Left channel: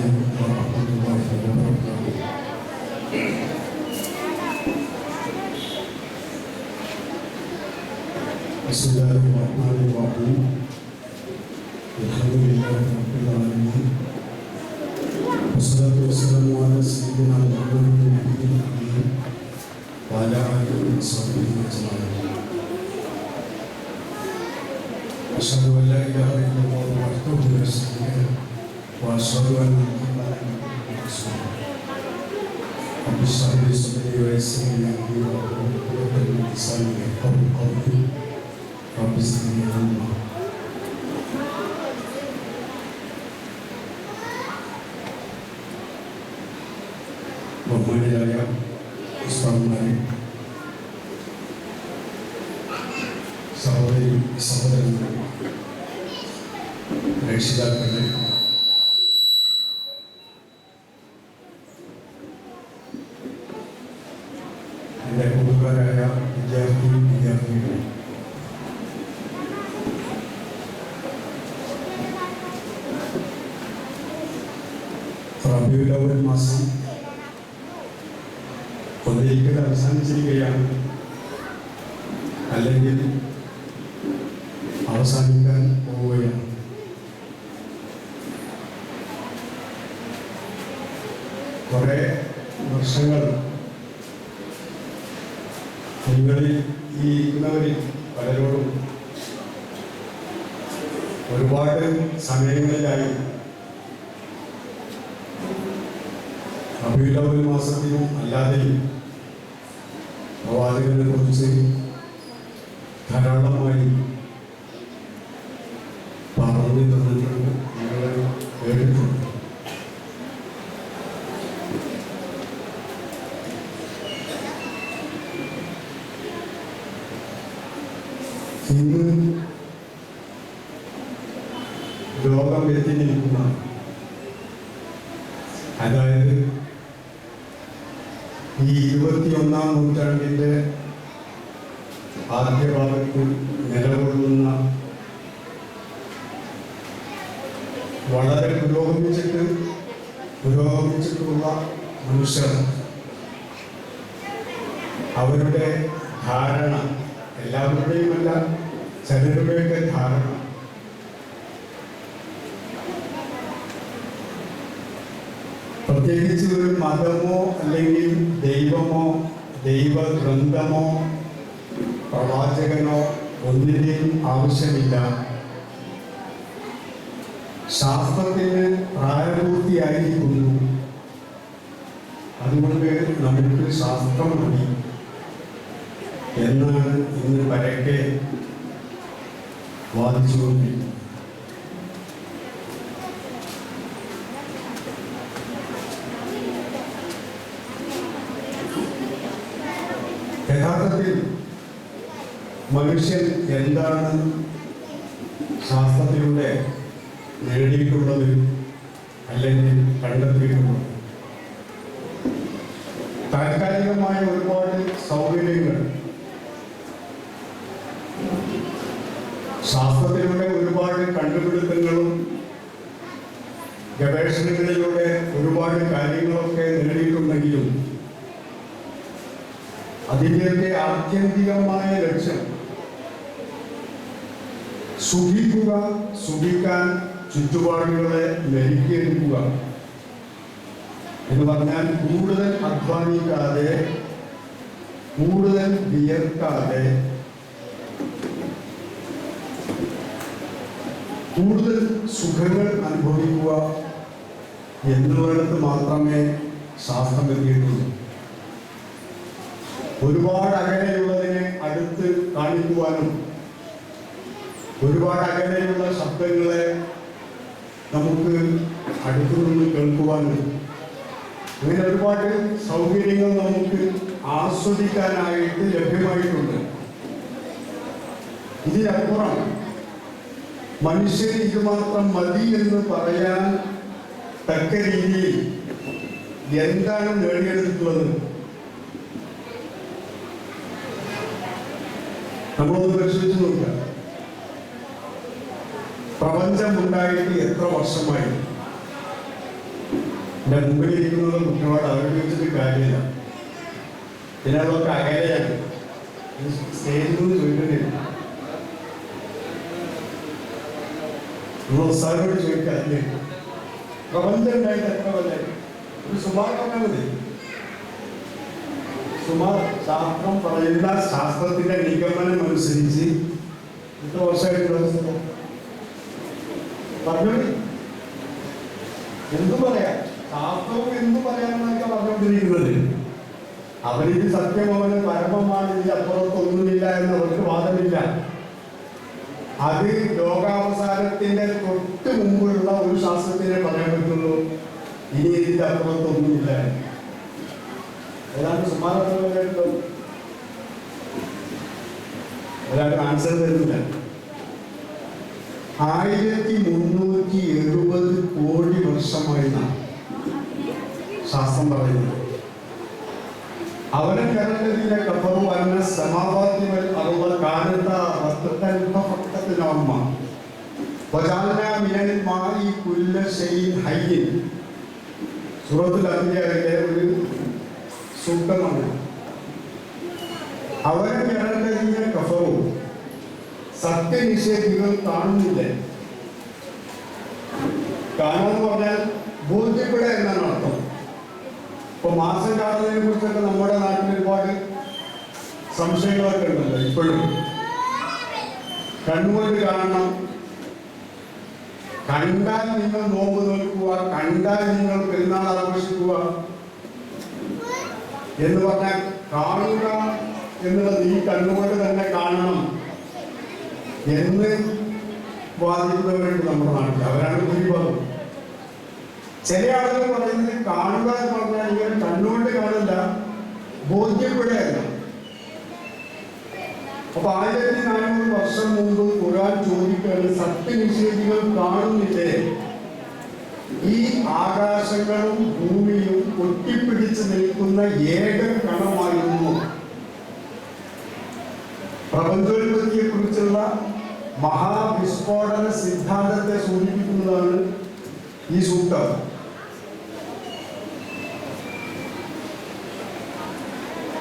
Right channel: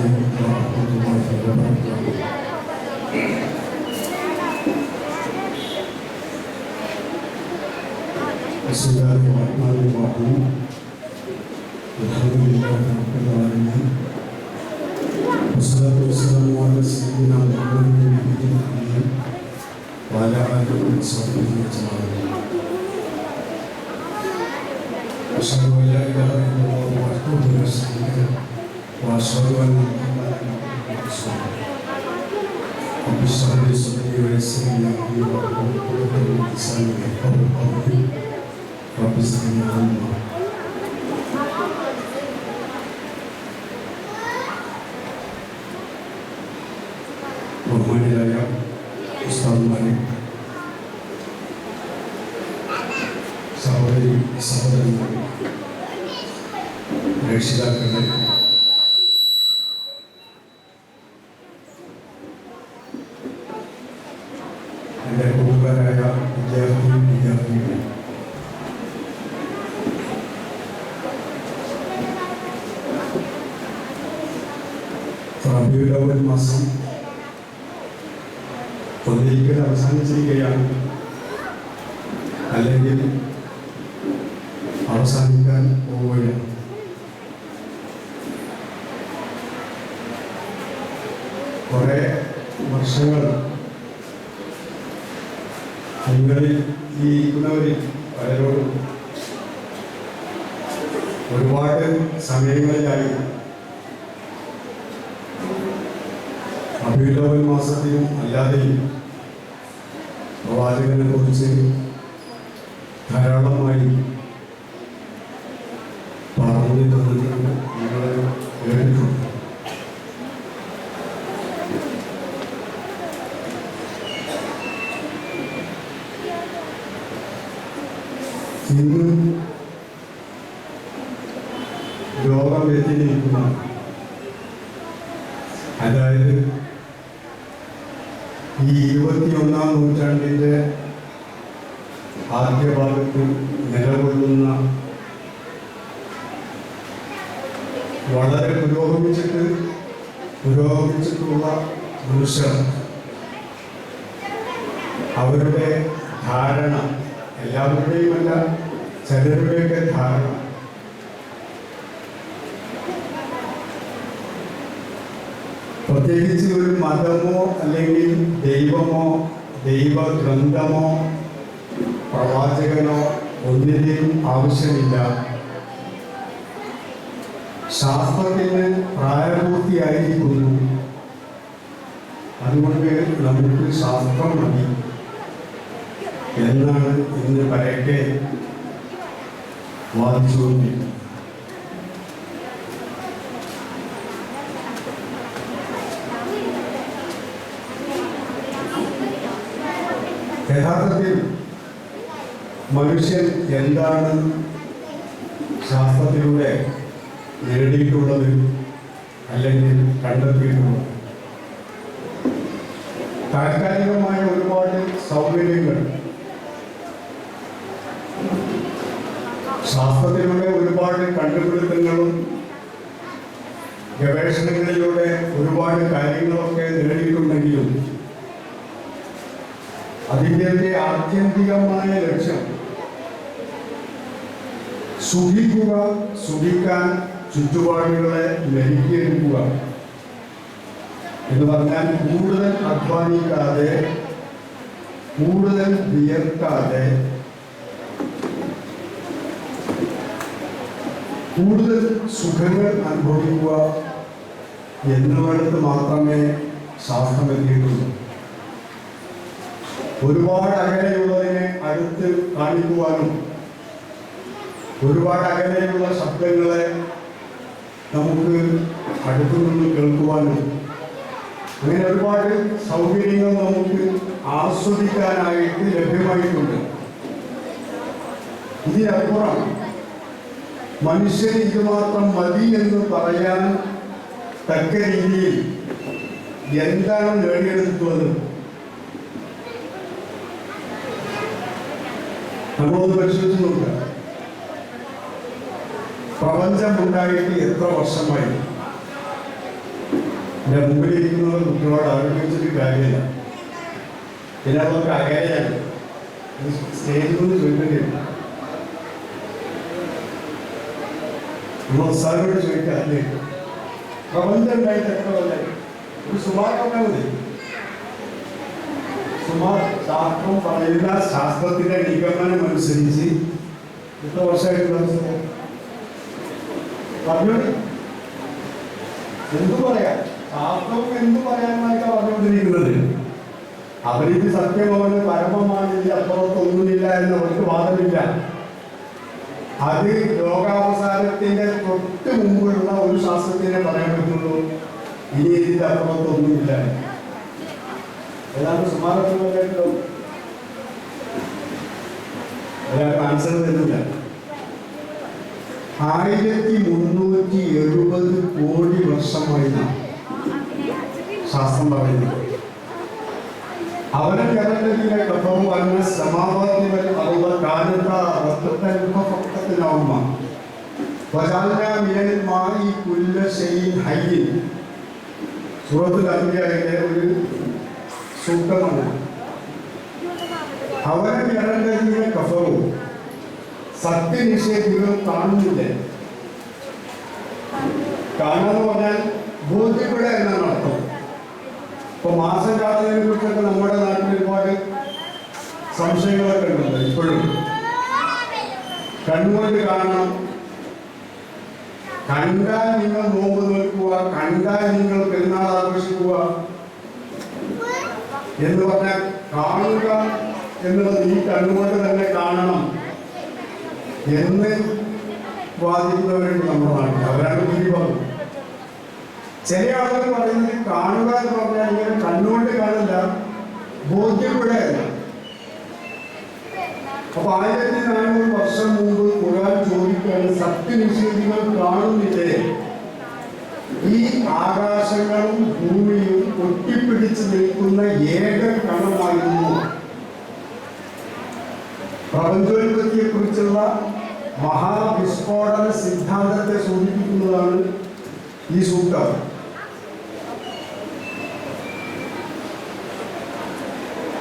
عليكم ورحمة الله وبركاته. بسم الله الرحمن الرحيم. الحمد لله رب العالمين. والصلاة والسلام على سيدنا محمد النبي الأمين وعلى آله وصحبه أجمعين. أشهد أن لا إله إلا الله وحده لا شريك له وأشهد أن محمدا عبده ورسوله. رب اشرح لي صدري ويسر لي أمري واحلل عقدة من لساني يفقهوا قولي. رب زدني علما. ബഹുമാന്യരായ ഉസ്താദുമാരെ, സഹോദരി സഹോദരന്മാരെ, രക്ഷിതാക്കളെ, എൻ്റെ കൂട്ടുകാരായ വിദ്യാർത്ഥികളെ, റബീഉൽ അവ്വൽ മാസം ഒന്നിരിക്കൽ അവസാനിച്ചിരിക്കുകയാണ്, അല്ലെങ്കിൽ അവസാനിക്കാൻ പോവുകയാണ്. കുറേ വർഷങ്ങൾ നിങ്ങളിൽ ഈ ഇരിക്കുന്നവരിൽ പലരോടും ഒരുപാട് സമയങ്ങളിലായി റബീഉൽ അവ്വൽ മാസത്തിലും അല്ലാതെയും പ്രവാചകനെ കുറിച്ച് ധാരാളമായി പറഞ്ഞു തന്നിട്ടുണ്ട്, നിങ്ങളെ കേട്ടിട്ടുണ്ട്. ഇന്ന് ലോകം എത്തിയിരിക്കുന്ന, അതായത് ഈ 21-ാം നൂറ്റാണ്ടിൻ്റെ ആദ്യ ഭാഗത്ത് നിലകൊള്ളുന്ന വളരെ പുരോഗമിച്ചിട്ടുള്ള മനുഷ്യർ അവരുടെ ധാരണ, എല്ലാവരുടെയുമല്ല ചിലരുടെയൊക്കെ ധാരണ, പ്രത്യേകിച്ച് ഒരു മതമോ അല്ലെങ്കിൽ ദൈവമോ ദൈവഗ്രന്ഥമോ പ്രവാചകനോ ഒന്നിൻ്റെയും ആവശ്യമില്ല. ശാസ്ത്രത്തിന് പ്രായപൂർത്തിയായിരിക്കുന്നു, അതുകൊണ്ട് നമുക്ക് ശാസ്ത്രം മതി എന്നാണ് ഇന്ന് പരക്കെ വാദിച്ചുകൊണ്ടിരിക്കുന്നത്. യഥാർത്ഥത്തിൽ മനുഷ്യൻ എന്താണ് ശാസ്ത്രത്തിലൂടെ നേടിയിട്ടുള്ളത് അല്ലെങ്കിൽ കണ്ടെത്തിയിട്ടുള്ളത്? താൽക്കാലികമായ ഒരുപാട് സൗകര്യങ്ങൾ, ശാസ്ത്രത്തിലൂടെ ഒരുപാട് കണ്ടുപിടുത്തങ്ങളും ഗവേഷണങ്ങളിലൂടെ ഒരുപാട് കാര്യങ്ങളൊക്കെ നേടിയിട്ടുണ്ടെങ്കിലും അതിൻ്റെ ആത്യന്തികമായ ലക്ഷ്യം സുഖിക്കാൻ ചുറ്റുപാടുകളെ ലഭിക്കുക എന്ന് പറഞ്ഞാൽ കൂടുതൽ അധ്വാനിക്കാതെ, കൂടുതൽ വിയർക്കാതെ, കൂടുതൽ സുഖങ്ങൾ അനുഭവിക്കുക എന്നുള്ളത് മാത്രമേ ശാസ്ത്രം എത്തിയിട്ടുള്ളൂ. ഒരുപാട് അകലെയുള്ളതിനെ അടുത്ത് കാണിക്കുവാനും ഒരുപാട് അകലെയുള്ള ശബ്ദങ്ങളെ നമുക്ക് അടുത്തുനിന്ന് കേൾക്കുവാനും അങ്ങനെ ഒരുപാട് സൗകര്യങ്ങൾ നമുക്ക് ആസ്വദിക്കാനായിട്ട് ലഭ്യമായിട്ടുണ്ട്. ഇതിനപ്പുറം മനുഷ്യൻ ഇതുമാത്രം മതി എന്ന് പറയാൻ തക്ക രീതിയിൽ എന്താണ് നേടിയെടുത്തിട്ടുള്ളത്? നമ്മളൊന്ന് പരിശോധിച്ച് നോക്കുക. പ്രപഞ്ചം ഉണ്ടായിട്ട് എത്ര വർഷമായി? എൻ്റെ മുമ്പിലിരിക്കുന്ന കുട്ടികളോട് അവരെ വെച്ചിട്ട് കാര്യമില്ല. പിന്നെ അതൊക്കെ അകലെയാണ്. സ്റ്റേജിൽ നിന്ന് ചോദിക്കേണ്ടിയില്ല. സാറിനോട് ചോദിക്കാറില്ലേ പ്രപഞ്ചം ഉണ്ടായിട്ട് എത്ര കൊല്ലം? ഒരു സുമാർ പറഞ്ഞാൽ മതി. സുമാർ ശാസ്ത്രം പറയുന്ന ശാസ്ത്രത്തിന്റെ നിഗമനം അനുസരിച്ച് എത്ര വർഷമായിട്ട് പറഞ്ഞു? എന്തു പറയാം? ശാസ്ത്രവും എന്തു പറയാനായിട്ടാ പറഞ്ഞുകൊണ്ടിരിക്കുന്നത്. അവരിത് സത്യമാണ്, പരമമാണ്, ഇതിൽ അപ്പുറത്തൊന്നുമില്ല എന്ന് അവർക്ക് വാദമില്ല. അത് ലോകാവസാനത്തിന്റെ തൊട്ട് മുമ്പുള്ള ഒരു ശാസ്ത്രത്തിനെ പറയാൻ പറ്റുള്ളൂ. ഇനി ഇതിന്റെ അപ്പുറത്തൊന്നുമില്ല. ഏതാണ്ട് സുമാരോ ഒരാൾക്ക് ആൻസർ തരുന്നില്ല. 1370 കോടി വർഷമായിട്ടാണ് ശാസ്ത്രം പറയുന്നത്. അവരെ കരണ്ടതിനെ കഥവും പറഞ്ഞ സമാവാദികൾ അറുപ കാലത്ത റത്തത്തിനോർമ്മ മായി കുല്ല ഷെയ്ൻ ഹയ്യൻ സൂറത്തുൽ അംബിയയിലെ ഒരു സൂക്തമാണ്. അവരെ കരണ്ടതിനെ കഫവും സത്യനിഷേധികൾ കാണുന്നില്ല. കാണാന്ന് പറഞ്ഞാൽ ബോധ്യപ്പെടുക എന്നാണ് അർത്ഥം. ഇപ്പൊ മാസം കാണുന്നതിനെ കുറിച്ചൊക്കെ നമ്മുടെ നാട്ടിൽ ഒരുപാട് സംശയങ്ങളൊക്കെ ഉണ്ടല്ലോ. ഇപ്പോഴും കണ്ണുകൊണ്ട് കാണണം, കണ്ടാൽ നിങ്ങൾ നോമ്പ് നോക്കുക, കണ്ടാൽ നിങ്ങൾ പെരുന്നാൾ ആഘോഷിക്കുക എന്ന് പറഞ്ഞാൽ കാണുക എന്നുള്ളത് ഈ കണ്ണുകൊണ്ട് തന്നെ കാണണം എന്ന് വാദിക്കുന്നവരുണ്ട് നമ്മുടെ നാട്ടിൽ. അവരാണ് ഭൂരിഭാഗം. ചില ആളുകൾ പറയുന്നത് കാണുക എന്ന് പറഞ്ഞാൽ ഇങ്ങനെ കണ്ണുകൊണ്ട് കാണില്ല, ബോധ്യപ്പെടുകയല്ല. അപ്പൊ 1400 വർഷം മുമ്പ് ഖുർആൻ ചോദിക്കുകയാണ്, സത്യനിഷേധികൾ കാണുന്നില്ലേ ഈ ആകാശങ്ങളും ഭൂമിയും ഒട്ടിപ്പിടിച്ച് നിൽക്കുന്ന ഏക കണമായിരുന്നു? പ്രപഞ്ചോത്പത്തിയെ കുറിച്ചുള്ള മഹാവിസ്ഫോടന സിദ്ധാന്തത്തെ സൂചിപ്പിക്കുന്നതാണ് ഈ സൂക്തം.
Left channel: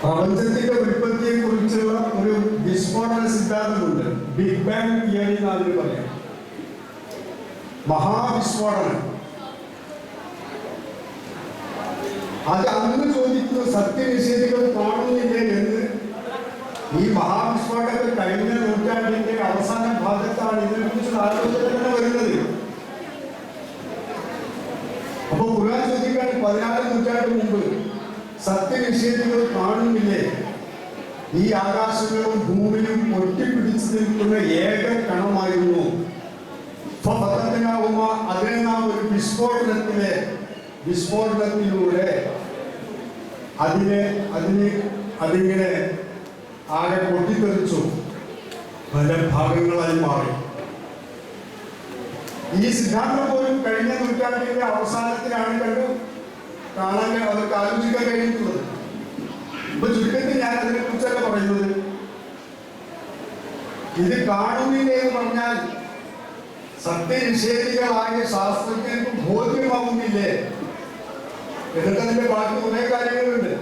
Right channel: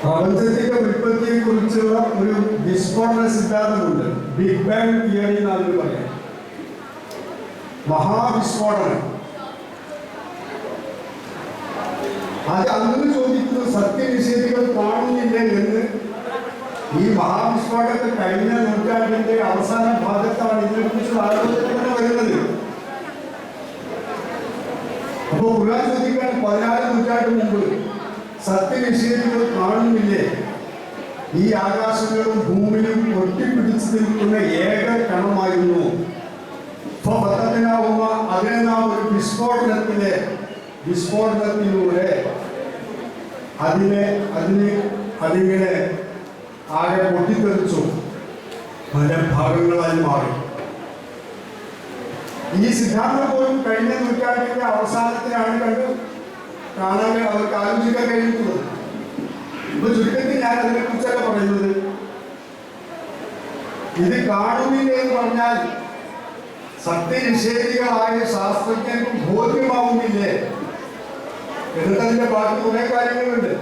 പ്രപഞ്ചത്തിന്റെ ഉൽപ്പത്തിയെ കുറിച്ചുള്ള ഒരു വിസ്ഫോടന സിദ്ധാന്തമുണ്ട്. ബിഗ് ബാങ് തിയറി എന്നാണ് പറയാം. മഹാവിസ്ഫോടനം. അത് അന്ന് ചോദിക്കുന്നത് സത്യനിഷേധികൾ കാണുന്നില്ലേ എന്ന്. ഈ മഹാവിസ്ഫോടനത്തിൽ കഴിഞ്ഞ നൂറ്റാണ്ടിന്റെ അവസാന ഭാഗത്താണ് ഇതിനെക്കുറിച്ചുള്ള ആലോചന വരുന്നത്. അപ്പൊ ഖുർആൻ ചോദിക്കാൻ 14 നൂറ്റാണ്ട് മുമ്പ് സത്യനിഷേധികൾ കാണുന്നില്ലേ ഈ ആകാശങ്ങളും ഭൂമിയും ഒട്ടിപ്പിടിച്ചു നിൽക്കുന്ന ഏക കണമായിരുന്നു? അതിനെ നാം ഒരു വിസ്ഫോടനത്തിലൂടെ അതിങ്ങനെ ആകെ പൊട്ടിത്തെറിച്ചു, പല ഭാഗങ്ങളായി മാറി. ഈ സിദ്ധാന്തം പോലും കഴിഞ്ഞ നൂറ്റാണ്ടിന്റെ അവസാനത്തിലാണ് കാണാൻ അവർക്ക് ആലോചിക്കാൻ കഴിയുന്നത്. ഇപ്പൊ ചുരുക്കത്തിൽ ഞാൻ അതിനെ കുറിച്ചൊക്കെ പറയുന്നത്, ഇത് കാണുന്നില്ല എന്ന് പറഞ്ഞാൽ സത്യനിഷേധികളായ ശാസ്ത്രജ്ഞർക്ക് ബോധ്യമാവുന്നില്ലേ? എന്നിട്ട് അതിന്റെ ബാക്കി കുറെ കാര്യങ്ങളുണ്ട്.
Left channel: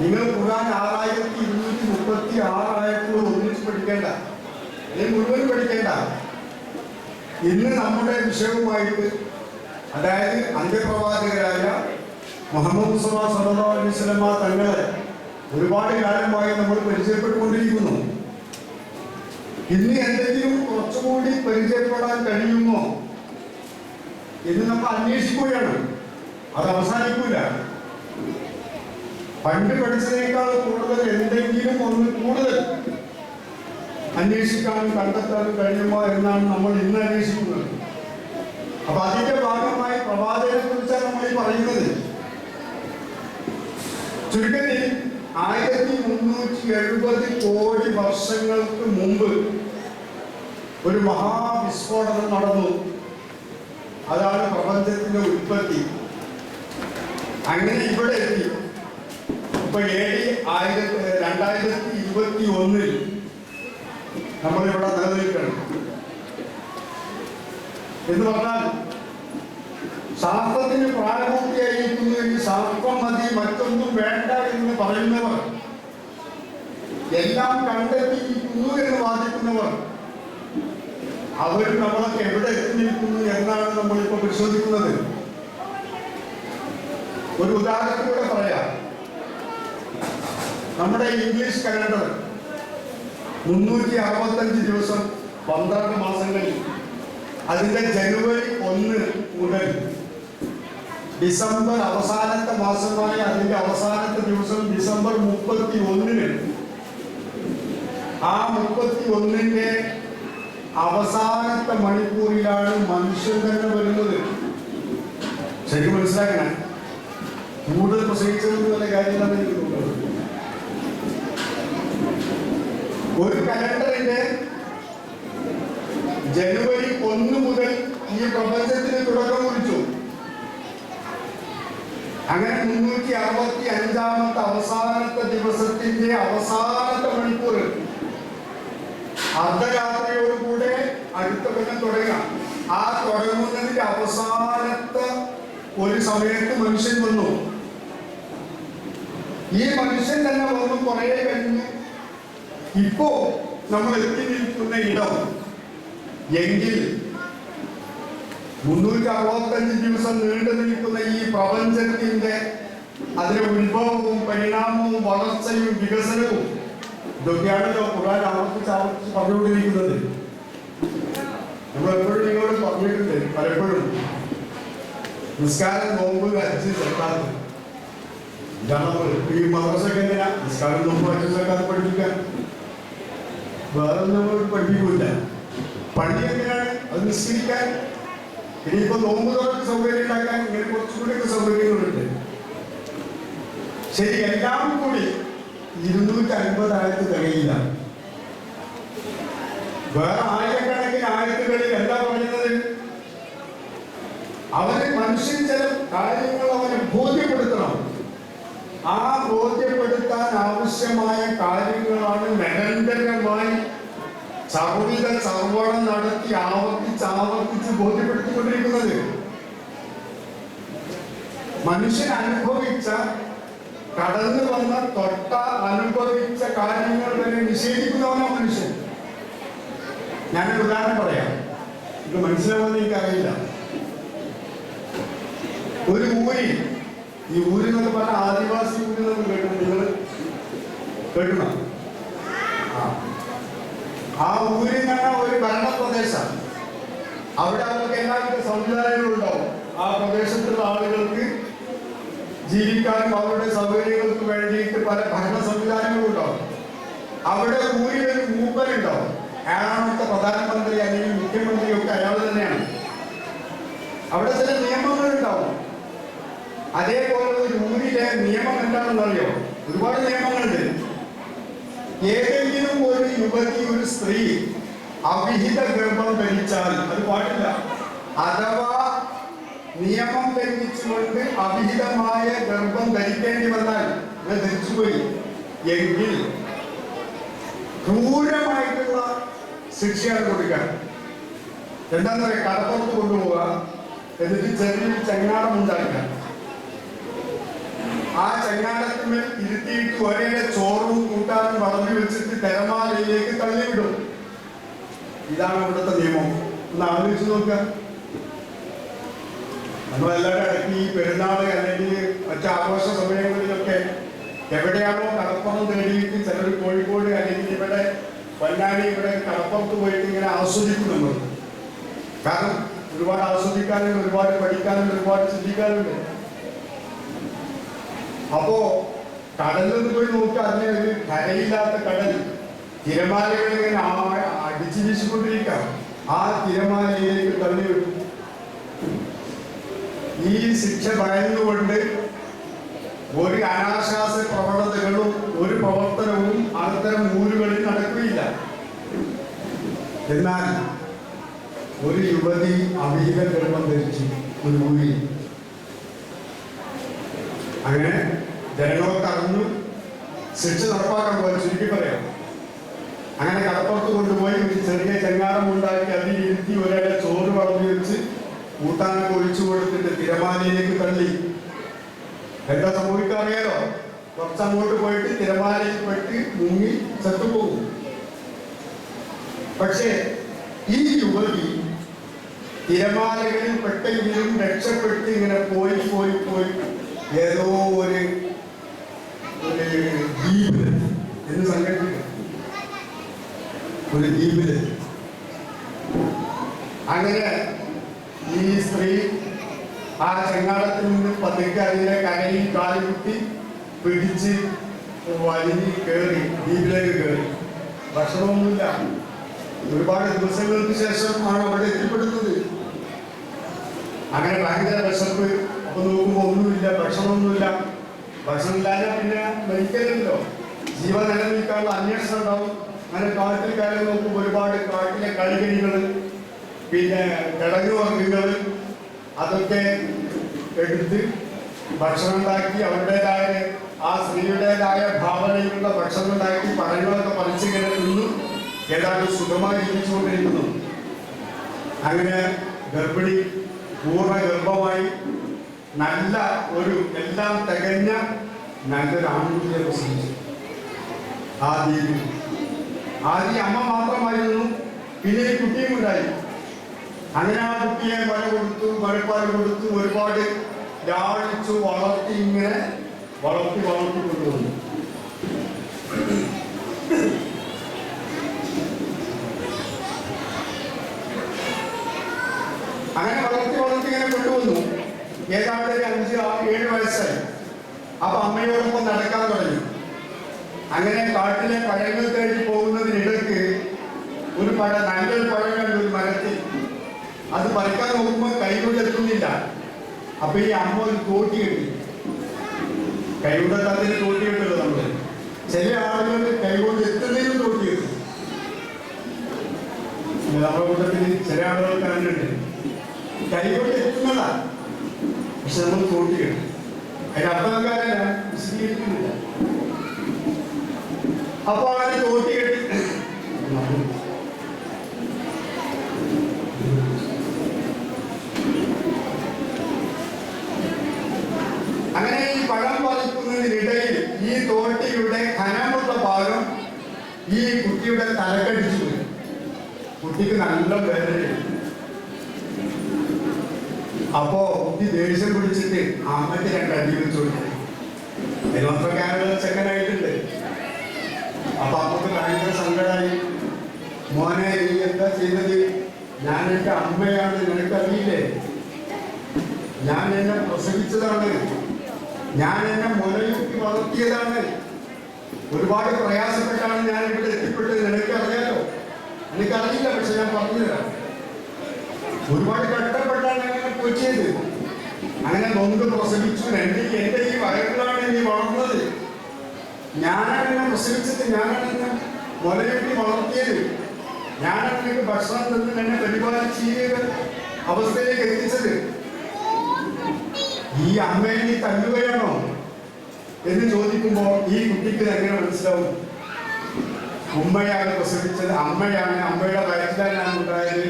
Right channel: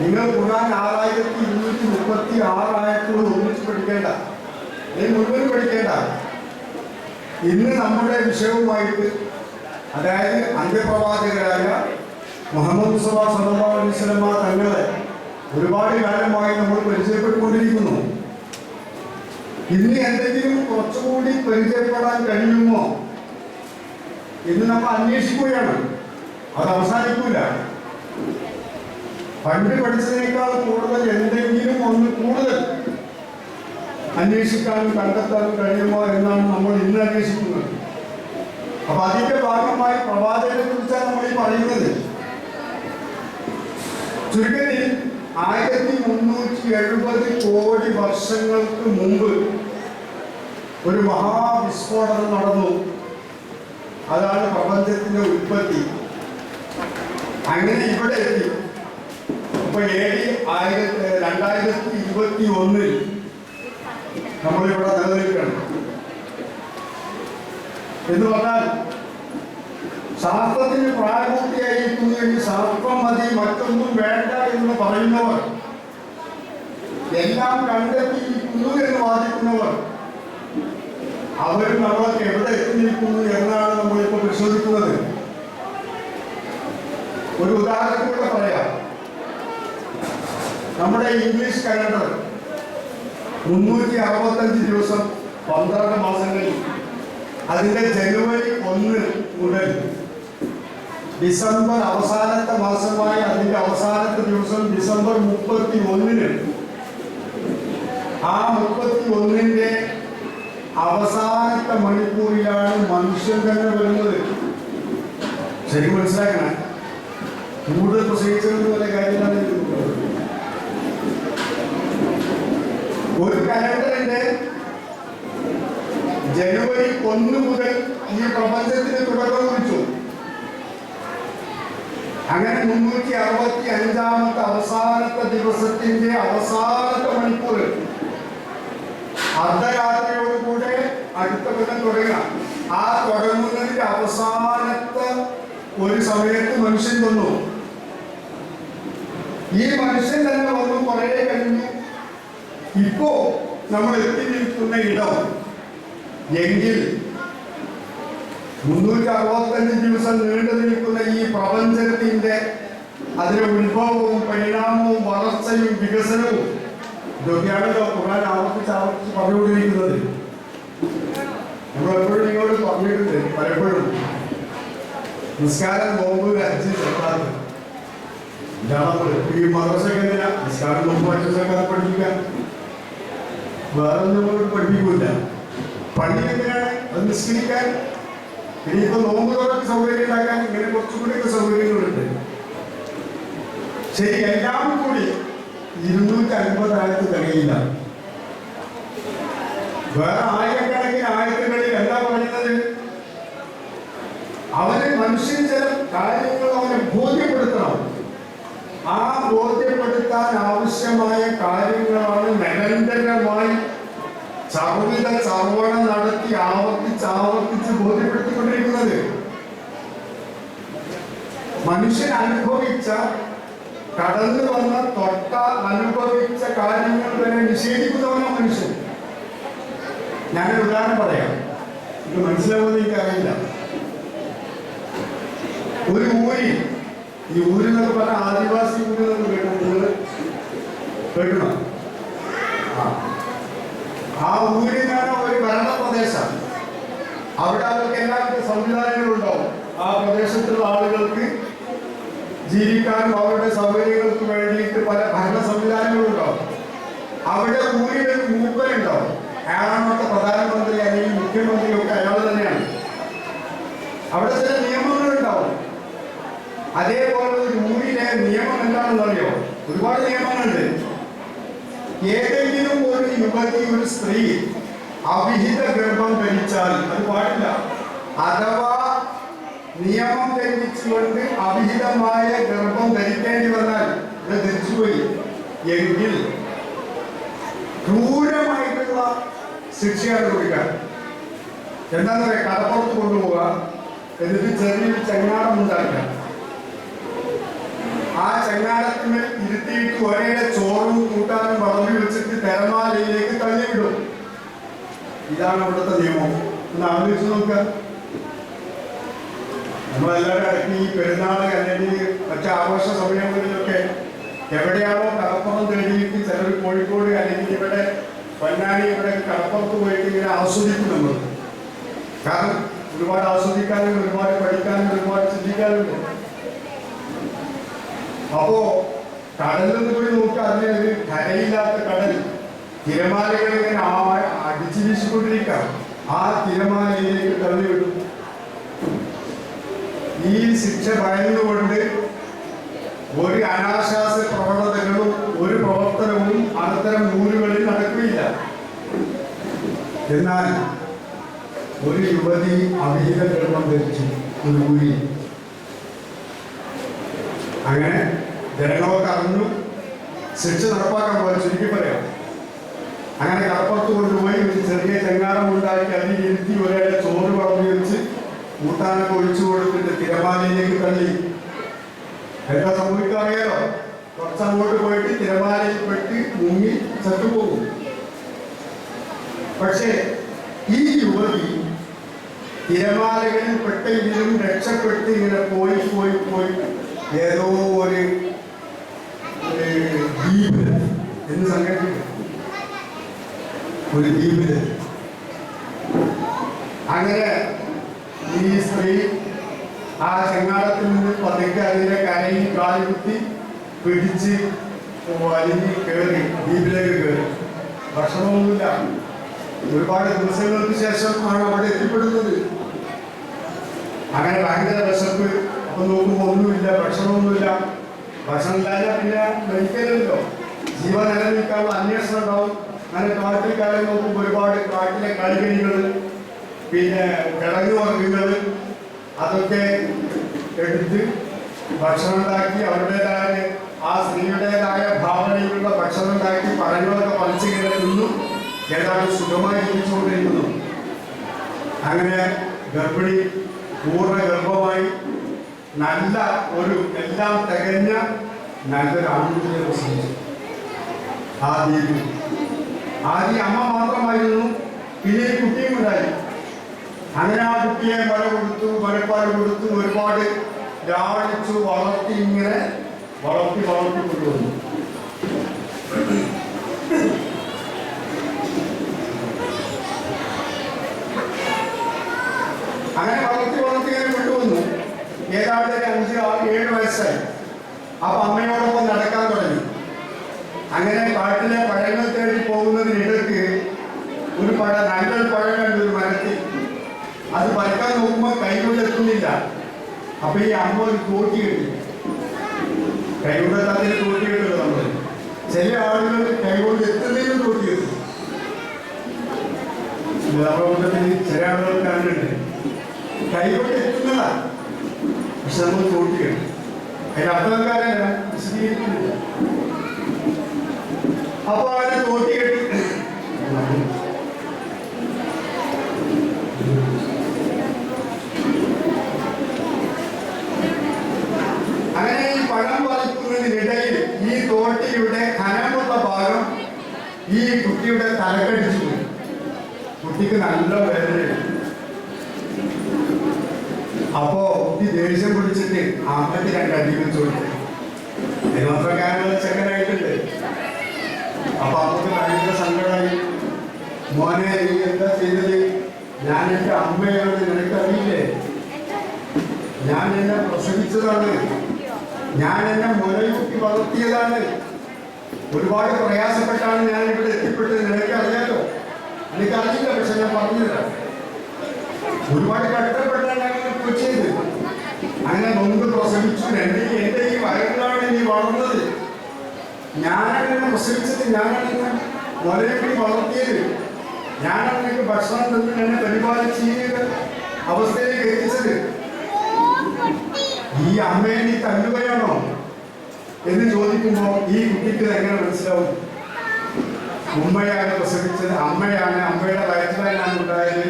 നിങ്ങൾ ഖുർആൻ 6236 ആയത്തോട് ഒന്നിച്ച് പഠിക്കേണ്ട, അല്ലെങ്കിൽ മുഴുവൻ പഠിക്കേണ്ട. ഇന്ന് നമ്മുടെ വിഷയവുമായിട്ട്, അതായത് അന്ത്യപ്രവാചകരായ മുഹമ്മദ് മുസ്തഫ സല്ലല്ലാഹു അലൈഹി വസല്ലം തങ്ങളെ ഒരുപാട് കാലമായി നമ്മൾ പരിചയപ്പെട്ടുകൊണ്ടിരിക്കുന്നു. ഇന്ന് എന്തെങ്കിലും കുറച്ചുകൂടി പരിചയപ്പെടാൻ കഴിയുമോ എന്ന് നമ്മൾ അന്വേഷിക്കുകയാണ്. അത് അവസാനിക്കൂല. പണ്ട് പഠിച്ചതിനേക്കാൾ കൂടുതൽ എന്തെങ്കിലും ഒന്ന് കൂടുതൽ അന്വേഷിക്കാനും കണ്ടെത്താനും കഴിയുമോ എന്നാണ് നമ്മൾ ഇന്ന് അന്വേഷിക്കുന്നത്. അപ്പൊ അതിന്റെ ഭാഗമായി പ്രവാചകനെ കുറിച്ചാണ് നമ്മൾ ഈ പറയുന്നത്. ചുരുക്കത്തിൽ 1370 കോടി വർഷങ്ങൾക്ക് മുമ്പ് ഒരു മഹാവിസ്ഫോടനം നടന്നു. അതാണ് പ്രപഞ്ചത്തിന്റെ ഉൽപ്പത്തി. അങ്ങനെ ഇവിടെ എത്തി. ഇപ്പൊ AD 2021 നമ്മളിവിടെ നിലനിൽക്കണം എന്ന് പറഞ്ഞാൽ ശാസ്ത്രത്തിന് പ്രായപൂർത്തിയായിരിക്കുന്നു എന്ന് ശാസ്ത്രം മതി മറ്റൊന്നും വേണ്ട എന്ന് പറയുന്നവർ, എല്ലാം കണ്ടെത്തിയിരിക്കുന്നു എന്ന് വാദിക്കുന്നവർ, അവർ നമ്മളൊക്കെ എവിടെ എത്തി നിൽക്കുന്നു എന്നാണ് നമ്മളിപ്പോൾ പരിശോധിക്കുന്നത്. ഒരു ഉദാഹരണം കൂടെ പറയാം. നമ്മുടെ ഇംഗ്ലീഷ് കലണ്ടർ 365 ദിവസം 12 മാസങ്ങളിൽ അതിന്റെ ജനുവരി 1 മുതൽ ഡിസംബർ അവസാനത്തെ മാസമായ അതിന്റെ അവസാനത്തെ ദിവസം ഡിസംബർ 31-ന് ആ 31-ന്റെ അവസാനത്തെ മണിക്കൂറിലാണ് മനുഷ്യൻ തന്നെ വരുന്നത്. ശരിക്കും മനസ്സിലാക്കണേ, കൂടുതൽ പ്രസംഗിച്ചെന്നുള്ള കാര്യമാണ്. ഒരു കലണ്ടറിന്റെ ജനുവരി 1 മുതൽ ഈ പ്രപഞ്ചത്തിന് തുടക്കം കുറിച്ചു. അങ്ങനെ 365-ാമത്തെ അവസാനത്തെ ദിവസത്തിന്റെ അവസാനത്തെ മണിക്കൂർ അർദ്ധരാത്രിയോടുകൂടെ അടുത്ത കൊല്ലം തുടങ്ങാം. ആ തുടങ്ങുന്നതിന്റെ അവസാനത്തെ ഒരു സമയത്ത് മനുഷ്യൻ വന്നു. ഈ മനുഷ്യൻ തന്നെ വന്നു കുറെ കഴിഞ്ഞു ഇപ്പോ നമ്മൾ എത്തി നിൽക്കുന്ന ഇടം എങ്കിൽ 365 ദിവസം നീണ്ടു നിൽക്കുന്ന ഈ പ്രപഞ്ചത്തിന്റെ അതിന്റെ ഉത്ഭവവും പരിണാമവും വളർച്ചയും വികസനവും ഇതൊക്കെയാണല്ലോ ഖുർആൻ ആവർത്തിച്ച് പറഞ്ഞുകൊണ്ടിരിക്കുന്നത്. നമ്മളെപ്പോഴും നിങ്ങളോട് പറഞ്ഞിട്ടുണ്ട് പലപ്പോഴും, നിസ്കാരം, നോമ്പ്, ഹജ്ജ്, സക്കാത്ത്, ഈ മദ്രസയൊക്കെ എന്തിനാ? നിസ്കാരം, നോമ്പ്, ഹജ്ജ്, സക്കാത്ത് പഠിപ്പിക്കാൻ. വേറെ നമ്മൾ പഠിപ്പിക്കൂല. പള്ളി എന്തിനാണ്? അത് നിസ്കരിക്കാൻ. ഇനിയിപ്പോ നോമ്പ് തുറക്ക് സൗകര്യം ഉണ്ടാക്കാൻ ഇങ്ങനെ കുറച്ചുകൂടിയൊക്കെ സൗകര്യങ്ങളുണ്ട്. ശരി, എല്ലാം കൂടി 250 ആയത്ത് തികയില്ല. വേറെ ആയിരക്കണക്കിന് ആയത്തുകളിൽ എന്താ പറയുന്നത്? അവന് മനുഷ്യൻ ചില കാര്യങ്ങൾ അവനെ ബോധ്യപ്പെടുത്തണം. ആ ബോധ്യപ്പെടുത്താൻ ആവശ്യമായ കാര്യങ്ങളാണ് നിരന്തരമായി ചർവണം നടത്തി ആവർത്തിച്ച് ബോധ്യപ്പെടുത്തിക്കൊണ്ടിരിക്കുന്നത്. മനുഷ്യൻ അനുഭവിച്ച, കടന്നു വന്ന, തൊട്ട, അനുഭവിച്ച കാര്യങ്ങൾ തന്നെ നിഷേധിക്കുന്നവനോ മനുഷ്യൻ. ഞാനൊരു ഉദാഹരണം പറയാം, ഇത് മനസ്സിലാവുമെന്ന് എനിക്കറിയില്ല. ഒരു ഊരിൽ, ഈ ഊരിന്നൊക്കെ പറഞ്ഞ ആദിവാസി ഊരിന്നൊക്കെ കേൾക്കണം. ആ ഊരിനാണ് ഒരു ഭരണപ്രദേശം. അവിടെ അവർക്ക് എല്ലാവർക്കും സംവിധാനങ്ങളുണ്ടാവും. ആ പ്രദേശത്തുള്ള ആളുകൾക്ക് ജീവിക്കാനും അവരുടെ സൗകര്യങ്ങൾക്ക് വേണ്ടിയിട്ട് പല ഭരണ സംവിധാനങ്ങളും ഉണ്ടാവും. അവിടെ ഊരിൽ ഒരു മൂപ്പനുണ്ടാവും. അയാളാണത്തെ പ്രധാനമന്ത്രി അല്ലെങ്കിൽ മുഖ്യമന്ത്രി ഒക്കെ അയാൾ തന്നെയാണ്. അവിടെ ചില നിയമങ്ങളുണ്ടാവും. അതേപോലെ ഒരു ഊരിലെ നിയമം എന്താണെന്ന് അറിയോ? ഒരുപാട് നിയമങ്ങളുണ്ട്. ഏതെങ്കിലും ഒരു യുവതി, ഒരു സ്ത്രീ അവിഹിത ഗർഭം ധരിച്ചാൽ അത് പാടില്ല. അഥവാ നിയമം ലംഘിച്ചുകൊണ്ട് അവിഹിതമായ ഗർഭം ധരിക്കേണ്ടി വന്നാൽ, അത് ധരിച്ചുപോയി എങ്കിൽ ക്രൂരമായിട്ടുള്ള ശിക്ഷയാണ് കൊടുക്കാൻ. എന്താന്ന് പറയാ? കടപ്പുറത്ത് കൊണ്ടുപോവുക, എന്നിട്ട് ചെറിയൊരു ചങ്ങാടം ഉണ്ടാക്കുക. ആ ചങ്ങാടത്തിന്മേൽ ഇരുത്തിയിട്ട് ഒരേ ചോറും കൂട്ടാനും വളർന്നു വെച്ചിട്ട് തിരമാലയിലേക്ക് തള്ളിവിടും. ഇതാണ് ഇവിടുത്തെ നിയമം. ഒന്ന് ആലോചിച്ച് നോക്കുക. നമ്മളെല്ലാവരും ഇടയ്ക്ക് ഈ പെരുന്നാള് അല്ലെങ്കിൽ മറ്റു ആഘോഷ സമയങ്ങളിലൊക്കെ എവിടെയാണോ കടപ്പുറം തേടിയിട്ട് ചിലർ കോഴിക്കോട് അല്ലെങ്കിൽ ഇവിടെ പൊന്നാനി, ഇവിടെ കടപ്പുറത്ത് പോയിട്ട് ഇങ്ങനെ ആസ്വദിക്കും നമ്മൾ. കാരണം ഒരുപാട് ആസ്വദിക്കാനും ഒരുപാട് പഠിക്കാനും ഒരുപാട് ചിന്തിക്കാനുണ്ട്. അപ്പോ കടലിൽ പോയി നോക്കി, അതിന് ഒരു കരയില്ലാത്ത കടൽ, തിരമാലകൾ ഇങ്ങനെ അടിച്ചു വീശിക്കൊണ്ടിരിക്കാം. ആ തിരമാലയിലേക്ക് തള്ളിവിടും. ഈ ശിക്ഷ ഭയന്നുകൊണ്ട് ഒരു അനാശാസ്യ പ്രവണതകളും ഒരു പ്രവർത്തനവും അത്തരം ഊരുകളിൽ നടക്കുകയില്ല. എന്നാൽ ഒരു യുവതി അവിഹിത ഗർഭം ധരിച്ചു ഒരു ഊരിൽ. അങ്ങനെ ജനങ്ങളൊക്കെ അറിഞ്ഞു. ശിക്ഷ നടപ്പാക്കാൻ പോലെ ചുരുക്കി പറയാം. അങ്ങനെ കടപ്പുറത്ത് കൊണ്ടുപോയി ഒരു ചെറിയ ചെങ്ങാടം ഉണ്ടാക്കി അതിൽ ഇരുത്തി ഒരേ ചോറ് വളർന്നു വെച്ച് കൂട്ടാനൊക്കെ ഒഴിച്ചു കൊടുത്തിട്ട് തിരമാല മുങ്ങി ചത്തുപോകും. പക്ഷേ ഈ യുവതി തിരമാലകളിൽ പെട്ടെങ്കിലും രക്ഷപ്പെട്ട് ഇങ്ങനെ പോയി പോയി പോയി ഏതോ ഒരു ദ്വീപില് എന്ന് സങ്കല്പിക്കും, ഒരു ദ്വീപില്. അങ്ങനെ ഈ സ്ത്രീ ആ ചെങ്ങാടത്തിൽ നിന്ന് പതുക്കെ അതിന്റെ കരയിൽ കാലുകുത്തി പിടിച്ച് വലിഞ്ഞ് കയറി ദ്വീപിലേക്ക് കയറി. ഭക്ഷണമൊന്നുമില്ല. ഒരുപാട് ദിവസങ്ങൾക്ക് ശേഷം ആണ് അവിടെ എത്തിപ്പെടുന്നത്. അങ്ങനെ ഭയങ്കര വിശപ്പ്. അപ്പൊ നോക്കുമ്പോൾ ഒന്നുമില്ല, ഭക്ഷണമൊന്നുമില്ല. ഭക്ഷണം ഇല്ലാതെ പിന്നെ മരിക്കലല്ലോ, ജീവൻ നിലനിൽക്കാനുള്ള അന്വേഷണം ഉണ്ടാവും. അങ്ങനെ കാട്ടിൽ കയറി നോക്കുമ്പോൾ ഒരുപാട് കാട്ടിലെ കളികളികൾ, പിന്നെ കിഴങ്ങു വർഗ്ഗങ്ങൾ, അതൊക്കെ എടുത്ത് ഭക്ഷണം ഉണ്ടാക്കി അവരുടേതായ ആ സ്ത്രീയുടേതായ ഭാവനയിലുള്ള ഭക്ഷണം ഉണ്ടാക്കി പഴങ്ങളൊക്കെ പറിച്ചിങ്ങനെ തിന്നു ഏതാണ്ട് സുഖമായി ജീവിച്ചുകൊണ്ടിരിക്കുന്നു. അങ്ങനെ ഗർഭിണി പൂർണ്ണ ഗർഭമായി നല്ല ഒരു എല്ലാം തികഞ്ഞ നല്ലൊരു ആൺകുട്ടിയെ പ്രസവിച്ചു. ആദ്യം അമ്മ മാത്രമായിരുന്നു, പിന്നെ ഈ കുട്ടിയും ഉണ്ടായി. അങ്ങനെ ആ കുട്ടിയെ മഴ കൊടുത്തു, മഴപ്പാട് കൊടുത്തു, ഒരുപാട് ലാളിച്ചു വളർത്തി, ഇങ്ങനെ വളർത്തി കൊണ്ടുവന്നു. അങ്ങനെ വളർത്തി ഇങ്ങനെ കൊണ്ടുവന്നു. ഏതാണ്ട് 5, 6, 7 വയസ്സായി. അപ്പൊ അമ്മയോടൊപ്പം നടക്കാൻ തുടങ്ങി. അങ്ങനെ കാട്ടിലെ പഴങ്ങൾ തേടി പോകുന്നതിനിടയ്ക്ക് ഒരു നല്ലൊരു പഴം കണ്ടു ഒരു മരത്തിൽ. അത് പറിക്കാൻ നോക്കുമ്പോൾ കൈകൊണ്ട് എത്തുന്നില്ല. അപ്പൊ ഈ അമ്മ ഒരു തോട്ടി കിട്ടി. കൈകൊണ്ട് അതിന് തോട്ടി കിട്ടുന്നത് നമ്മള് ചില ആളുകൾ കൈകൊണ്ട് എത്തുന്നതിനും തോട്ടി കിട്ടും. നമ്മുടെ കൂട്ടത്തിൽ ചില ആളുകൾക്ക് അങ്ങനെയുണ്ട്, കൈകൊണ്ട് എത്തുന്നതാ, പക്ഷെ നമ്മൾ തോട്ടി കിട്ടും. അതിന് അർത്ഥക്കാരെ വിശദീകരിക്കുന്നില്ല. അപ്പൊ അവരെ തോട്ടി കെട്ടി അങ്ങനെ ഈ പഴം പറിക്കുന്നതിനിടയിൽ ഈ തോട്ടിയുടെ കനമുള്ള ഭാഗം ഈ കുട്ടിയുടെ തലക്കടിച്ചു പോയി. കുട്ടിക്ക് നല്ല വേദനയുണ്ട്. അപ്പോ കുട്ടി ദേഷ്യം പിടിച്ചിട്ട് അമ്മയ്ക്ക് 2 അടി വെച്ചു കൊടുത്തു. അതിനൊത്രക്കാരുടെ ചെക്കനായിട്ടുണ്ട്. അപ്പൊ അമ്മക്ക് ഭയങ്കര സങ്കടമായി. മോനെ, നീ എന്താ ചെയ്തത്? ഞാൻ എൻ്റെ അമ്മയാണ്, നിനക്കറിയില്ലേ? ഞാൻ എന്നെ പ്രസവിച്ചതാണ്, ഞാൻ എന്നെ മുലയൂട്ടി വളർത്തിയതാണ്. ഒരുപാട് പ്രയാസപ്പെട്ടാണ് ഞാൻ ഇവിടെ എത്തിപ്പെട്ടത്. നിനക്കറിയാലോ? എനിക്കറിയില്ല, പക്ഷെ ഞാൻ പറഞ്ഞുതരാം. ഒരുപാട് കഷ്ടപ്പെട്ടാണ് ഞാൻ കൊച്ചിയത്. അങ്ങനെ നൊന്ത് പ്രസവിച്ചു. എൻ്റെ ഈ വയറിലാണ് നീ വളർന്നത്. ഞാനാണ് എന്നെ പ്രസവിച്ചത്, ഞാനാണ് എന്നെ മുലയൂട്ടി വളർത്തിയത്, ഞാനാണ് നിനക്ക് ഭക്ഷണം തന്ന് എന്നെ പരിപാലിച്ച് ഈ അവസ്ഥയിലേക്ക് എത്തിച്ചത്. ഈ അമ്മയെ നീ തല്ലുകയാണോ എന്ന് ചോദിക്കുമ്പോ ഈ കുട്ടിക്ക് എങ്ങനെ മനസ്സിലാവും? ഉമ്മയാണ് പ്രസവിച്ചത്, അമ്മയാണ്, അമ്മയുടെ വയറ്റിലാണ് ഞാൻ ഉണ്ടായത്,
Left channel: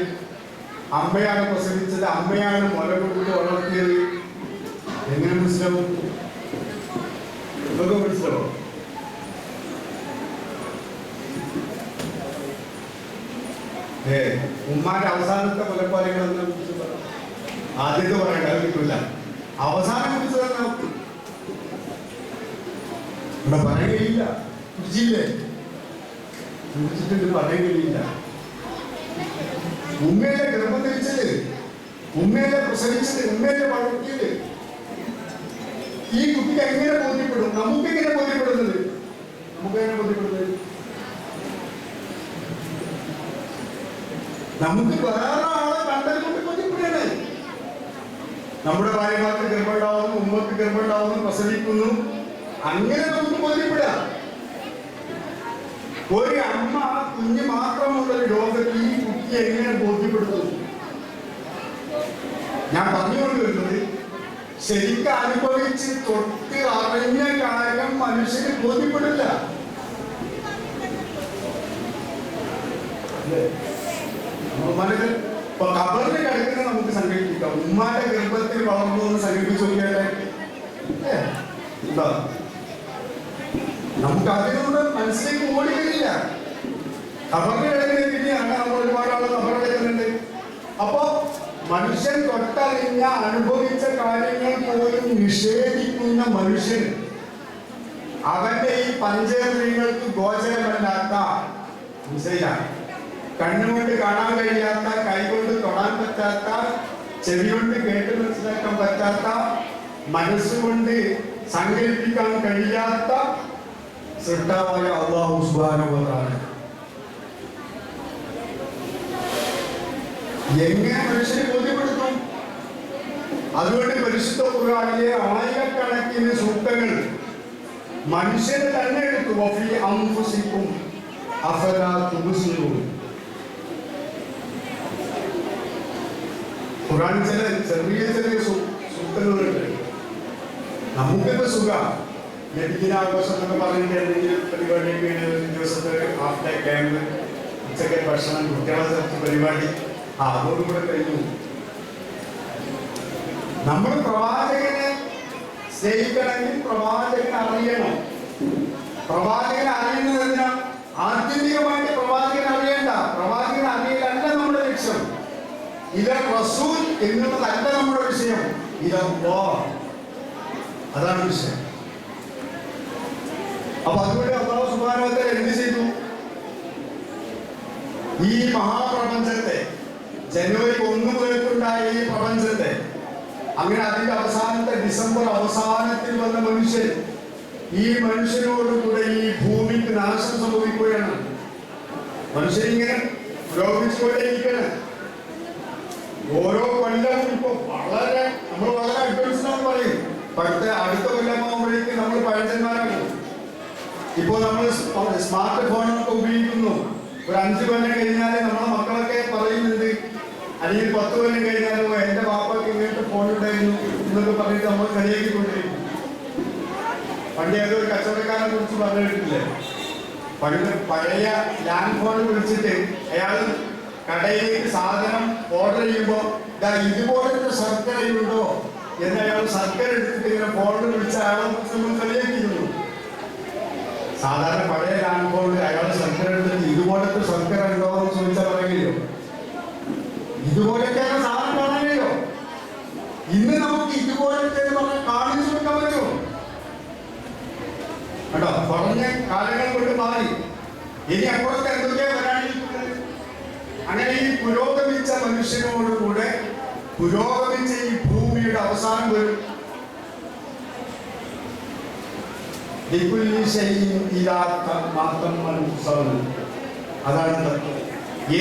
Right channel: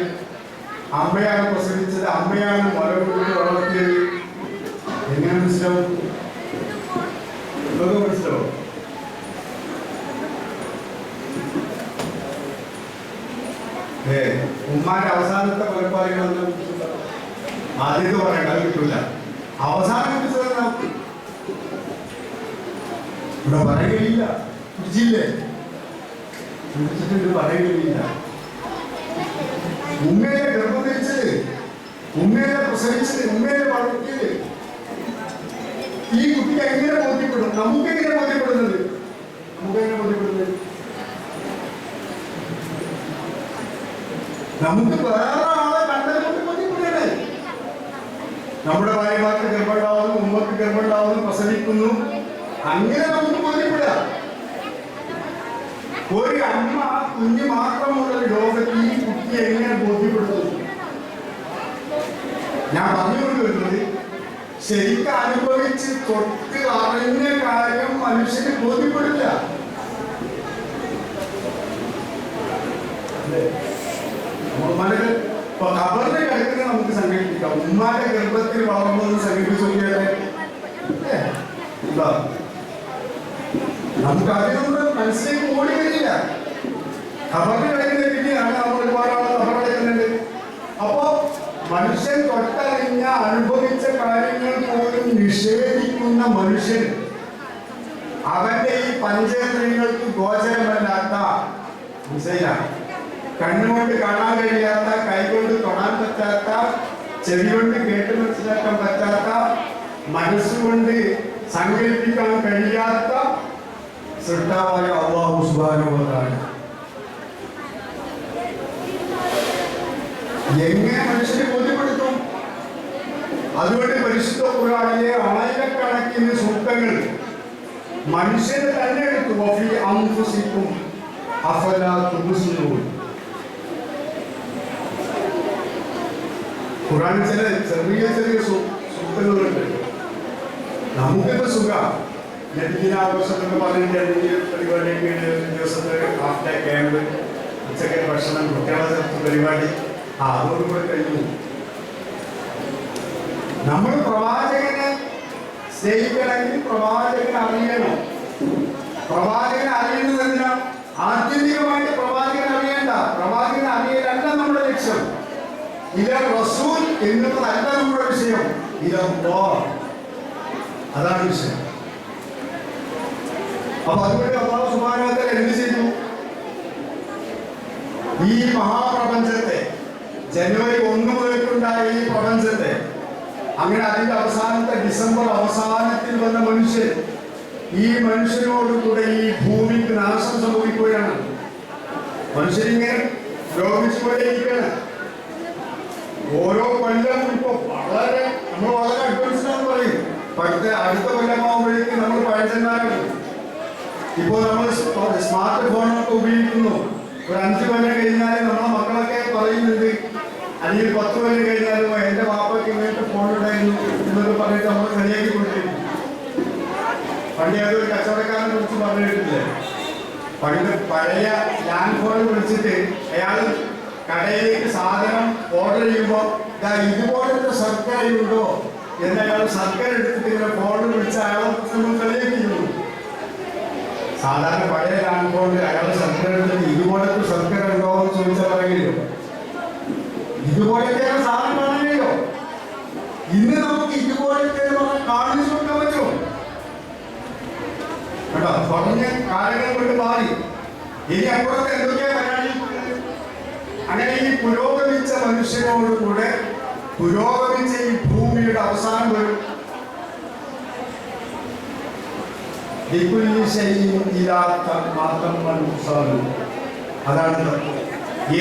അമ്മയാണ് പ്രസവിച്ചത്, അമ്മയാണ് മുല കൂട്ടി വളർത്തിയത്. എങ്ങനെ മനസ്സിലാവും? എന്തൊക്കെ മനസ്സിലാവും? ഉമ്മാന്റെ അവസാനത്തെ മുലപ്പാലികളൊന്നും ആദ്യത്തെ പറയണ്ട, അത് കിട്ടില്ല. അവസാനം കുറിച്ചതെന്നാ ഇവിടെ പറയുകയില്ല. കുടിച്ചില്ലേ? കുടിച്ചിട്ട് പറയുകയില്ല. ഉമ്മയെ ഗർഭം ധരിച്ചത്, ഉമ്മയെ പ്രസവിച്ചത്, ഉമ്മയെ വളർത്തിയത് ഈ കുട്ടിക്ക് എങ്ങനെ ബോധ്യപ്പെടും? നമുക്കെങ്ങനെ ബോധ്യപ്പെടുന്നത്? നമുക്കെങ്ങനെ ബോധ്യപ്പെടുന്നത്? നമുക്ക് വേറെ ആളെ കണ്ടതുകൊണ്ട് ബോധ്യപ്പെടുകയാണ്. നമ്മുടെ ഭാര്യമാർക്ക് ഗർഭമുണ്ടാവുന്നു, ഉമ്മക്ക് ഗർഭമുണ്ടാവുന്നു, പ്രസവിക്കുന്നു, അങ്ങനെ നമുക്ക് ബോധ്യപ്പെടുക. ഒരു അമ്മ കുഞ്ഞ് മാത്രമുള്ള ലോകത്ത് ഈ കുട്ടി എങ്ങനെ ബോധ്യപ്പെടുത്തുന്നു? ഞാൻ പറഞ്ഞുകൊണ്ട് വരുന്നത്, ശരിക്കും അനുഭവിച്ച് തൊട്ട് അറിഞ്ഞ കാര്യം മനുഷ്യന് ബോധ്യപ്പെടില്ല. ഉമ്മാന്റെ കബറിൽ കിടക്കുന്നത് നമുക്ക് സങ്കല്പിക്കാം. ഉമ്മാന്റെ ഗർഭത്തിൽ വളർന്നു എന്ന് സങ്കല്പിച്ചു നോക്കിയാലേ നമുക്ക് അതിനോട് മനസ്സിലേക്ക് ഓടി വരില്ല. ഖബറിൽ കിടക്കുന്ന രീതിയാണ് നമ്മൾ ഒരുപാട് ആൾ ഖബറിൽ കിടക്കുന്നുണ്ട്. അപ്പോ മനുഷ്യൻ തൊട്ടറിഞ്ഞ അനുഭവിച്ച കാര്യങ്ങൾ പോലും നിഷേധിക്കുന്ന മനുഷ്യൻ അവന്റെ ഈ പഞ്ചേന്ദ്രിയങ്ങൾക്ക് ഗോചരമല്ലാത്ത കണ്ണുകൊണ്ട് കാണാൻ കഴിയാത്ത, കൈകൊണ്ട് തൊടാൻ പറ്റാത്ത, ചെവി കൊണ്ട് കേട്ട് മനസ്സിലാക്കാൻ പറ്റാത്ത, മനസ്സുകൊണ്ട് സങ്കല്പിക്കാൻ കഴിയാത്ത സൃഷ്ടാവായ അല്ലാഹു സുബ്ഹാനഹു വ തആല എങ്ങനെ മനുഷ്യനെ ബോധ്യപ്പെടുത്തും? അതുകൊണ്ട് പരിശുദ്ധ ഖുർആനിലെ ആയിരക്കണക്കിന് സൂക്തങ്ങൾ മനുഷ്യനെ തന്നെ എടുത്തു. വഫീ അൻഫുസികും അഫലാ തുബ്സിറൂൻ. ഖുർആൻ ചില ചെറിയ ചെറിയ സൂക്തങ്ങളുണ്ട്. നമുക്കിപ്പോ സുഖം ലഭിക്കാഘോഷം എന്ന് പറഞ്ഞിട്ട് എന്തെങ്കിലും പരിപാടിയൊക്കെ ദിവസത്തെ ഹാഫ് ഡേ ക്യാമ്പ്, ഉച്ചയ്ക്ക് ഭക്ഷണം, കുട്ടികളെ പരിപാടി, അതോടുകൂടെ കഴിഞ്ഞു. നമ്മൾ പ്രവാചകനെ സ്നേഹിക്കണമെങ്കിൽ പ്രവാചകനെ അറിയണം. പ്രവാചകനെ അറിയുന്നതിന് ആത്യന്തികമായിട്ട് പ്രവാചകൻ അറിയേണ്ട, പ്രവാചകനെ അറിയലല്ല നമ്മുടെ ലക്ഷ്യം. ഇത് റസൂൽ എന്നുള്ളതല്ല നമ്മുടെ വിഷയം, അതാണ് വിഷയം. അപ്പൊ അതുകൊണ്ട് അല്ലാഹു സുബ്ഹാനഹു വ തആല എന്ത് ചെയ്തു? ഈ മഹാപ്രപഞ്ചത്തെ, ജനുവരി 1 മുതൽക്കുണ്ടായ ഈ പ്രപഞ്ചത്തെ, അങ്ങനെ അതിന്റെ അവസാനത്തെ ഡിസംബർ അവസാനത്തിൽ വന്ന മനുഷ്യൻ, ഈ മനുഷ്യനോടുകൂടെ ഈ ഭൂമിക്ക് നാശം സംഭവിക്കുകയാണ്. മനുഷ്യരിങ്ങനെ രോഗിച്ചുകൊണ്ടേയിരിക്കുകയാണ്. ഓരോ കൊല്ലം ഇപ്പൊ നമ്മൾ വളരെ അഡ്വാൻസ്ഡ് എന്ന് പറയും. അടുത്ത കൊല്ലമാകുമ്പോഴേക്കും നമ്മൾ പഴഞ്ചന്മാരാണ്. ഇപ്പോൾ നമ്മൾ സ്മാർട്ട് ഫോണൊക്കെ ഉപയോഗിക്കുന്നു. ഒരു 5 കൊല്ലം കഴിഞ്ഞാൽ നമ്മളെ മക്കളൊക്കെ പറയുന്നുണ്ട്, അല്ലെങ്കിൽ 10 കൊല്ലം കഴിഞ്ഞാലും എന്റെ വാപ്പയ്ക്ക് ഇങ്ങനത്തെ ഫോൺ ഉണ്ടായിരുന്നു എന്നൊക്കെ പറഞ്ഞിട്ട് നമ്മൾ കളിയാക്കിക്കൊണ്ടിരിക്കും. പണ്ട് അതൊരു കച്ചവടക്കാരനെ കുറിച്ച് പറഞ്ഞിട്ടില്ലേ? പണ്ട് പഴയ ലാൻഡ് ഫോൺ വിളിച്ചിട്ട് അയാൾ കടയിലേക്ക് സാധനം ഓർഡർ ചെയ്യുമ്പോൾ ഇതുപോലത്തെ സർക്കാരുണ്ടോ എന്ന് അയാൾ സർക്കാർ എടുത്തിട്ട് ഇങ്ങനെ ഫോൺ വിളിച്ച് അയാളെ നമ്മൾ കളിയാക്കിയിരുന്നു. സാധാരണ പഴയ ലാൻഡ് ഫോണിൽ അയാളുടെ സർക്കാർ എടുത്തിട്ട് ഇതുപോലത്തെ സർക്കാർ ഉണ്ടോ എന്ന് ചോദിച്ചാൽ പറയില്ലോ. ഇതുപോലത്തെ സാധനം കാണാനില്ലോ. ഇന്ന് നമുക്ക് ഇതുപോലത്തെ കാണിച്ചു കൊടുക്കാൻ പറ്റുമോ? കേട്ടോ, കുറഞ്ഞ കാലങ്ങൾ കൊണ്ട് മാറി. ഇനി അപ്പുറത്ത് എന്തൊക്കെയാ വരാനിരിക്കുന്നത്? അങ്ങനെ ഈ പുരോഗമിച്ച മനുഷ്യനോടുകൂടെ പുരോഗമിച്ച ഈ ഭൂമിയുടെ അവസാനം വരും. അതാണ്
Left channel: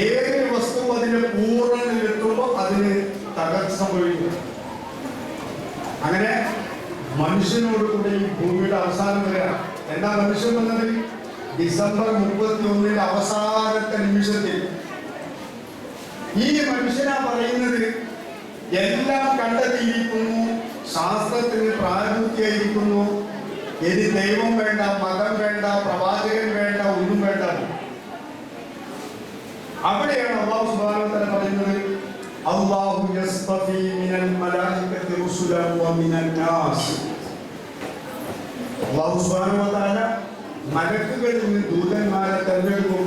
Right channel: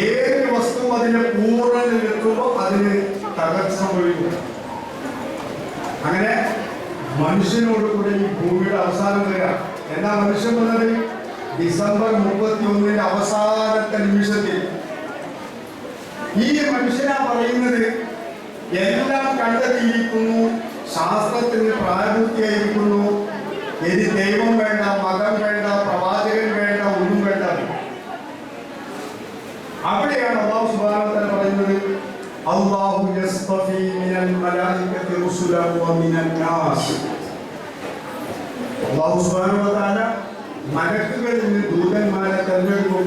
ഏതൊരു വസ്തു അതിന്റെ പൂർണ്ണതയിലെത്തുമ്പോൾ അതിന് തകർച്ച സംഭവിക്കും. അങ്ങനെ മനുഷ്യനോട് കൂടി ഈ ഭൂമിയുടെ അവസാനം വരിക. എന്താ മനുഷ്യൻ വന്നത്? ഡിസംബർ 31 അവസാനത്തെ നിമിഷത്തിൽ ഈ മനുഷ്യനാ പറയുന്നത് എല്ലാം കണ്ടെത്തിയിരിക്കുന്നു, ശാസ്ത്രത്തിന് പ്രായപൂർത്തിയായിരിക്കുന്നു, ഇനി ദൈവം വേണ്ട, മതം വേണ്ട, പ്രവാചകൻ വേണ്ട, ഒന്നും വേണ്ട. അവിടെയാണ് അല്ലാഹു സുബ്ഹാനഹു വ തആല പറയുന്നത്, അല്ലാഹു യസ്തഫീ മിനൽ മലായികതി റുസുലൻ വ മിനൻ നാസ്. അല്ലാഹു സുബ്ഹാനഹു വ തആല മലക്കുകളിൽ നിന്ന് ദൂതന്മാരെ തെരഞ്ഞെടുക്കും,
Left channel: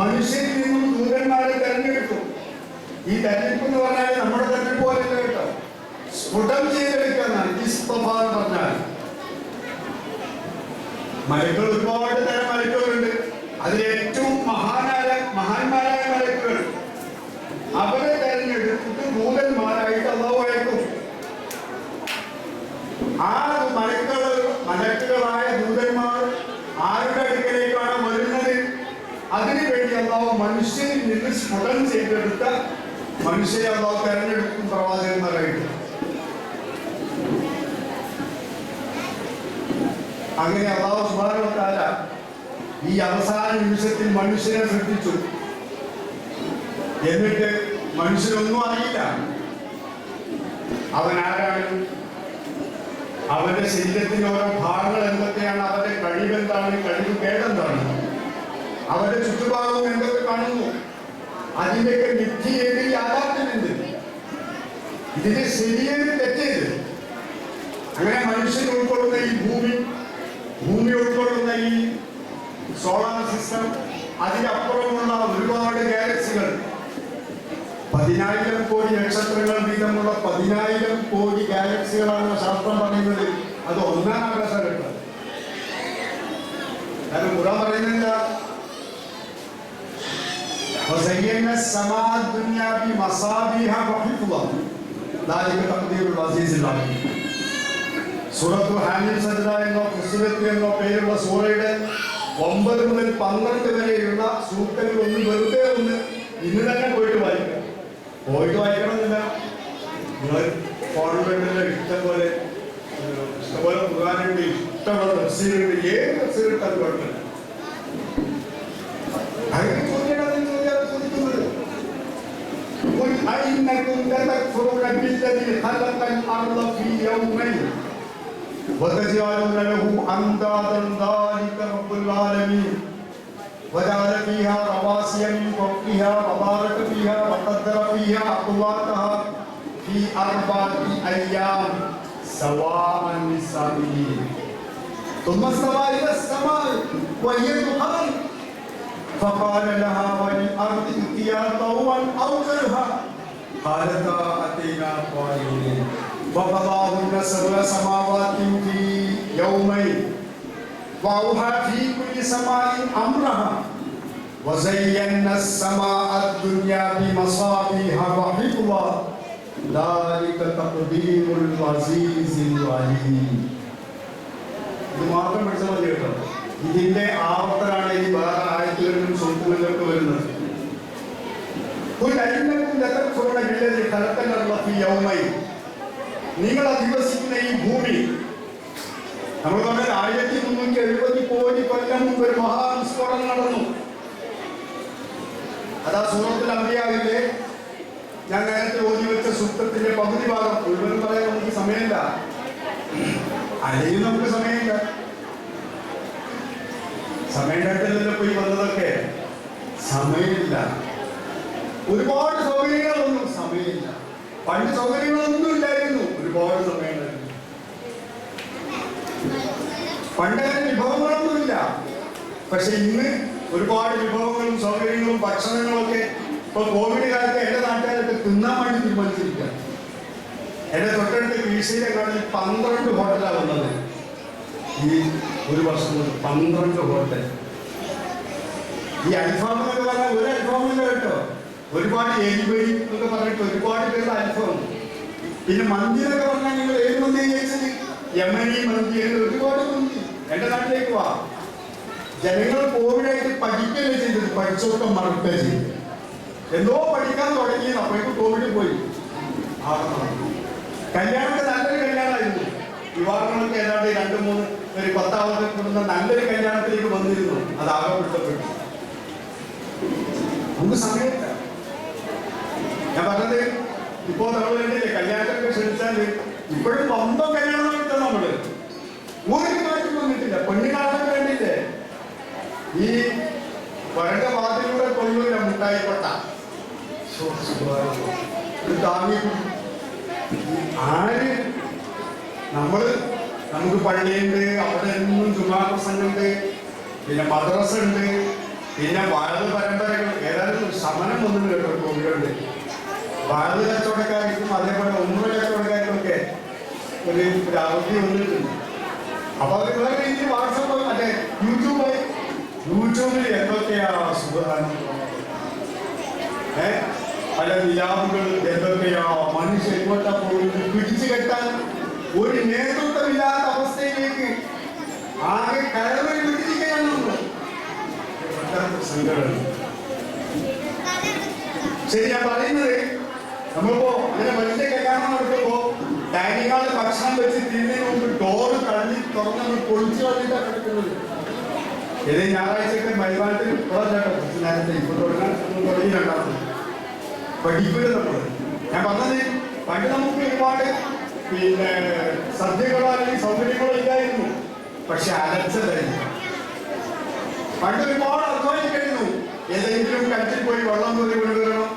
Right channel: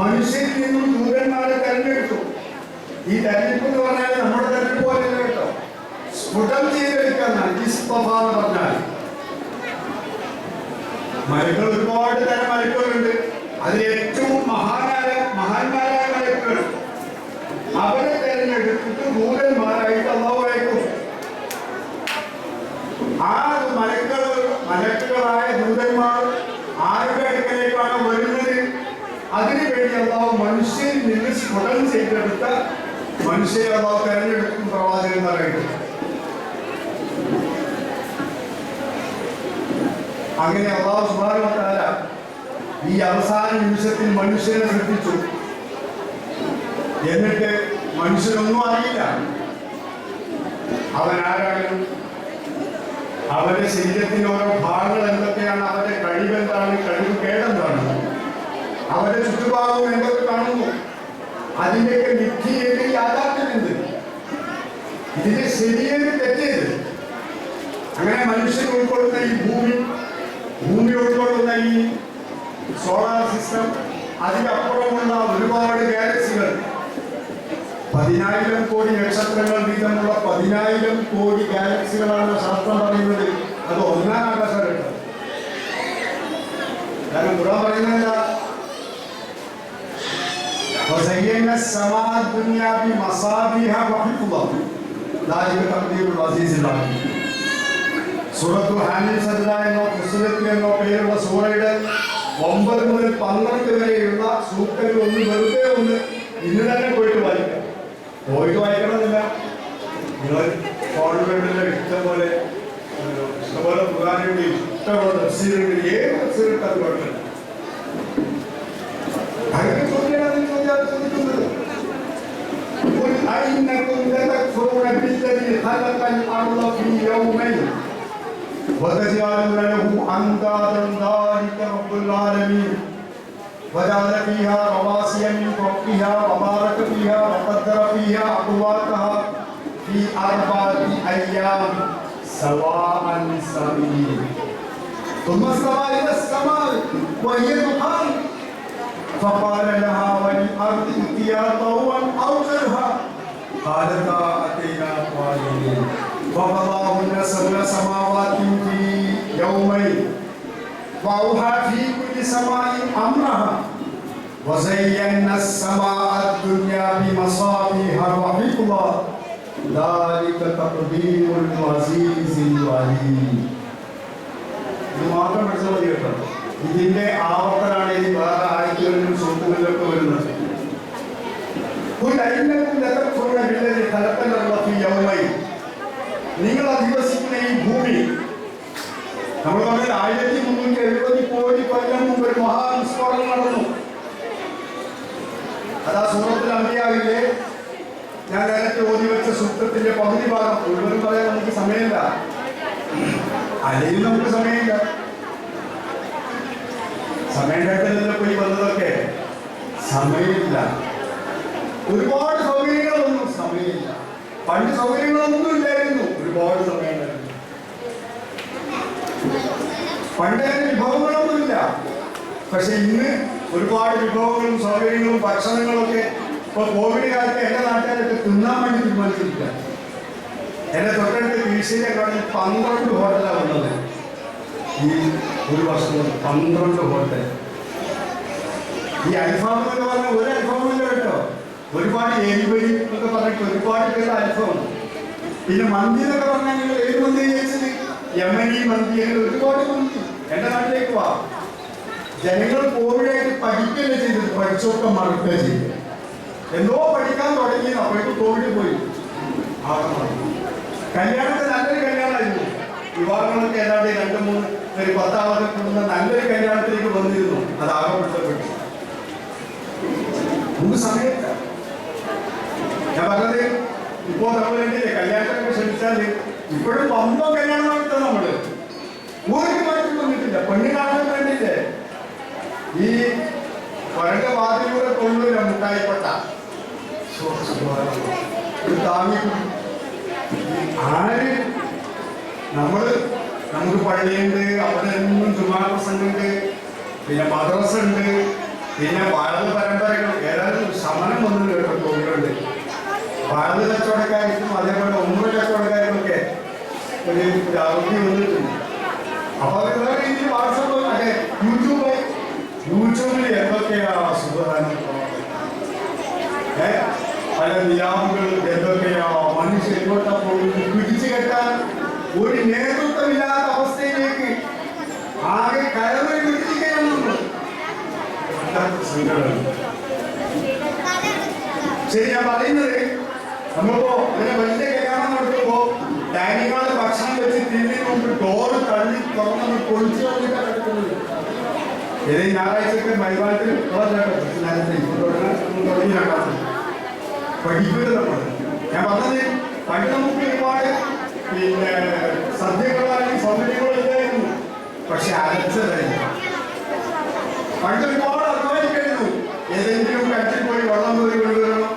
മനുഷ്യരിൽ നിന്നും ദൂതന്മാരെ തെരഞ്ഞെടുക്കും. ഈ തെരഞ്ഞെടുപ്പ് എന്ന് പറഞ്ഞാൽ നമ്മുടെ തെരഞ്ഞെടുപ്പ് പോലെയല്ല കേട്ടോ, സ്ഫുടം ചെയ്തെടുക്കാന്നാണ് ഇസ്തഫ എന്ന് പറഞ്ഞാൽ. മലക്കുകൾ ഒരുപാട് തരം മലക്കുകളുണ്ട്. അതിൽ ഏറ്റവും മഹാന്മാരായ മലക്കുകൾ, അവരെ തെരഞ്ഞെടുത്തിട്ട് ദൂതന്മാരായിട്ട് അല്ലാഹു അയക്കും. ആ മലക്കുകളായ ദൂതന്മാർ ആരുടെ അടുക്കലേക്കാണ് വരുന്നത്? അതിനു വേണ്ടി അല്ലാഹു മനുഷ്യരിൽ നിന്ന് സ്ഫുടം ചെയ്തെടുത്ത മനുഷ്യരെ അല്ലാഹു തെരഞ്ഞെടുക്കും പ്രവാചകന്മാരായിട്ട്. അങ്ങനെ അല്ലാഹു സുബ്ഹാനഹു വ തആല ഈ അവസാന നിമിഷത്തിൽ മനുഷ്യനെ സൃഷ്ടിച്ചു. എന്നിട്ട് മനുഷ്യനൊന്നും അറിയില്ല അവൻ ആരാണ്, അവന്റെ ശരീരത്തിന്റെ ഓരോ ഭാഗങ്ങൾ എന്തൊക്കെയാണ്, അവന്റെ കഴിവെന്താണ്, കഴിവ് കേടെന്താണ്, അവന്റെ ചുറ്റുഭാഗവും എന്തൊക്കെ കാണുന്നു, അതിന്റെയൊക്കെ മിഥ്യയേത് യാഥാർത്ഥ്യമുണ്ട്, ഇതിന്റെ ശരിയേത് തെറ്റേത്. അങ്ങനെ മനുഷ്യൻ ഉൾക്കൊള്ളുന്ന ഈ ഭൂമി ഉൾക്കൊള്ളുന്ന സോളാർ സിസ്റ്റം, അതിനപ്പുറമുള്ള ഒരുപാട് ഗാലക്സികൾ, 10,000 കോടി നക്ഷത്രങ്ങൾ വീതമുള്ള 10,000 കോടി ഗാലക്സികളാണ് ശാസ്ത്രം പറയുന്നത്. അത് ഒന്നാം ആകാശഘട്ടം. കാരണം ഖുർആൻ പറയുന്നില്ല وزينا السماء الدنيا بمصابيح وحفظا ذلك تقدير العزيز العليم. സൂറത്തു ഹാമിൽ സജ്ദ എന്നോ ഫുസ്സിലത്ത് എന്നോ പേരുള്ള സൂറയുടെ 9 മുതൽ 12 വരെയുള്ള സൂക്തങ്ങൾ ഒന്ന് വെറുതെ ഒന്ന് ഇന്ന് തന്നെ പോയിട്ട് വായിക്കാം. പോയിട്ട് വായിക്കണമെന്നില്ല, നിങ്ങൾ ഫോണിലുള്ള ഇഷ്ടംപോലെ ഖുർആനുണ്ട്, ഇഷ്ടമുള്ള തഫ്സീറുണ്ട്, ഏത് തഫ്സീറുണ്ട് അത് കുഴപ്പമില്ല. قل أئنكم لتكفرون بالذي خلق الأرض في يومين وتجعلون له أندادا ذلك رب العالمين وجعل فيها رواسي من فوقها وبارك فيها وقدر فيها أقواتها في 4 أيام سواء للسائلين ثم استوى إلى السماء وهي دخان فقال لها وللأرض ائتيا طوعا أو كرها قالتا أتينا طائعين فقضاهن 7 سماوات في يومين وأوحى في كل سماء أمرها وزينا السماء الدنيا بمصابيح وحفظا ذلك تقدير العزيز العليم. ഇത് മാത്രം പഠിച്ചാൽ മതി കേട്ടോ. ഇതിന്റെ ആവർത്തനാണ് ഇനി വേറെ ആയത്തുകളിലും സൂക്തങ്ങളിലൊക്കെ വരുന്നത്. നിങ്ങൾ അധിവസിക്കുന്ന ഈ ഭൂമി, നമ്മൾ പറഞ്ഞ 1370 കോടി കൊല്ലം മുമ്പ് ഒരു മഹാവിസ്ഫോടനം നടന്നു. അതാ സൂറത്തുൽ അംബിയാവിലെ ഞാൻ നേരത്തെ ഓതി വെച്ച സൂക്തത്തിന്റെ പകുതി ഭാഗം മുഴുവൻ പറയാൻ നമുക്ക് സമയമില്ല, അല്ലെങ്കിൽ നമുക്ക് സമയമില്ല. സമയഘട്ടത്തിൽ പോയി വന്നതൊക്കെ സമയമില്ല. ഒരുപാട് സൗകര്യങ്ങളൊന്നും സമയമില്ല. പണ്ട് സൗകര്യങ്ങളൊന്നും ഇല്ലായിരുന്നു, ഒരുപാട് സമയമുണ്ടായിരുന്നു. പണ്ട് വിഭവങ്ങളൊന്നുമില്ല. പക്ഷെ ഇന്ന് ഒരുപാട് വിഭവങ്ങളും സൗകര്യങ്ങളും ഭക്ഷണങ്ങളും ഒക്കെ. ഇപ്പൊ കോവിഡ് കാലത്ത് എന്റെ നാട്ടുകാരൊക്കെ തിന്നാൻ വേണ്ടി തീരുമാനിച്ചിരിക്കുക. എന്റെ തൊട്ടടുത്ത് വീഴ്ചയിലെ കടയിൽ 12 ഹോട്ടലാണ് വന്നത്. ഈ ഒരു വർഷം കൊണ്ട് 12 ഹോട്ടൽ. ഈ അൽഫാം എന്നൊക്കെ പറഞ്ഞാൽ ഒരു അൽഫാമില്ല കേട്ടോ, ഒരുപാട് എരിവരി എന്നൊക്കെ പറഞ്ഞിട്ട് ഒരുപാട് പേരുടെ അൽഫാം. പിന്നെ മന്തി എന്നൊക്കെ പറഞ്ഞാൽ നിങ്ങൾ ഏത് മന്തി കഴിച്ചത്? യമനി മന്തി, അങ്ങനെ ഒരുപാട് മന്തി. എന്റെ നാട്ടിലേക്ക് വാ. ജനങ്ങൾ കോവിഡായിട്ട് പഠിക്കുകയല്ല ചെയ്തത്, പഠിച്ചൊക്കെ മറക്കുക ചെയ്തത്. എന്തോ പഠിക്കാൻ തുടങ്ങി, അപ്പോഴേക്കും കോവിഡ് പോയി. കല്യാണത്തെ നല്ലൊരു കല്യാണമായിരുന്നു. വിവാഹങ്ങളൊക്കെ ഏതാണ്ട് 2-3 ഒരു 10 കൂടുന്ന നല്ലൊരു കല്യാണത്തിലേക്ക് വന്നിരുന്നു. അത് ആകപ്പെടുത്തപ്പെട്ടു. നമുക്ക് സമയമില്ല. ഞാൻ പറഞ്ഞത് ഇപ്പോ നമ്മൾ വേണ്ടിയില്ലേ കല്യാണത്തിനൊക്കെ ക്ഷണിച്ചാൽ ഇപ്പോഴും 9 കല്യാണം കിട്ടും. നമ്മള് ഒരു മാറ്റം വന്നിട്ടില്ല. പെണ്ണി കാണാൻ വേണ്ടിയില്ലേ ഈ വരണ്ട വാതിലൂടെ കൊള്ളൂല മുട്ടായിക്കൊട്ട താങ്ങി. ആര് നമുക്ക് പള്ളിയുണ്ട്, അവിടെ എന്നും ജുമാ പ്രസംഗമുണ്ട്, പിന്നെ മദ്രസ ഉണ്ട്, പിന്നെ വാഴ പരമ്പരകൾ. ഏതായാലും ശമനം വന്നു കേട്ടോ കോവിലുണ്ട്. വാഴ കച്ചവടക്കാർക്കും അതേപോലെ 9 കച്ചവടക്കാർക്കൊക്കെ ഒരു അവധി വന്നിട്ടുണ്ട്. അപ്പൊ അത് വേറെ രീതിയിൽ വാട്സപ്പ് മറ്റേ യൂട്യൂബിൽ എന്തൊക്കെയാ സുഖാനം, പല നിലാവുകൾ എന്തൊക്കെയാ മനുഷ്യ എങ്ങോട്ടാ പോകുന്നത് പിടിച്ചു കെട്ടാൻ ഒരു നേതൃത്വമില്ലാത്ത അവസ്ഥയിലേക്ക് ആകെ കയറി പിടിക്കുകയാണ് നമ്മൾ. ശരി, ഞാൻ പറയുന്നത് നമ്മളിപ്പോ അങ്ങനെ വലിയ കല്യാണം നടത്തുമ്പോ ഡൈനിങ് ഹാളിൽ ഭക്ഷണം വെച്ച് തിരിഞ്ഞു കൊണ്ട് ഡോറ് തള്ളി തുറന്നു പൊളിച്ചു കളഞ്ഞിട്ടാണ് എടുക്കുന്നത്. ഏത് ഞായറാഴ്ചയൊക്കെ മൈതാനത്തിൽ പഠിക്കുക നമ്മൾ. ഞാൻ പറഞ്ഞത് പണ്ട് നമുക്ക് ഒരുപാട് പിന്നെ സദ്യകളോ അല്ലെങ്കിൽ സൗകര്യങ്ങളോ ഇല്ലായിരുന്നു. പക്ഷെ അരച്ചതായിരുന്നു. പണ്ട് ഒരുപാട് അധ്വാനിക്കായിരുന്നു. ഏതെങ്കിലും കറ്റിൽ പോയി വെള്ളം കോരി കൊണ്ടുവരണം,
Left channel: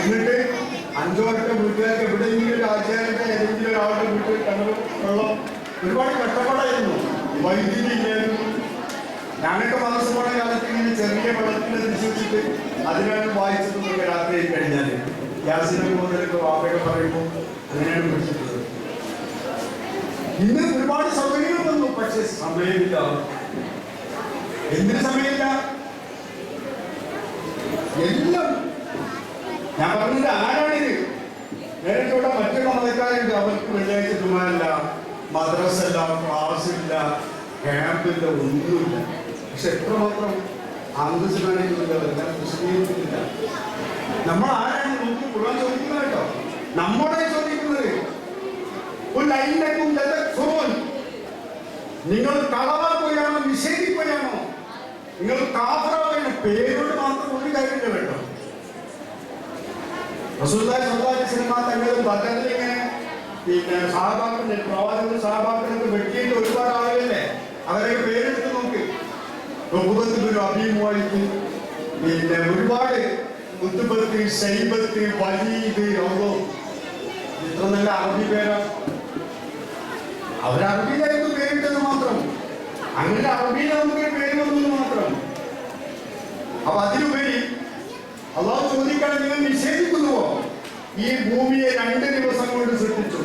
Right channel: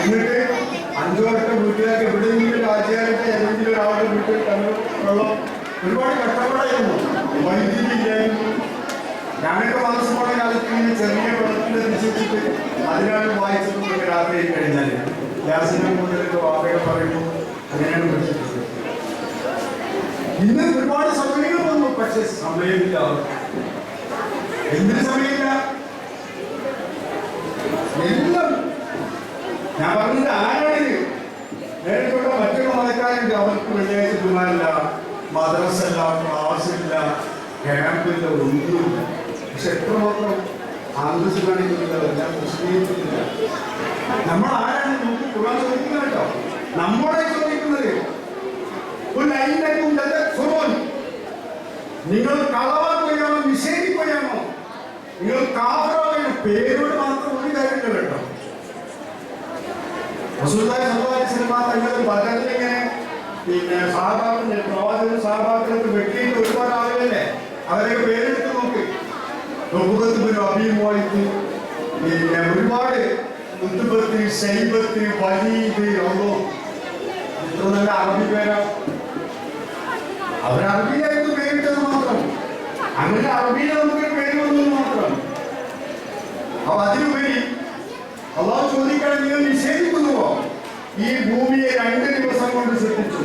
എന്നിട്ട് 5 വട്ടം വീട്ടുകാർക്ക് എവിടെയെങ്കിലും ആചാരത്തെ ഏതെങ്കിലും ഒരാളുടെ വീട്ടിൽ വെള്ളം. ഒരുപാട് കഷ്ടപ്പാടായിരുന്നു. വൈദ്യുതി ഇല്ലായിരുന്നു. ഞാനൊക്കെ മനസ്സ് പോണ കാലത്ത് ഇങ്ങനെ ചെറിയ വെള്ളത്തിന്റെ തിരിച്ചിട്ട് അതിനാണ് വായിച്ചിട്ടുള്ളത്. രാത്രി കഴിഞ്ഞാൽ ഗ്യാസിനെ മുതലൊക്കെ വാപ്പയൊക്കെ പറയുമ്പോൾ അങ്ങനെയാണ് പിടിച്ചിട്ടുള്ളത്. ഇന്ന് ഒരുപാട് സൗകര്യങ്ങൾ വന്നു, പക്ഷെ സമയമില്ല. എന്തിന് സമയമില്ല? എല്ലാം ഞാൻ പറഞ്ഞത് ആരാണിത്? നേരിട്ടൂടെ മറ്റൊരു മതക്കാരുണ്ട്, അവർക്ക് വെള്ളിയാഴ്ച ജുമാല്ല, മദ്രസല്ല, ക്ലാസ്സില്ല, ക്യാമ്പില്ല, ഒന്നുമില്ല. പക്ഷെ എത്രമാത്രം അന്തസ് കാണിക്കുന്നില്ല, മുസ്ലിമില്ല. നമ്മൾ ആരാണ് നോക്കി ഖുർആൻ ചോദിക്കുന്നത് കേട്ടോ, നമ്മളെ ചോദിക്കുന്നത്. നിങ്ങൾ കളവാക്കുകയാണോ, നിഷേധിക്കുകയാണോ, നിങ്ങൾ കാഫിറാവുകയാണോ? പേരോട് മാത്രം ഒരു കാര്യമില്ല കേട്ടോ. റസൂലുള്ളാഹി സ്വല്ലല്ലാഹു അലൈഹി വസല്ലം തങ്ങൾ ബദറിലിങ്ങനെ പിന്നെ സഹാബാക്കളെ പ്രവാചകൻ സഹാബാക്കളൊക്കെ വെട്ടിയിട്ട് ഒരുപാട് ആളുകളല്ലേ, അവരൊക്കെ പേരെടുത്ത് നോക്ക്. അഭിമുഖത്ത് പിന്നെ ഒരുപാട് മുത്തുബത്ത്, ശൈബത്ത്, വലീദ്, ഇത്ര നല്ല അറബി പേരാ. അവരറബിയിലായിരുന്നു പേരിട്ടത് മാത്രം. അങ്ങനെ അറബിയിൽ നമുക്കൊരു പേര് വന്നത് മാത്രം. അപ്പൊ അതിനുപരി അള്ളാഹു ചോദിക്കാൻ, നിങ്ങൾ നിഷേധിക്കുന്നുവോ? ഈ ഭൂമിയെ 2 ദിവസം കൊണ്ട് സൃഷ്ടിച്ചു.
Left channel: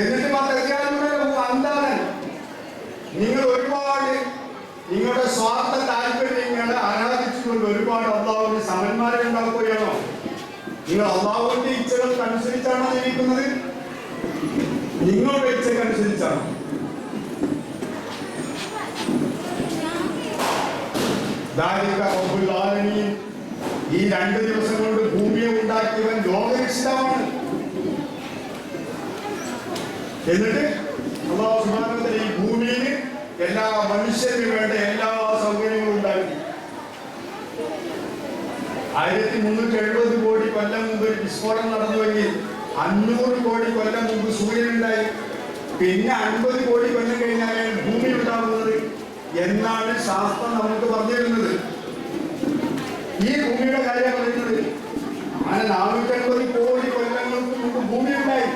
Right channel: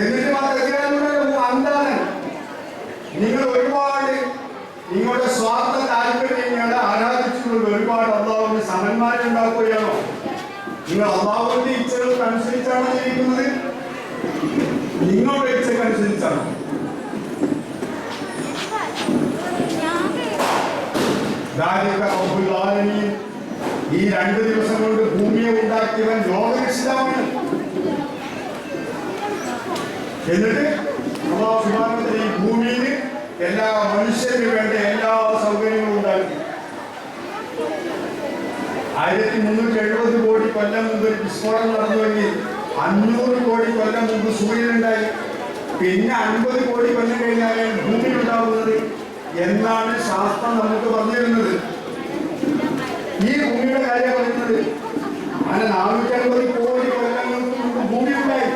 എന്നിട്ട് അന്താൻ നിങ്ങൾ ഒരുപാട് നിങ്ങളുടെ സ്വാർത്ഥ താല്പര്യങ്ങളെ ആരാധിച്ചുകൊണ്ട് ഒരുപാട് അള്ളാഹുവിന് സമന്മാരെ ഉണ്ടാക്കുകയാണോ? നിങ്ങൾ അള്ളാഹുവിന്റെ ഇച്ഛകൾക്ക് അനുസരിച്ചാണോ ജീവിക്കുന്നത്? നിങ്ങളുടെ ഇച്ഛക്കനുസരിച്ചാണോ? ഈ 2 ദിവസം കൊണ്ട് ഭൂമിയെ ഉണ്ടാക്കിയവൻ ലോകരക്ഷിതാവാണ്. എന്നിട്ട് അല്ലാഹു സുബ്ഹാനഹു വ തആല ഈ ഭൂമിയിൽ എല്ലാ മനുഷ്യർക്ക് വേണ്ട എല്ലാ സൗകര്യങ്ങളും ഉണ്ടാക്കി. 1370 കോടി കൊല്ലം മുമ്പ് ഒരു വിസ്ഫോടനം നടന്നുവെങ്കിൽ 500 കോടി കൊല്ലം മുമ്പ് സൂര്യൻ ഉണ്ടായി. പിന്നെ 50 കോടി കൊല്ലം കഴിഞ്ഞാലാണ് ഭൂമി ഉണ്ടാകുന്നത് എന്നാണ് ശാസ്ത്രം നമുക്ക് പറഞ്ഞു തരുന്നത്. ഈ ഭൂമിയുടെ കാര്യം പറയുന്നത് അങ്ങനെ 450 കോടി കൊല്ലങ്ങൾക്ക് മുമ്പ് ഭൂമി ഉണ്ടായി.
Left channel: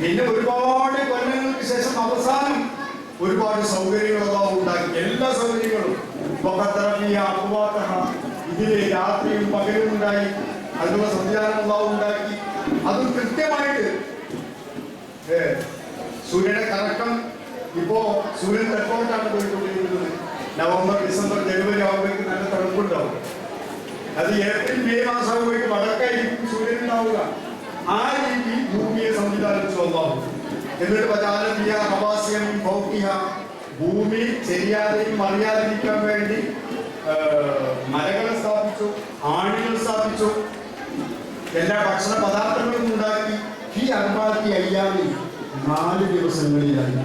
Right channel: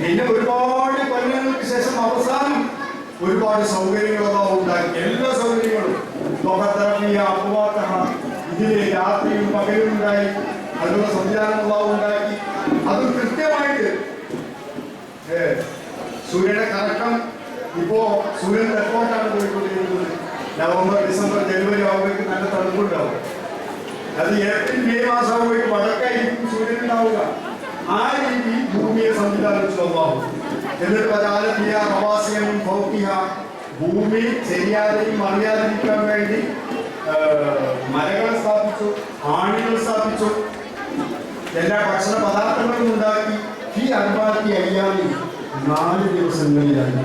പിന്നെ ഒരുപാട് കൊല്ലങ്ങൾക്ക് ശേഷം അവസാനം ഒരുപാട് സൗകര്യങ്ങളൊക്കെ ഉണ്ടാക്കി. എല്ലാ സൗകര്യങ്ങളും ഇതില് രാത്രിയും പകലും ഉണ്ടായി. അതിനുള്ള സംവിധാനങ്ങളെല്ലാം ഉണ്ടാക്കി. അത് കൃത്യമായിട്ട് സൂര്യന്റെ കറക്കം ഇപ്പോ സൂര്യൻ തെക്കോട്ടാണ് പോയിക്കൊണ്ടിരിക്കുന്നത്. നവംബർ, ഡിസംബർ, ജനുവരി ആകുമ്പോഴേക്കും നല്ല തണുപ്പുണ്ടാവും. അത് ഏപ്രിൽ, മെയ് മാസമാകുമ്പോഴേക്കും വടക്കായിരിക്കും സൂര്യൻ ഉണ്ടാവുക. ആ രീതി ഭൂമിയെ സംവിധാനിച്ചു അല്ലാഹു. എന്നിട്ട് ഭൂമി ശരിയാതെയും അറിയാതിരിക്കാൻ വേണ്ടി മരങ്ങൾ സ്ഥാപിച്ചു, ആണികൾ സ്ഥാപിച്ചു, എല്ലാ ഭക്ഷണ പദാർത്ഥങ്ങളും ഉണ്ടാക്കി. ഈ 4 ദിവസങ്ങളിലായി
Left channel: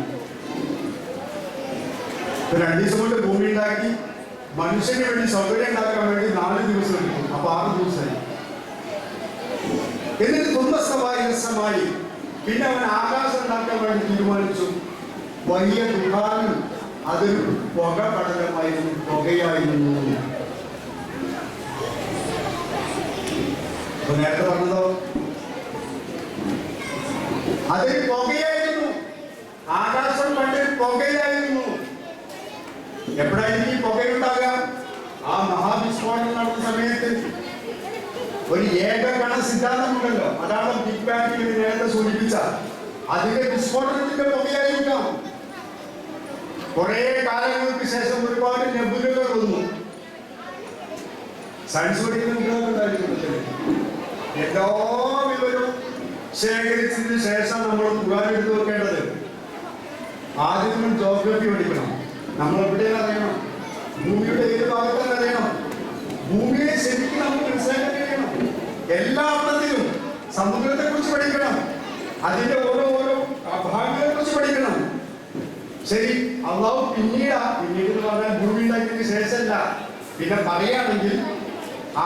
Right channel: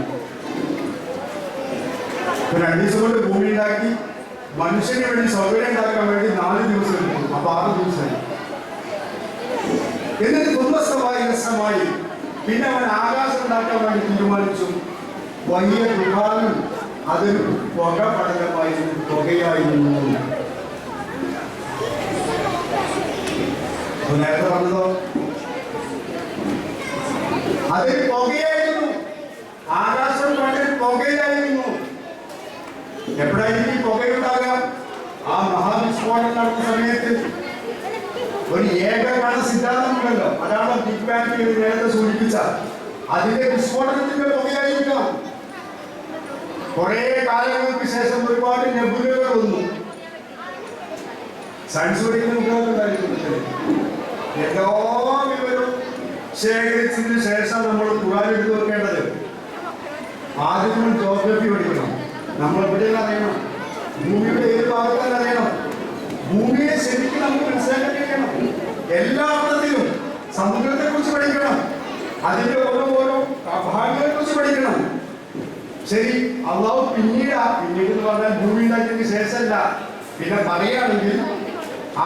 2 ദിവസം കൊണ്ട് ഭൂമി ഉണ്ടാക്കി. മനുഷ്യന് വേണ്ടി സൗകര്യം ഉണ്ടാക്കാൻ വേണ്ടി 4 ദിവസം എടുക്കും. അപ്പൊ 6 ദിവസമായി. എന്നിട്ട് കുടുംബസ്ഥമായി പിന്നെ അവൻ ആകാശം ഉണ്ടാക്കാൻ വേണ്ടി തീരുമാനിച്ചു. വലിയ ദുഃഖാനും അതൊരു പുക പടലമായിരുന്നു, പുകയായിരുന്നു. നേരത്തെ പറഞ്ഞതോ അതൊരു പുകയായിരുന്നു. ആകാശം കണ്ടൊരു പുകയായിരുന്നു. എപ്പോഴായിരിക്കും പുകയുണ്ടാകാം? ആ മഹാവിസ്ഫോടനം നടന്ന സമയത്ത് ഒരു ഏകകണ സിദ്ധാന്തമുണ്ടല്ലോ, അതാണ് ബിഗ് ബാങ് നേരത്തെ സൂചിപ്പിച്ച. അതിന്റെ വിസ്ഫോടനത്തിന്റെ പുകയായിരിക്കാം. കുറെ കാലങ്ങൾക്ക് ശേഷം ഒരുപാട് നെബുലകൾ വന്നു. സയൻസ് പഠിക്കുന്ന കുട്ടികൾക്കുണ്ടായിരുന്നു. എല്ലാ വിവരവും ശേഖരിച്ചതിന് ശേഷം നമ്മൾ ഖുർആൻ എടുത്തു വെക്കേണ്ടത്. ആദ്യം നമ്മൾ ജോഗ്രഫി പഠിക്കണം. നമ്മൾ എവിടെയെല്ലാം അറിയണം, ഭൂമിയുടെ ഏത് ഭാഗത്തെല്ലാം അറിയണം. ഭൂമിയെ ശരിക്കും നമുക്ക് മനസ്സിലാക്കാൻ കഴിയണം. എല്ലാ അർത്ഥത്തിലും സമുദ്രത്തെ കുറിച്ച് പഠിക്കണം, അതിന്റെ ഓരോ ഭാഗങ്ങളെ കുറിച്ച് പഠിക്കണം. ശരി, അള്ളാഹു പിന്നീട് എന്ന് പറഞ്ഞാൽ ഭൂമി ഉണ്ടാക്കിയതിന് ശേഷമല്ല. പിന്നെ പറയുകയാണെങ്കിൽ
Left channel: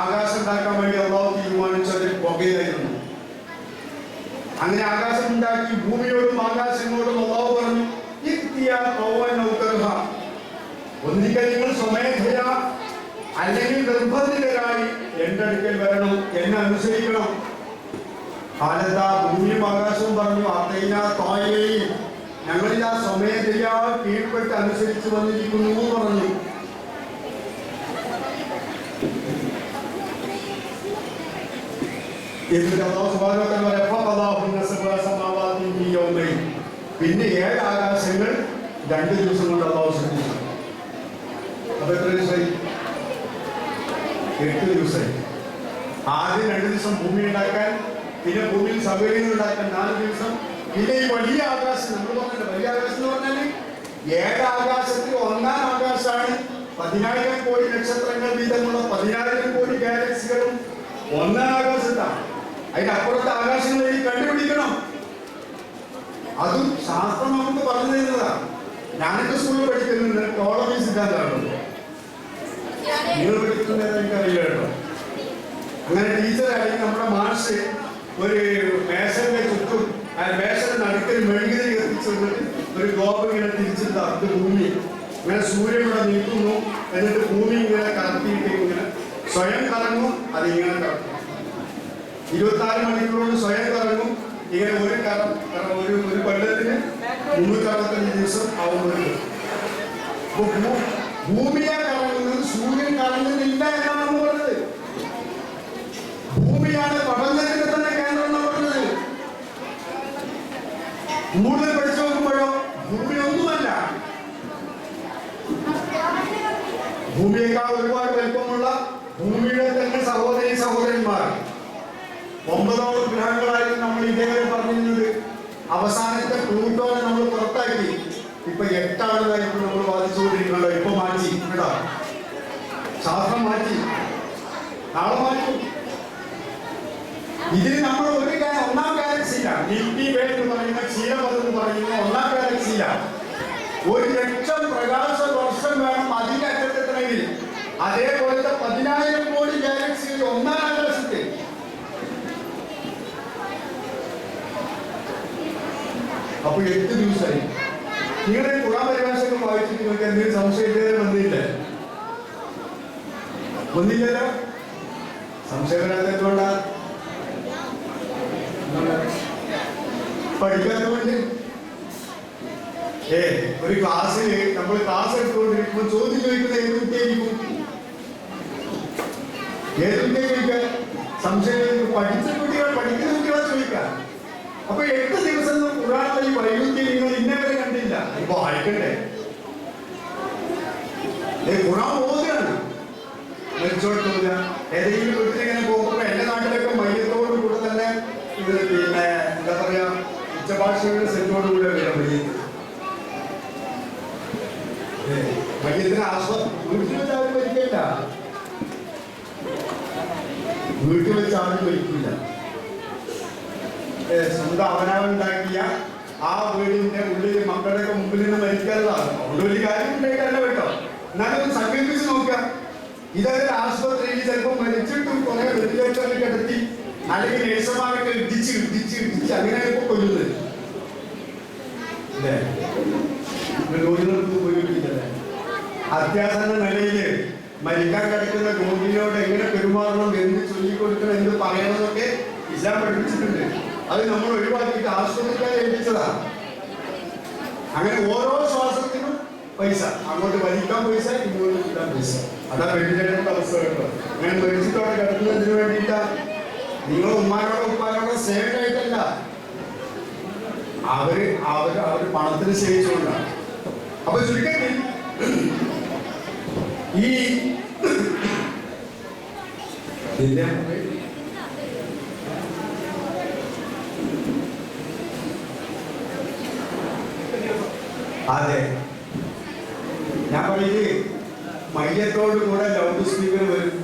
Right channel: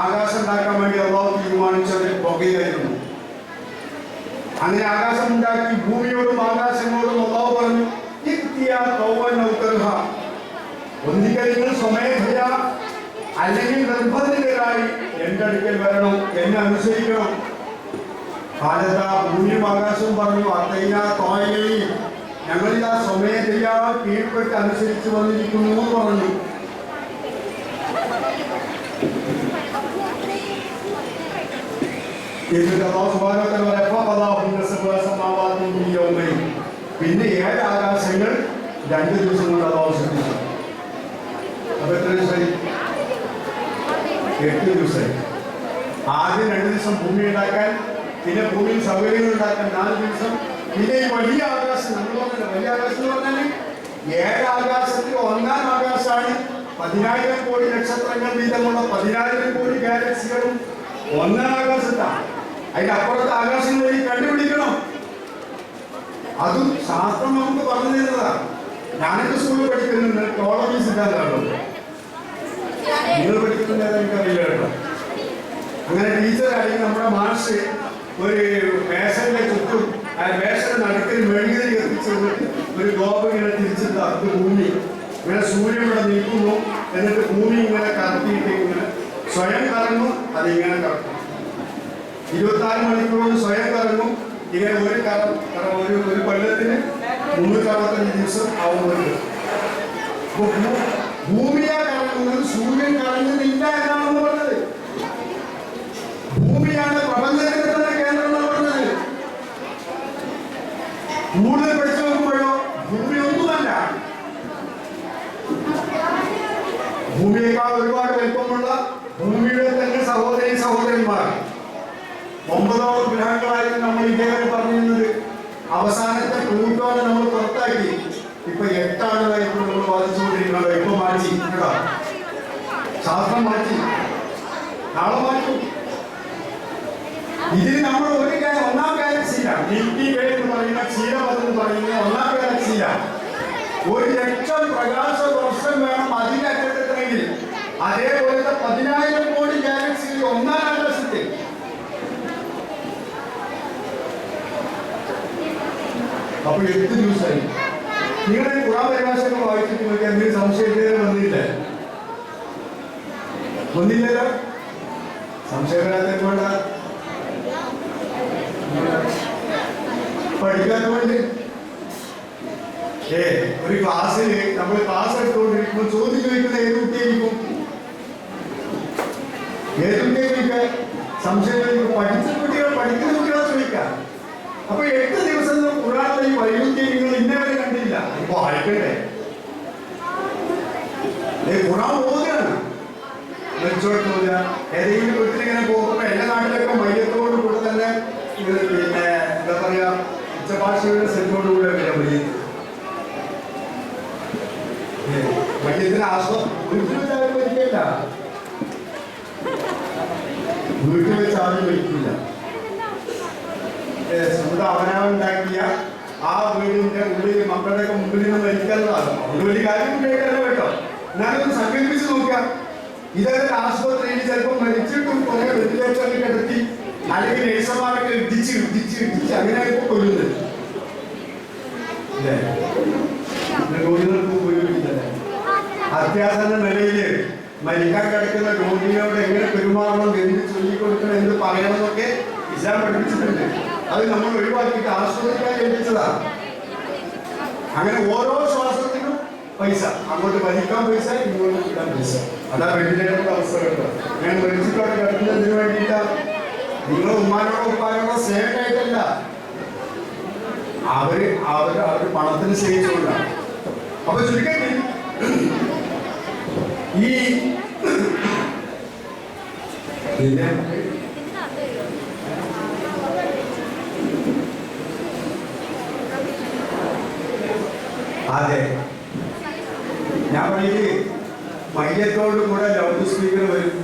ആകാശം ഉണ്ടാക്കാൻ വേണ്ടി അള്ളാഹു തീരുമാനിച്ചത് പുകയായിരുന്നു. അങ്ങനെ ആകാശം ഉണ്ടാക്കി. ഭൂമിയോടും ആകാശങ്ങളോടും അള്ളാഹു പറഞ്ഞു, ഒന്നിക്കൽ നിങ്ങൾ സ്വമേധയാ അല്ലെങ്കിൽ നിർബന്ധിതരായി എന്റെ അടുക്കൽ വരണം, എന്നെ അനുസരിക്കണം. കാലത്താ ഭൂമിയും ആകാശവും പറഞ്ഞു, അത്തൈന തോയയും ഞങ്ങളിതാ സ്വമേധയാ കീഴ്പ്പെട്ട് അനുസരിച്ച് വന്നിരിക്കുന്നു എന്ന് പറഞ്ഞു. പിന്നെ 7 ആകാശങ്ങൾ 2 ദിവസം കൊണ്ട് അള്ളാഹു സൃഷ്ടിച്ചു. അപ്പൊ എത്ര ദിവസമായി? 8 ദിവസമായി. ആദ്യം 2 ദിവസം ഭൂമി ഉണ്ടാക്കാൻ, പിന്നെ ഭൂമിയിൽ സൗകര്യങ്ങൾ ഉണ്ടാക്കാൻ 4 ദിവസം, പിന്നെ ഈ വലിയ ആകാശം നമ്മൾ പറഞ്ഞില്ല. വലിയ ആകാശം എന്ന് പറഞ്ഞാൽ 7 ആകാശത്തിൽ 1-ാം ആകാശമാണ് 10,000 കോടി നക്ഷത്രങ്ങൾ വീതമുള്ള 10,000 കോടി ഗാലക്സികളും 1-ാം ആകാശത്താണ്. അതിനപ്പുറത്തെ ആകാശങ്ങൾ കണ്ടുപിടിക്കണം. അതും ശാസ്ത്രം നമുക്ക് പറഞ്ഞു തരുന്നതാണ്. ഞാനൊക്കെ സ്കൂളിൽ പഠിക്കുന്നുണ്ട്. ടോളമി സിദ്ധാന്തമാണോ നിങ്ങൾ പഠിക്കുന്നത് എനിക്കറിയില്ല കേട്ടോ. അങ്ങനെ ടീച്ചറാണെങ്കിൽ നമ്മുടെ മാഷ് ഒരു മേശന്റെ ചുറ്റും മേശയുടെ നടുക്കിൽ മെഴുകുതിരി കത്തിച്ചുകൊണ്ട് ഒരു ഗോപം ഇങ്ങനെ തിരിച്ചിട്ട് അത് ഭൂമി ഇങ്ങനെ സൂര്യൻ ഇവിടെ നിൽക്കുന്നു. എന്നിട്ട് ഭൂമി ഇങ്ങനെ കറക്കിയിട്ട് ഇങ്ങനെ സ്വയം കറങ്ങും. അതിങ്ങനെ കറക്കും. 24 മണിക്കൂർ കൊണ്ട് സ്വയം കറങ്ങും. ഇങ്ങനെ ഒരു കൊല്ലത്തിന് 365 ദിവസം ആവുന്നുണ്ട്. ഭൂമിയെ കറങ്ങുന്നത് സൂര്യൻ കറങ്ങുന്നില്ല എന്നാണ് നമ്മൾ പറഞ്ഞത്. ഭൂമിയാണ് പഠനത്തിന്റെ കേന്ദ്രം എന്ന് പറഞ്ഞത്. കൂടുതൽ പഠിച്ചു നോക്കുമ്പോഴോ ഭൂമി ഒന്നുമല്ല. ഭൂമിയേക്കാൾ ഒരുപാട് വലിപ്പമുള്ള ഭൂമിയുടെ തന്നെ സഹോദരന്മാർ 9 ഗ്രഹങ്ങളായിരുന്നു നമ്മൾ ഇതേവരെ പറഞ്ഞിരുന്നത്. അവസാനത്തെ പ്ലൂട്ടോനെ നമ്മൾ പുറത്താക്കി. ഇപ്പൊ 8 നമ്മൾ വാദിച്ചുകൊണ്ടിരിക്കുന്നത്. ഇപ്പൊ മാറ്റി കേട്ടോ, ശാസ്ത്രം മാറ്റി, നാളെ മാറ്റും. ഇതിന് നമ്മൾ 1-ാം ഗാലക്സിയിലാണ്. മിൽക്കി വേ എന്ന് പറയുന്ന ക്ഷീരപഥം എന്ന് പറയുന്ന 1-ാം ഗാലക്സിയിലാണ്. 1,00,000 പ്രകാശ വർഷം വേണം അതിന്റെ അറ്റത്തെത്തണമെങ്കിൽ. അതേപോലത്തെ 10,000 കോടി ഗാലക്സിയിൽ 1-ാം ആകാശത്തിൽ. അപ്പൊ 8 ദിവസമായി. നിങ്ങൾ ഖുർആൻ പരിഭാഷയൊക്കെ വായിച്ചിട്ട് നോക്കി എന്തെങ്കിലും സംശയം വന്നില്ലല്ലോ. സംശയമില്ലാത്തതുകൊണ്ടാ പഠിക്കാത്തതുകൊണ്ട്. ഒരു ക്ലാസ്സിൽ നമ്മൾ ക്ലാസ് എടുത്തുകൊണ്ടിരിക്കുമ്പോൾ ചോദ്യം ചോദിക്കുന്നത് ഏത് കുട്ടിയായിരിക്കും? ഏത് കുട്ടിയെ ചോദിക്കാൻ? സംശയം പഠിച്ച കുട്ടികൾ, പഠിക്കുന്ന കുട്ടികളെ ചോദിക്കാം. അപ്പൊ 8 ദിവസം ഖുർആനിലെ ഈ വൈരുദ്ധ്യം നിങ്ങൾ ഇന്നവരെ കണ്ടില്ല. ഇപ്പൊ വായിക്കണ്ടേ? ഖുർആൻ ഓതുകയാണ്. മെച്ചോട്ട് ഏതെങ്കിലും വീട്ടിലിങ്ങനെ പോകുമ്പോ എന്റെ നാട്ടിലൊക്കെ മയ്യത്തോടു കൂടെ തന്നെ പിന്നെ എന്താ പറയാ ഉച്ചഭാഷയുടെ സെറ്റോടുകൂടെ വരാം. മയ്യത്തിന് വീട്ടിൽ വെച്ച് ആരും മരിക്കില്ല. വീട്ടിൽ വെച്ച് ആരും മരിക്കില്ല. സ്വന്തം അവനവനുണ്ടാക്കിയ ആ വീടിന്റെ ഉള്ളിൽ മക്കളുടെയൊക്കെ മുമ്പിൽ നിന്ന് മരിക്കാനുള്ളതാണ്. അതുകൊണ്ട് വലിയ കാര്യം ഉണ്ടായിട്ടല്ല കേട്ടോ. എന്നാലും സങ്കല്പിച്ച് നോക്കാം. ഇതൊക്കെ ആശുപത്രിയിൽ ചിലപ്പോൾ മരിച്ചിട്ടും കുറെ വെന്റിലേറ്ററിൽ കിടത്തി അല്ലെങ്കിൽ നേഴ്സുമാരൊക്കെ ഇടിച്ച് അങ്ങനെയൊക്കെ കൊല്ലുന്നത്. രോഗികൾക്ക് ഉപയോഗിക്കില്ലേ? അത്യാസന്ന നിലയില് മരിക്കാൻ കിടക്കുന്ന രോഗിയോട് എങ്ങനെ പെരുമാറണം, എന്ത് ചൊല്ലിക്കൊടുക്കണം, എന്ത് പറയണം എന്നൊക്കെ ഇസ്ലാം പഠിപ്പിച്ചിട്ടുണ്ട്. അത് നമ്മൾ ഒഴിവാക്കിയിട്ട് ആശുപത്രിക്കാരെ ഏൽപ്പിച്ചതാണ്. അങ്ങനെ ഓരോ ശ്വാസത്തിനും പൈസ, അങ്ങോട്ട് വലിക്കാൻ പൈസ, ഇങ്ങോട്ട് കിട്ടാൻ പൈസ. അതാ വെന്റിലേറ്ററിന്റെ അവസ്ഥ കേട്ടോ. ഞാൻ മരിച്ചിട്ടോടെ കിടക്കുന്നതിന് വേണ്ടിയില്ല. നിങ്ങൾ ഉമ്മാനോടോ ഉപ്പാനോടോ സ്നേഹമായിട്ടല്ല, അവര് പണത്തിന് സ്നേഹിച്ചുകൊണ്ടാണ്. അപ്പൊ ചുരുക്കത്തിൽ ഈ അതെ ഞാൻ പറയേ മയ്യത്തോട് കൂടെ ലൗഡ് സ്പീക്കർ വരും.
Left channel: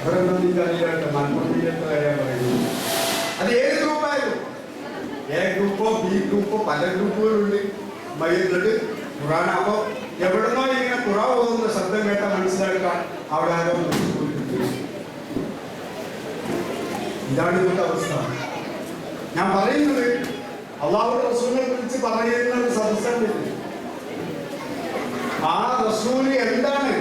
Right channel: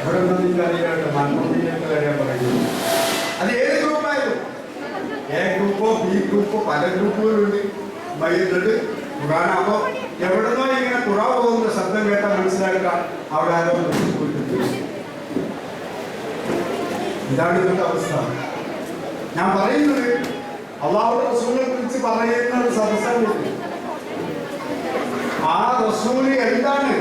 ഇവിടെ ഒന്നും അറിയാട്ടോ, മൺമൂടിയിലൊക്കെ വരാൻ പറയുന്നു. അത് ഏത് ഗ്രൂപ്പായാലും, എ ഗ്രൂപ്പോ ബി ഗ്രൂപ്പോ പല ഗ്രൂപ്പുകളുണ്ട്. മയ്യത്തോട് ഖുറാനാകുമ്പോ എവിടെന്നോ ഇങ്ങനെ ഖുറാ പോകുന്ന ശബ്ദം കേട്ടാൽ മനസ്സിലാക്കാം അവിടെ ആരോ പോയിട്ടുണ്ട്. ഇതാണ് ഇന്നത്തെ അവസ്ഥ. ഞാൻ പറയുന്നത് അള്ളാഹുവിന്റെ റസൂലിനെ കുറിച്ച് പറയുന്ന ഒരു സദസ്സാണ്. ആ റസൂല് എന്താണ്?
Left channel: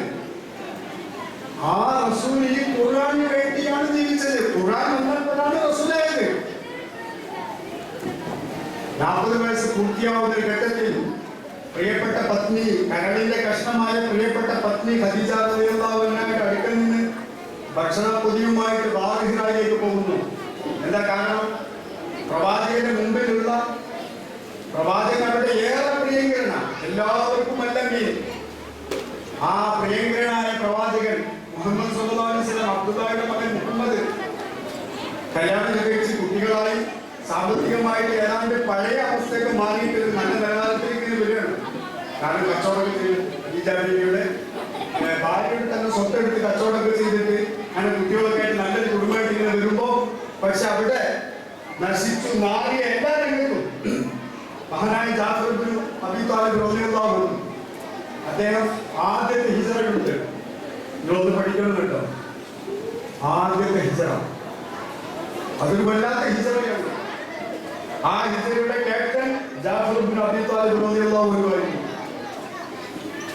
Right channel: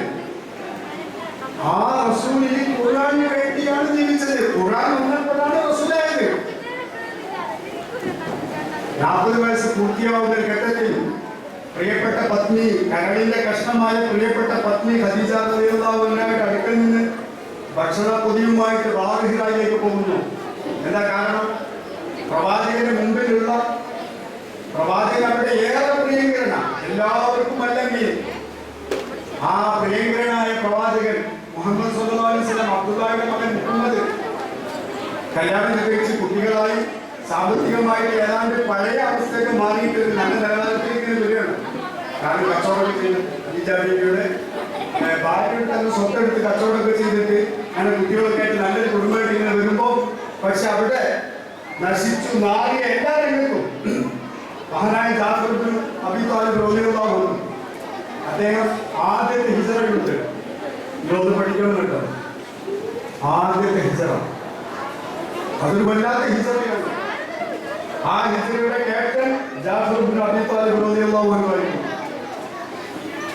ആ റസൂൽ ഈ ഖുർആന് വേണ്ടിയാണ് ജീവിച്ചത്. ഖുർആൻ വന്നപ്പോഴാണ് റസൂലായത്. ഞാൻ പൂർത്തിയാവുന്ന ഘട്ടത്തിൽ പ്രിയപ്പെട്ട പത്നി, കരളിന്റെ കഷ്ണമായ പ്രിയപ്പെട്ട പത്നി ഖദീജ റളിയല്ലാഹു അൻഹയുടെ അടുക്കൽ നിന്ന് ഭക്ഷണ പൊതിയുമായിട്ട് റാഹിറയിലേക്ക് പോകുന്നു. എന്താ കാരണം? പ്രവാചകന്റെ മുമ്പിലുള്ള പ്രവാചകൻ അവിടെ ഏറെ പ്രിയങ്കരന, എല്ലാവർക്കും അല്ലെങ്കിൽ ആ പ്രിയങ്കരനായ പ്രവാചകൻ മുഹമ്മദ് സല്ലല്ലാഹു അലൈഹി വസല്ലം അബ്ദുല്ലാഹിയുടെ മകൻ മുഹമ്മദ് കല്യാണം കഴിച്ച് കുട്ടികളായി സാമ്പത്തികമായിട്ട് ഏതാണ്ട് പഴയ അവസ്ഥയൊക്കെ മാറിയിട്ട് നല്ല നിലവാരത്തിലേക്ക് വരികയാണ്. കാരണം കച്ചവടമൊക്കെ ഖദീജയുടെ ഭാര്യയുടെ തന്നെ സ്വത്തെടുത്ത് കച്ചവടമൊക്കെ ചെയ്തിട്ട് അങ്ങനെ കുട്ടികളൊക്കെ ആയിട്ട് നല്ലൊരു കുടുംബമായിട്ട് ഇങ്ങനെ വരുമ്പോൾ പക്ഷെ അവിടെ നശിച്ചു നാറിയ എല്ലാ രംഗത്തും മഹാനായ ജാഫർ ഇബ്നു അബീ ത്വാലിബ് റളിയല്ലാഹു അൻഹു അദ്ദേഹം ആദ്യത്തെ ഹിജ്റയുണ്ട്. ഇതൊന്ന് പഠിക്കണം കേട്ടോ. ആദ്യത്തെ ഹിജ്റ അതൊരു വല്ലാത്ത ഹിജ്റയാണ്. ആ ഹിജ്റയുടെ ക്യാപ്റ്റൻ ജാഫർ ഇബ്നു അബീ ത്വാലിബ് റളിയല്ലാഹു അൻഹു ആയിരുന്നു.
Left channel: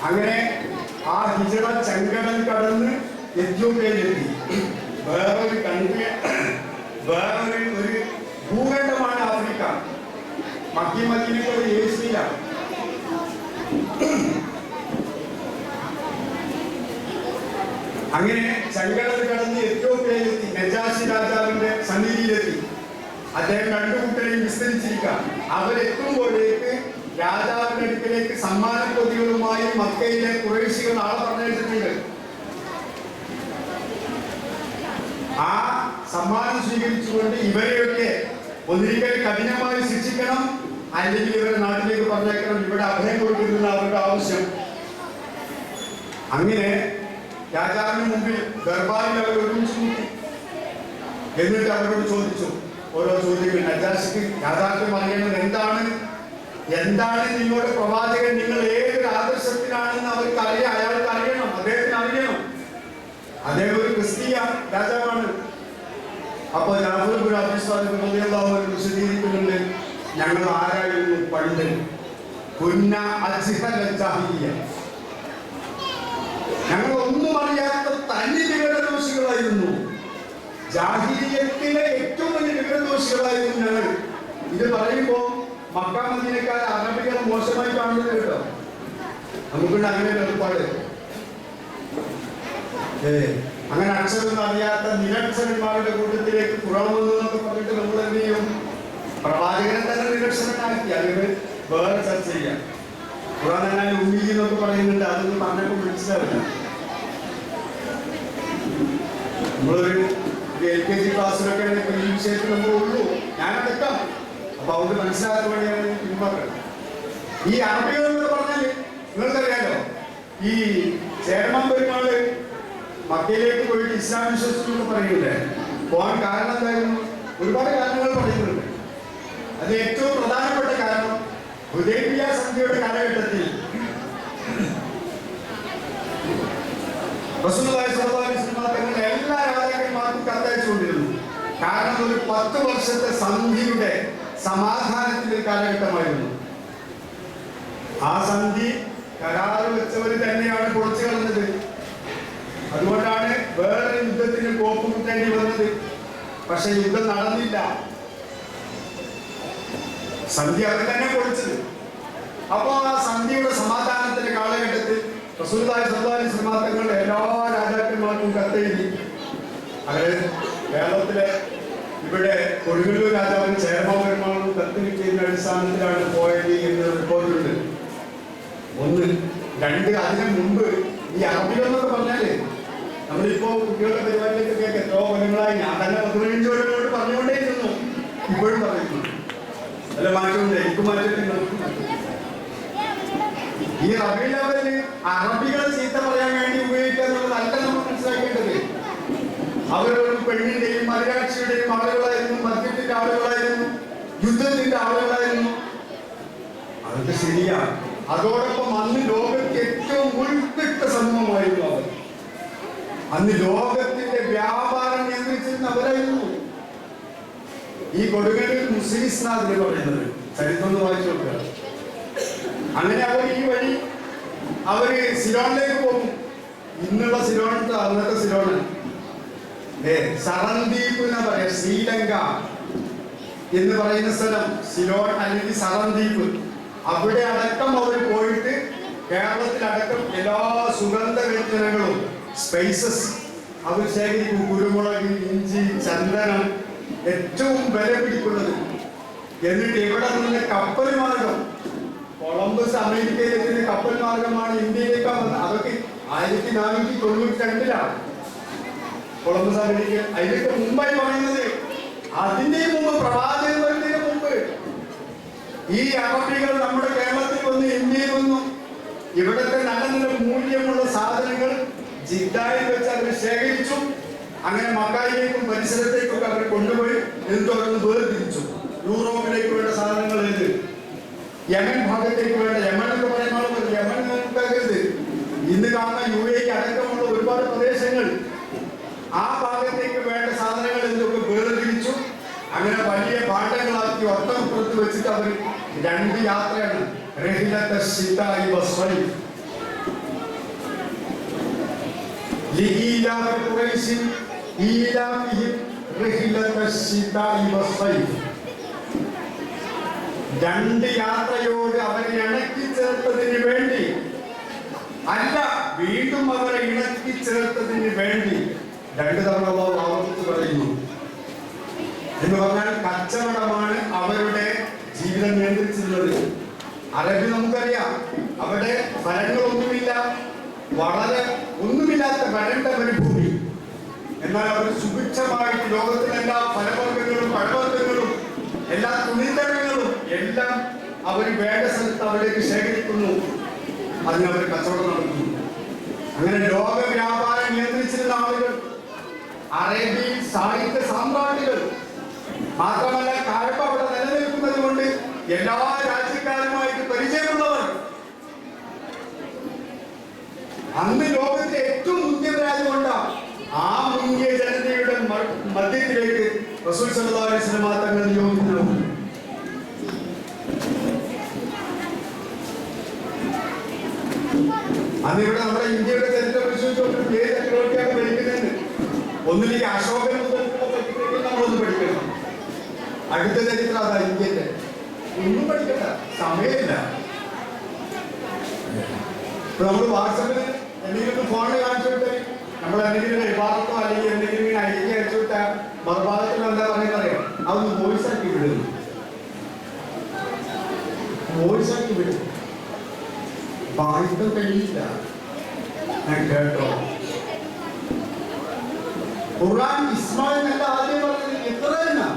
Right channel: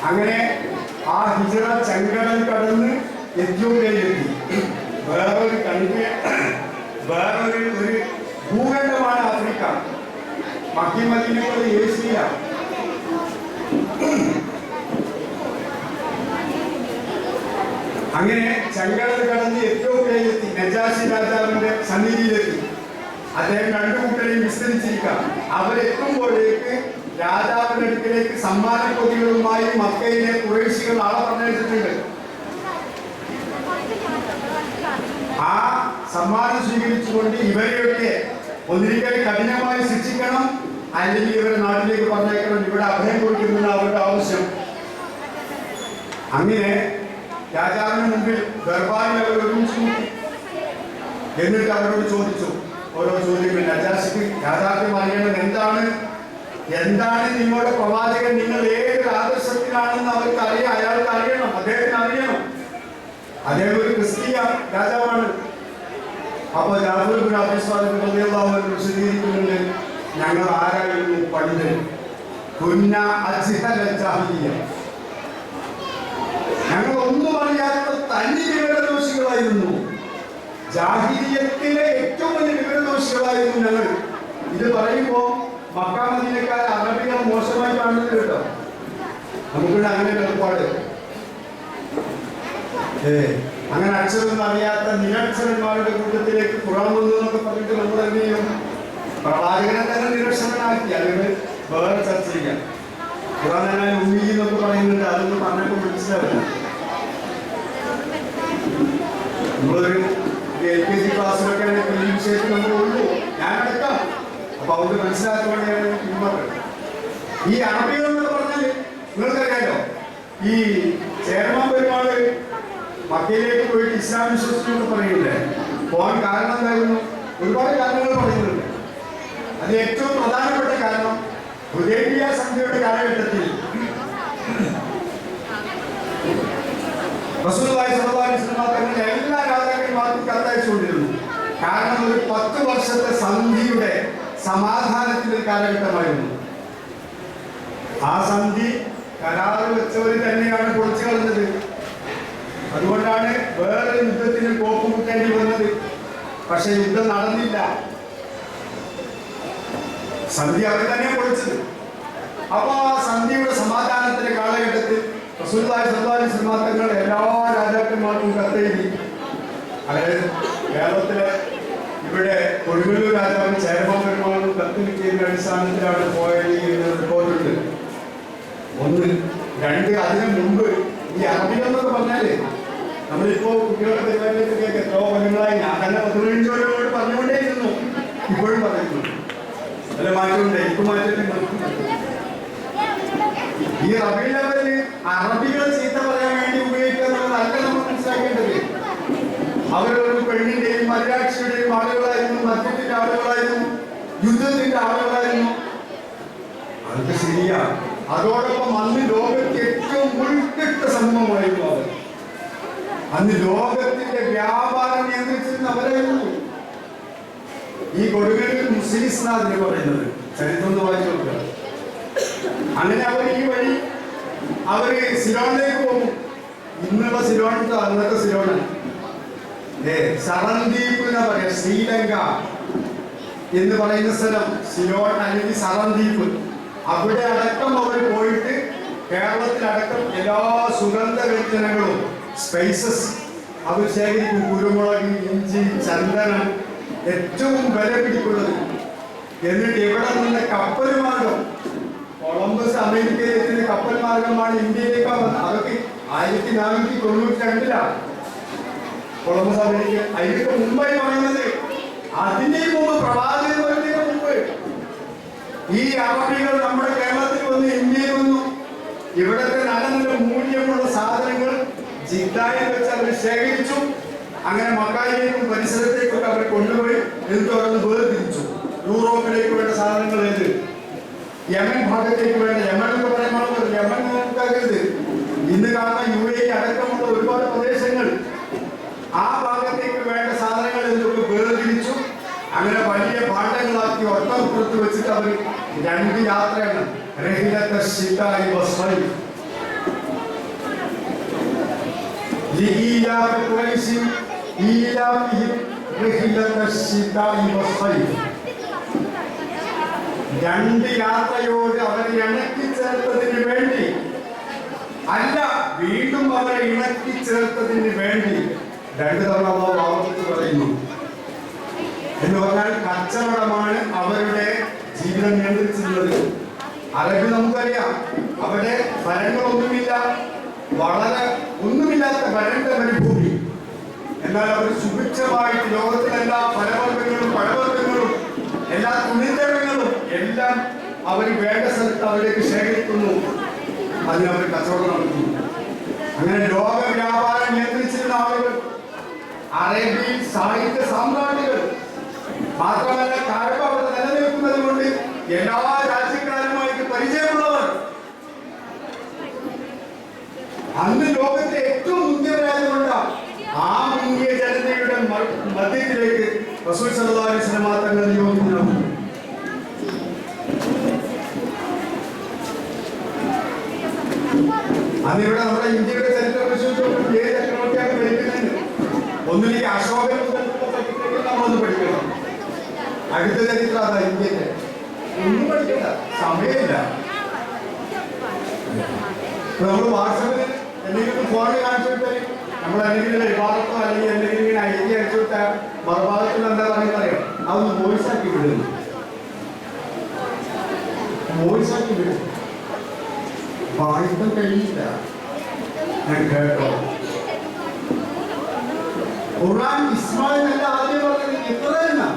അങ്ങനെ ആ ഹിജ്റ ചെങ്കടൽ കടന്ന് എത്യോപ്യയിലെത്തി. വേറൊരു കൺട്രി, വേറൊരു ഭൂഖണ്ഡമാണ് ആഫ്രിക്ക. മക്കി മദീനയുടെ ഏഷ്യ. അങ്ങനെ ചെങ്കടൽ കടന്ന് എത്യോപ്യയിലെത്തി. നജാഷി രാജാവിന്റെ സന്നിധിയിലെത്തി. അദ്ദേഹം രണ്ടു കൂട്ടരെയും വിസ്തരിച്ചിരിക്കാം. അവരെത്തുമ്പോഴേക്ക് രാജാവിന്റെ അടുക്കിലേക്ക് സമ്മാന പൊതികളുമായി മക്കയിലെ ഖുറൈശികൾ ആളെ പറഞ്ഞിട്ടുണ്ട്. ആ സമ്മാനം സ്വീകരിച്ചുകൊണ്ട് ഇവരെയൊക്കെ ഒന്നിരിക്കൽ കഠിനമായി ശിക്ഷിക്കണം, അല്ലെങ്കിൽ ഇവരെ നാട്ടിലേക്ക് പറഞ്ഞേക്കണം, ഇവിടെ അഭയം കൊടുക്കുന്നത് അവരുടെ ആവശ്യം. അങ്ങനെ രാജാവിന് മുമ്പിൽ ദർബാറിൽ അവർ ഒരുമിച്ച് കൂട്ടി. എന്നിട്ട് അവരോട് ചോദിച്ചു ഓരോ ചോദ്യങ്ങൾ. നജാഷിക്ക് യാഥാർത്ഥ്യം അറിയണം. എന്താണ് നിങ്ങളുടെ പ്രവാചകൻ, നിങ്ങൾ ഏതൊരു ആദർശത്തിലാണെന്ന് അവർക്ക് അറിയാം, അയാൾക്ക് അറിയണം, അദ്ദേഹത്തിന് അറിയണം. അദ്ദേഹം ഒരു ക്രിസ്തീയ രാജാവാണ്. അപ്പോൾ ജാഫർ ഇബ്നു അബീ ത്വാലിബ് റളിയല്ലാഹു അൻഹു വിശദീകരിക്കുന്നുണ്ട്, ഞങ്ങൾ ആരായിരുന്നു പണ്ട്? കുന്ന അജ്ഹല ജാഹിലിയ്യ, ഞങ്ങൾ ഒന്നും അറിയാത്ത തനി വിവരദോഷികളായിരുന്നു. ജാഹിലിയ്യത്തിലെ ഏറ്റവും വലിയ വിവരദോഷികളായിരുന്നു ഞങ്ങൾ. ഇത് പറയുമ്പോ മക്ക മദീനക്കാർ അറബികൾ മോശമായി കാണുന്നത് കേട്ടോ. നമുക്കിവിടെ അങ്ങനെ ഏർപ്പാട്. അങ്ങനെ അക്ഷരം അറിയാത്ത നിരക്ഷരന്മാരുടെ കൂട്ടത്തിലേക്ക് ഖുർആൻ വന്നു എന്നൊക്കെ പറഞ്ഞിട്ട് നമ്മൾ എന്ത് ചെയ്യും? പ്രവാചകനെ തന്നെ നിരക്ഷരനാക്കി. അതിന് വേറെ ചർച്ച ചെയ്യാം. ഖുർആൻ തന്നെ ഉമ്മി എന്നൊക്കെ പറയുന്നുണ്ട്. അതൊന്നും പറഞ്ഞപ്പോൾ മനസ്സിലാവില്ല. നമ്മളൊരു LKG ക്ലാസ്സിലൊക്കെ ഈ വിഷയത്തിൽ നമ്മൾ ഉള്ളൂ, ഞാനടക്കാം. അപ്പൊ അവർക്ക് മനസ്സിലാക്കാൻ വേണ്ടിയാണ് പിന്മാറുന്നത്. ഈ അറബികൾ എന്ന് പറഞ്ഞാൽ നിങ്ങൾക്കറിയാലോ, ഈ ചേർമാൻ പെരുമാള് മക്കയിലേക്ക് പോയിട്ട് ഇസ്ലാം വിശ്വസിച്ചു എന്ന് പറയുന്നുണ്ട്. പോകാൻ കാരണം എന്തായിരുന്നു? ഒരുപാട് കാരണങ്ങൾ പറയുന്നുണ്ട്. അത് ഏറ്റവും പ്രധാനപ്പെട്ട കാരണം ഹുദൈബിയ സന്ധിയുടെ കാലഘട്ടത്തിൽ റസൂലുള്ളാഹി സ്വല്ലല്ലാഹു അലൈഹി വസല്ലം തങ്ങൾ എല്ലാ രാജാക്കന്മാർക്കും കത്തയച്ചുകൊണ്ടിരുന്നു. കാരണം ഒരു 10 വർഷത്തെ സന്ധിയുടെ സമാധാനത്തിന്റെ കാലഘട്ടമായിരുന്നു. ആ സന്ധി കരാറ് വെച്ചവർ തന്നെയാണ് പൊളിച്ചു കളഞ്ഞത്. അതുകൊണ്ടാണ് വേറെ യുദ്ധത്തിന് കോപ്പുമുട്ടേണ്ടി വന്നത്. പക്ഷെ യുദ്ധം നടന്നില്ല, സന്ധി അവർ തന്നെ പൊളിച്ചത്. അപ്പോ ആ സന്ധിയുടെ സമാധാനത്തിന്റെ കാലഘട്ടത്തിൽ റസൂലുള്ളാഹി സ്വല്ലല്ലാഹു അലൈഹി വസല്ലം തങ്ങൾ എല്ലാ രാജാക്കന്മാർക്കും കത്തെഴുതി. അതായത് കേരളത്തിലെ ഇവിടെ കൊടുങ്ങല്ലൂർ രാജാവിന് ചേരമാൻ പെരുമാളും കത്ത് കിട്ടിയതിന്റെ അടിസ്ഥാനത്തിലാണ് പോയത് എന്ന് റിപ്പോർട്ടുണ്ട്. 1. 2, അതിനു മുമ്പ് ഈ അറബികളെന്നൊക്കെ പറഞ്ഞാല് നമ്മളിപ്പോ കുട്ടികളുടെ പരിപാടിയിലേക്കൊക്കെ എത്രയോ കൊല്ലങ്ങളായി ഞാൻ തന്നെ 15 കൊല്ലങ്ങളോട് പറഞ്ഞുകൊണ്ടേയിരുന്നു, ഇപ്പോഴും പറയുന്നു. അല്ല മാറ്റമുണ്ട്, എനിക്ക് മാറ്റമുണ്ട്. ഈ റബീഉൽ അവ്വലിൽ അറബികളെ ചീത്ത പറയാൻ വേണ്ടി ഉപയോഗിക്കുക എന്നുള്ളതല്ല നമ്മൾ മനസ്സിലാക്കേണ്ടത്. അവരൊരു പെണ്ണിന്റെയും മര്യാദയുടെയും ആളുകളായിരുന്നു, മദ്യത്തിന്റെ ആളുകളായിരുന്നു, യുദ്ധത്തിന്റെ ആളുകളായിരുന്നു. അതൊക്കെ ശരിയാണ്. അതോടൊപ്പം അന്ന് ലോകത്ത് ഏറ്റവും ഉൾക്കിട്ട സമൂഹമായിരുന്നു അവർ. അന്ന് ലോകത്തിന്റെ വ്യാപാരം നിയന്ത്രിച്ചിരുന്ന അവരായിരുന്നു. ഈ കൊടുങ്ങല്ലൂർ മുസ്ലിം എന്ന് പറയുന്നത് ചരിത്രം വായിച്ചു നോക്കുക. അങ്ങനെ അവർ ഈ വഴി അവര് സിലോണിലേക്ക് പോകും. ഇന്നുള്ള സിലോൺ, അന്നത്തെ സിലോണ് സറന്ദീപ് എന്ന് പറയാം, ശ്രീലങ്ക. എന്ന് പറയുന്ന സ്ഥലം, സിലോൺ അല്ലെങ്കിൽ സറദ്വീപ്, അവിടെ അടക്കം അവർ പോയിട്ട് കേരളത്തിലടക്കം എല്ലാ സുഗന്ധവ്യഞ്ജനങ്ങളും സ്പൈസസ് അവർ ശേഖരിക്കും. കുരുമുളക്, ഇഞ്ചി, ചന്ദനം, ഏറ്റവും വില പിടിക്കുന്നത്. എന്നിട്ട് ഇവിടെ നിന്ന് കപ്പൽ മാർഗം, കൊളംബസ് അമേരിക്കയിലെത്തുന്ന കപ്പൽ മാർഗമാണ് ഇന്ത്യയിലേക്ക് വന്നത്. അതൊക്കെ 1492 കൊളംബസ് അമേരിക്ക. അതിനൊക്കെ മുമ്പായി പറയുന്നത്, അതിന്റെ മുമ്പ് പ്രവാചകൻ വരുന്നതിന് മുമ്പ് ഈ അറബികൾ നമ്മുടെ കേരളത്തിൽ വന്ന്, ഇന്ത്യയിൽ വന്നു. ഇവിടുത്തെ നല്ല നല്ല മൂല്യമുള്ള സാധനങ്ങൾ ജിദ്ദയിൽ വെച്ച് അവർ ശേഖരിച്ചു. അങ്ങനെ മക്കായിലേക്കും പരിസരത്തേക്കൊക്കെ അവർ കൊണ്ടുപോയി എന്നിട്ട് അവരൊന്ന് വേർതിരിച്ചു. യൂറോപ്പിലേക്ക് വേണ്ട സാധനങ്ങൾ ഏത്, യമൻ ഭാഗത്തേക്ക് വേണ്ട, യമൻ എന്ന് പറയുമ്പോൾ യമൻ നോക്കരുത്, ഇന്ന് കാണുന്ന UAE അടക്കമുള്ള ഒരുപാട് പ്രദേശങ്ങൾ, ആ ഭാഗത്തേക്ക് വേണ്ട സാധനങ്ങൾ എന്തൊക്കെ വേർതിരിച്ചു. അങ്ങനെ വലിയ പാട്ടങ്ങളാക്കി ഒട്ടം പുറത്ത് വെച്ചിട്ട് അവർ 2 യാത്രയാണ്. റഹിലത്തെ ശിതായി വസ്വൈ لإيلاف قريش إيلافهم رحلة الشتاء والصيف. 2 യാത്രയോട് അവരെ ഇണക്കി ചേർത്തതിന് വേണ്ടി അല്ല, വീണ്ടും അവരെ ഇണക്കി ചേർത്തതിന് വേണ്ടി 2 തവണ ആവർത്തിച്ച് പറയുന്നു. എന്ന് പറഞ്ഞാൽ കച്ചവടമാണ് അവരുടെ ജീവിതം നിയന്ത്രിച്ചിരുന്നത്. അറബി നമുക്കറിയാം, അവിടെ ഫലങ്ങളൊന്നുമില്ല, വളരെ ഒന്നുമില്ലാത്ത വരണ്ട മരുഭൂമി. എന്നാൽ അവർ സുഭിക്ഷമായിട്ട് ലോകത്തിലെല്ലാ ഫലവർഗ്ഗങ്ങളും പഴവർഗ്ഗങ്ങളും എല്ലാ തുണിത്തരങ്ങളും എല്ലാം അവർ വേണ്ട സ്ഥലത്ത് അവരേക്ക് ശേഖരിക്കുന്നു. അതിന് അവർ കച്ചവടം നടത്തുന്നു. അങ്ങനെ ലോക വ്യാപാരം നിയന്ത്രിച്ചിരുന്ന ആളുകൾ, അറേബ്യയിൽ സാഹിത്യ സാമ്രാജ്ഞികൾ, മാത്രമല്ല കാഴ്ച അവിടെ നിലനിൽക്കുന്നത് കൊണ്ട് എല്ലാ രാജ്യക്കാരുമായിട്ട് പരിചയമുള്ളവർ. അന്ന് ലോകത്തെ ഏറ്റവും മുന്തിയവരായതുകൊണ്ട് ആ മുന്തിയ ജനതയുടെ മധ്യത്തിലേക്ക് റസൂൽ സല്ലല്ലാഹു അലൈഹി വസല്ലം തങ്ങൾ നിയോഗിക്കുന്നു. അതിവിടെ നമ്മുടെ ഇന്ത്യയുടെ ചരിത്രം പരിശോധിച്ചുകൊണ്ട് ഏത് ചക്രവർത്തിയാണ് ഭരിക്കുന്നത്? ഒന്നിലേക്ക് അശോകൻ നമ്മളൊന്ന് പഠിക്കണം. അടുത്ത ചരിത്രം അതാ ഇന്ത്യന്റെ. ഒന്നും പഠിക്കണ്ട, സമയമില്ല. നമ്മൾ വാട്സാപ്പിൽ എന്തെങ്കിലും ഫോണിൽ കാണിച്ചു വിട്ടാൽ, നമ്മൾ എന്തെങ്കിലും വിവാദത്തോ അല്ലെങ്കിൽ എന്തെങ്കിലും ഇങ്ങനെ ഐക്യം അടിച്ചു വിട്ടാൽ മറുഭാഗത്തിൽ എന്താ പറയുന്നത് അറിയാം, അതൊന്ന് വോയിസ് ആക്കി വിടുന്നു. വോയിസ് ആക്കി വിടും. വായിക്കാൻ കഴിയില്ല. ഞാൻ കേട്ടോ, ഖുർആൻ ഇസ്മായിൽ അല്ല ആദ്യം പറഞ്ഞത്, ഇത്ര തന്നെ.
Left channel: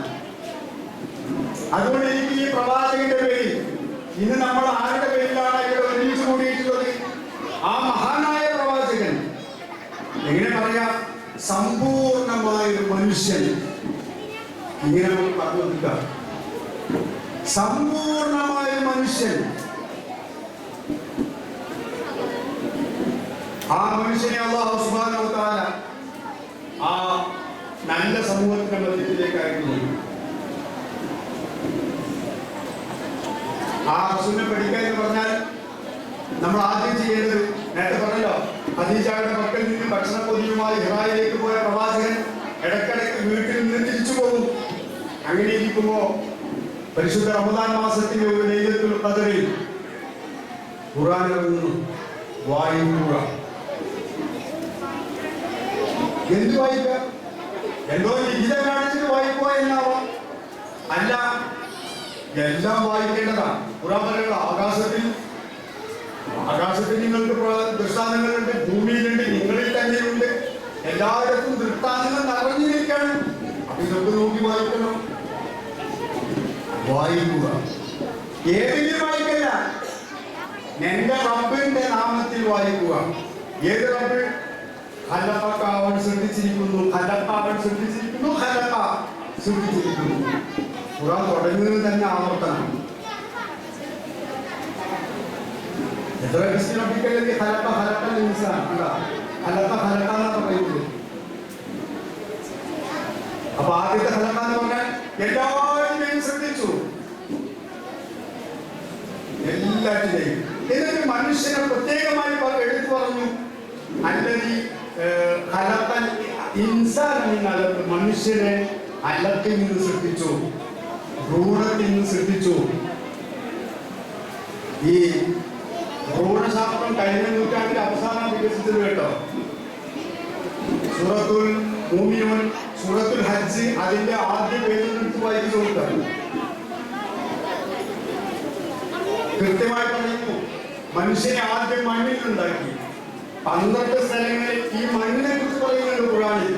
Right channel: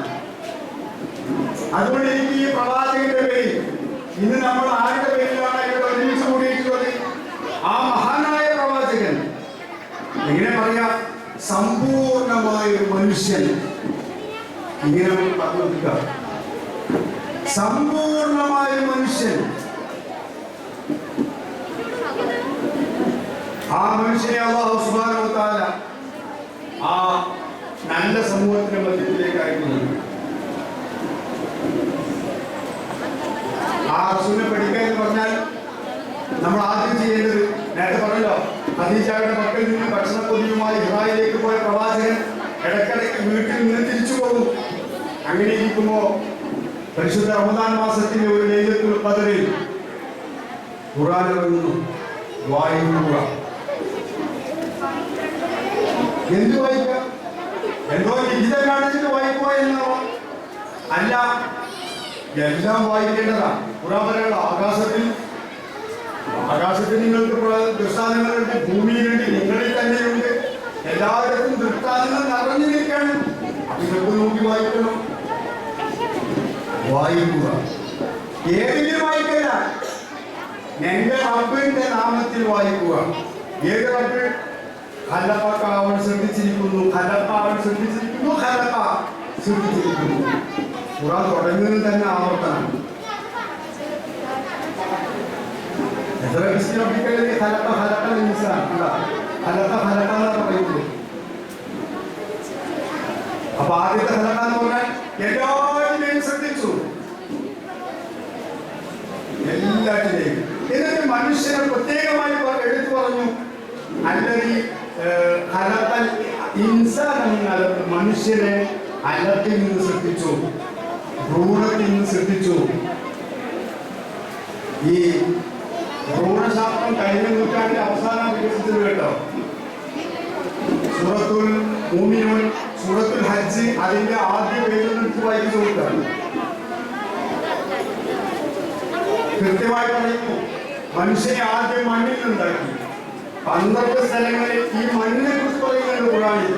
അതുകൊണ്ട് എനിക്ക് ഈ പ്രവാചകന്റെ പേരിൽ ഇന്ന് നമ്മൾ ആരുടെ പേരിലാണ് ഇവിടെ ഒരുമിച്ച് കൂടിയിട്ടുള്ളത്? ആ മഹാനായ പ്രവാചകൻ. എങ്ങനെ പറയാം, സമ്പൂർണമായ മനുഷ്യൻ. ഇങ്ങനെ പറഞ്ഞു, സമ്പൂർണമായ മനുഷ്യൻ. ആ മനുഷ്യനെ അല്ലാഹു സുബ്ഹാനഹു വ തആല ആ നല്ല സമൂഹത്തിന്റെ മധ്യത്തിലേക്ക് അയക്കുന്നു. ആ റസൂലിനെ പഠിക്കുക എന്ന് പറഞ്ഞാൽ നമ്മൾ ആദ്യം ചെയ്യേണ്ടത്, നേരത്തെ പറഞ്ഞല്ലോ, ഖദീജയുടെ മക്കളിൽ നിന്ന് ഭക്ഷണപ്പൊതിയുമായി ഹിറായിലേക്ക് പോയ പ്രവാചകൻ ഇടയ്ക്കിടയ്ക്ക് വീട്ടിൽ നിന്ന് തിരിച്ചു പോകും. അങ്ങനെ ഇരിക്കുമ്പോ പരിശുദ്ധ റമദാൻ മാസത്തിലെ ഒരു ലൈലത്തുൽ ഖദറിൽ ഖുർആൻ ഇറങ്ങുന്നു. വായിക്കുക. എന്ത് വായിക്കുക? എന്തോ ലിഖിതം കാണിച്ചിട്ട് വായിക്കുക എന്നാവാം. അല്ല, എല്ലാം വായിക്കേണ്ടതാണ്. ഖുർആൻ പറയുക, ആകാശത്തിൽ നിങ്ങൾക്ക് ദൃഷ്ടാന്തങ്ങളുണ്ട്, ഭൂമിയിലുണ്ട്, നിങ്ങളിൽ തന്നെയുണ്ട്, എല്ലായിടത്തും ദൃഷ്ടാന്തങ്ങൾ നിറഞ്ഞു നിൽക്കണം. ഇതൊക്കെ നോക്കി വായിക്കണം. വായിക്കുക. ഏതെങ്കിലും വായിക്കല്ല, എന്റെ റബ്ബിന്റെ നാമത്തിൽ വായിക്കുക. ഏത് റബ്ബ്? ഖലഖക, അവൻ സൃഷ്ടിച്ചിരിക്കുന്നു. ഖലഖ, അവൻ സൃഷ്ടിച്ചിരിക്കുന്നു. ഖലഖ, സൃഷ്ടിച്ചിരിക്കുന്നു. ഖുർആൻ തുടങ്ങുന്നത് തന്നെ ആവർത്തനം. എത്ര വിശദീകരിക്കലേ ഖലഖ ഖലഖൽ ഇൻസാൻ, ഖലഖ ഖലഖ എന്ന് പറയുന്നത്. അപ്പൊ ആദ്യത്തെ ഖലഖ എന്ന് പറഞ്ഞാൽ എല്ലാവരെയും സൃഷ്ടിച്ചു, എല്ലാറ്റിനെയും. എന്നിട്ട് മനുഷ്യനെ പ്രത്യേകമായി എടുത്തു പറഞ്ഞു, അല്ലതി ഖലഖൽ ഇൻസാൻ, മനുഷ്യനെ അല്ലത്തിൽ നിന്ന് സൃഷ്ടിച്ചു. ഭ്രൂണത്തിൽ നിന്ന് സൃഷ്ടിച്ചു. ഈ ഭ്രൂണശാസ്ത്രം കഴിഞ്ഞ നൂറ്റാണ്ടിന്റെ അവസാനം വികസിച്ചത് കേട്ടോ. സൂറത്തുൽ മുഅ്മിനൂൻ, സൂറത്തുൽ ഹജ്ജ് അതിന്റെ ആദ്യ പേജ് വായിച്ചു കൊടുത്താണ്. കൃത്യമായി പറയുന്നു, മനുഷ്യനെ ആദ്യം മണ്ണിൽ നിന്നുണ്ടാക്കി. 12 സ്ഥലങ്ങളിൽ ഈ മണ്ണിനെ കുറിച്ച് പറയുന്നുണ്ട് ഖുർആനിൽ.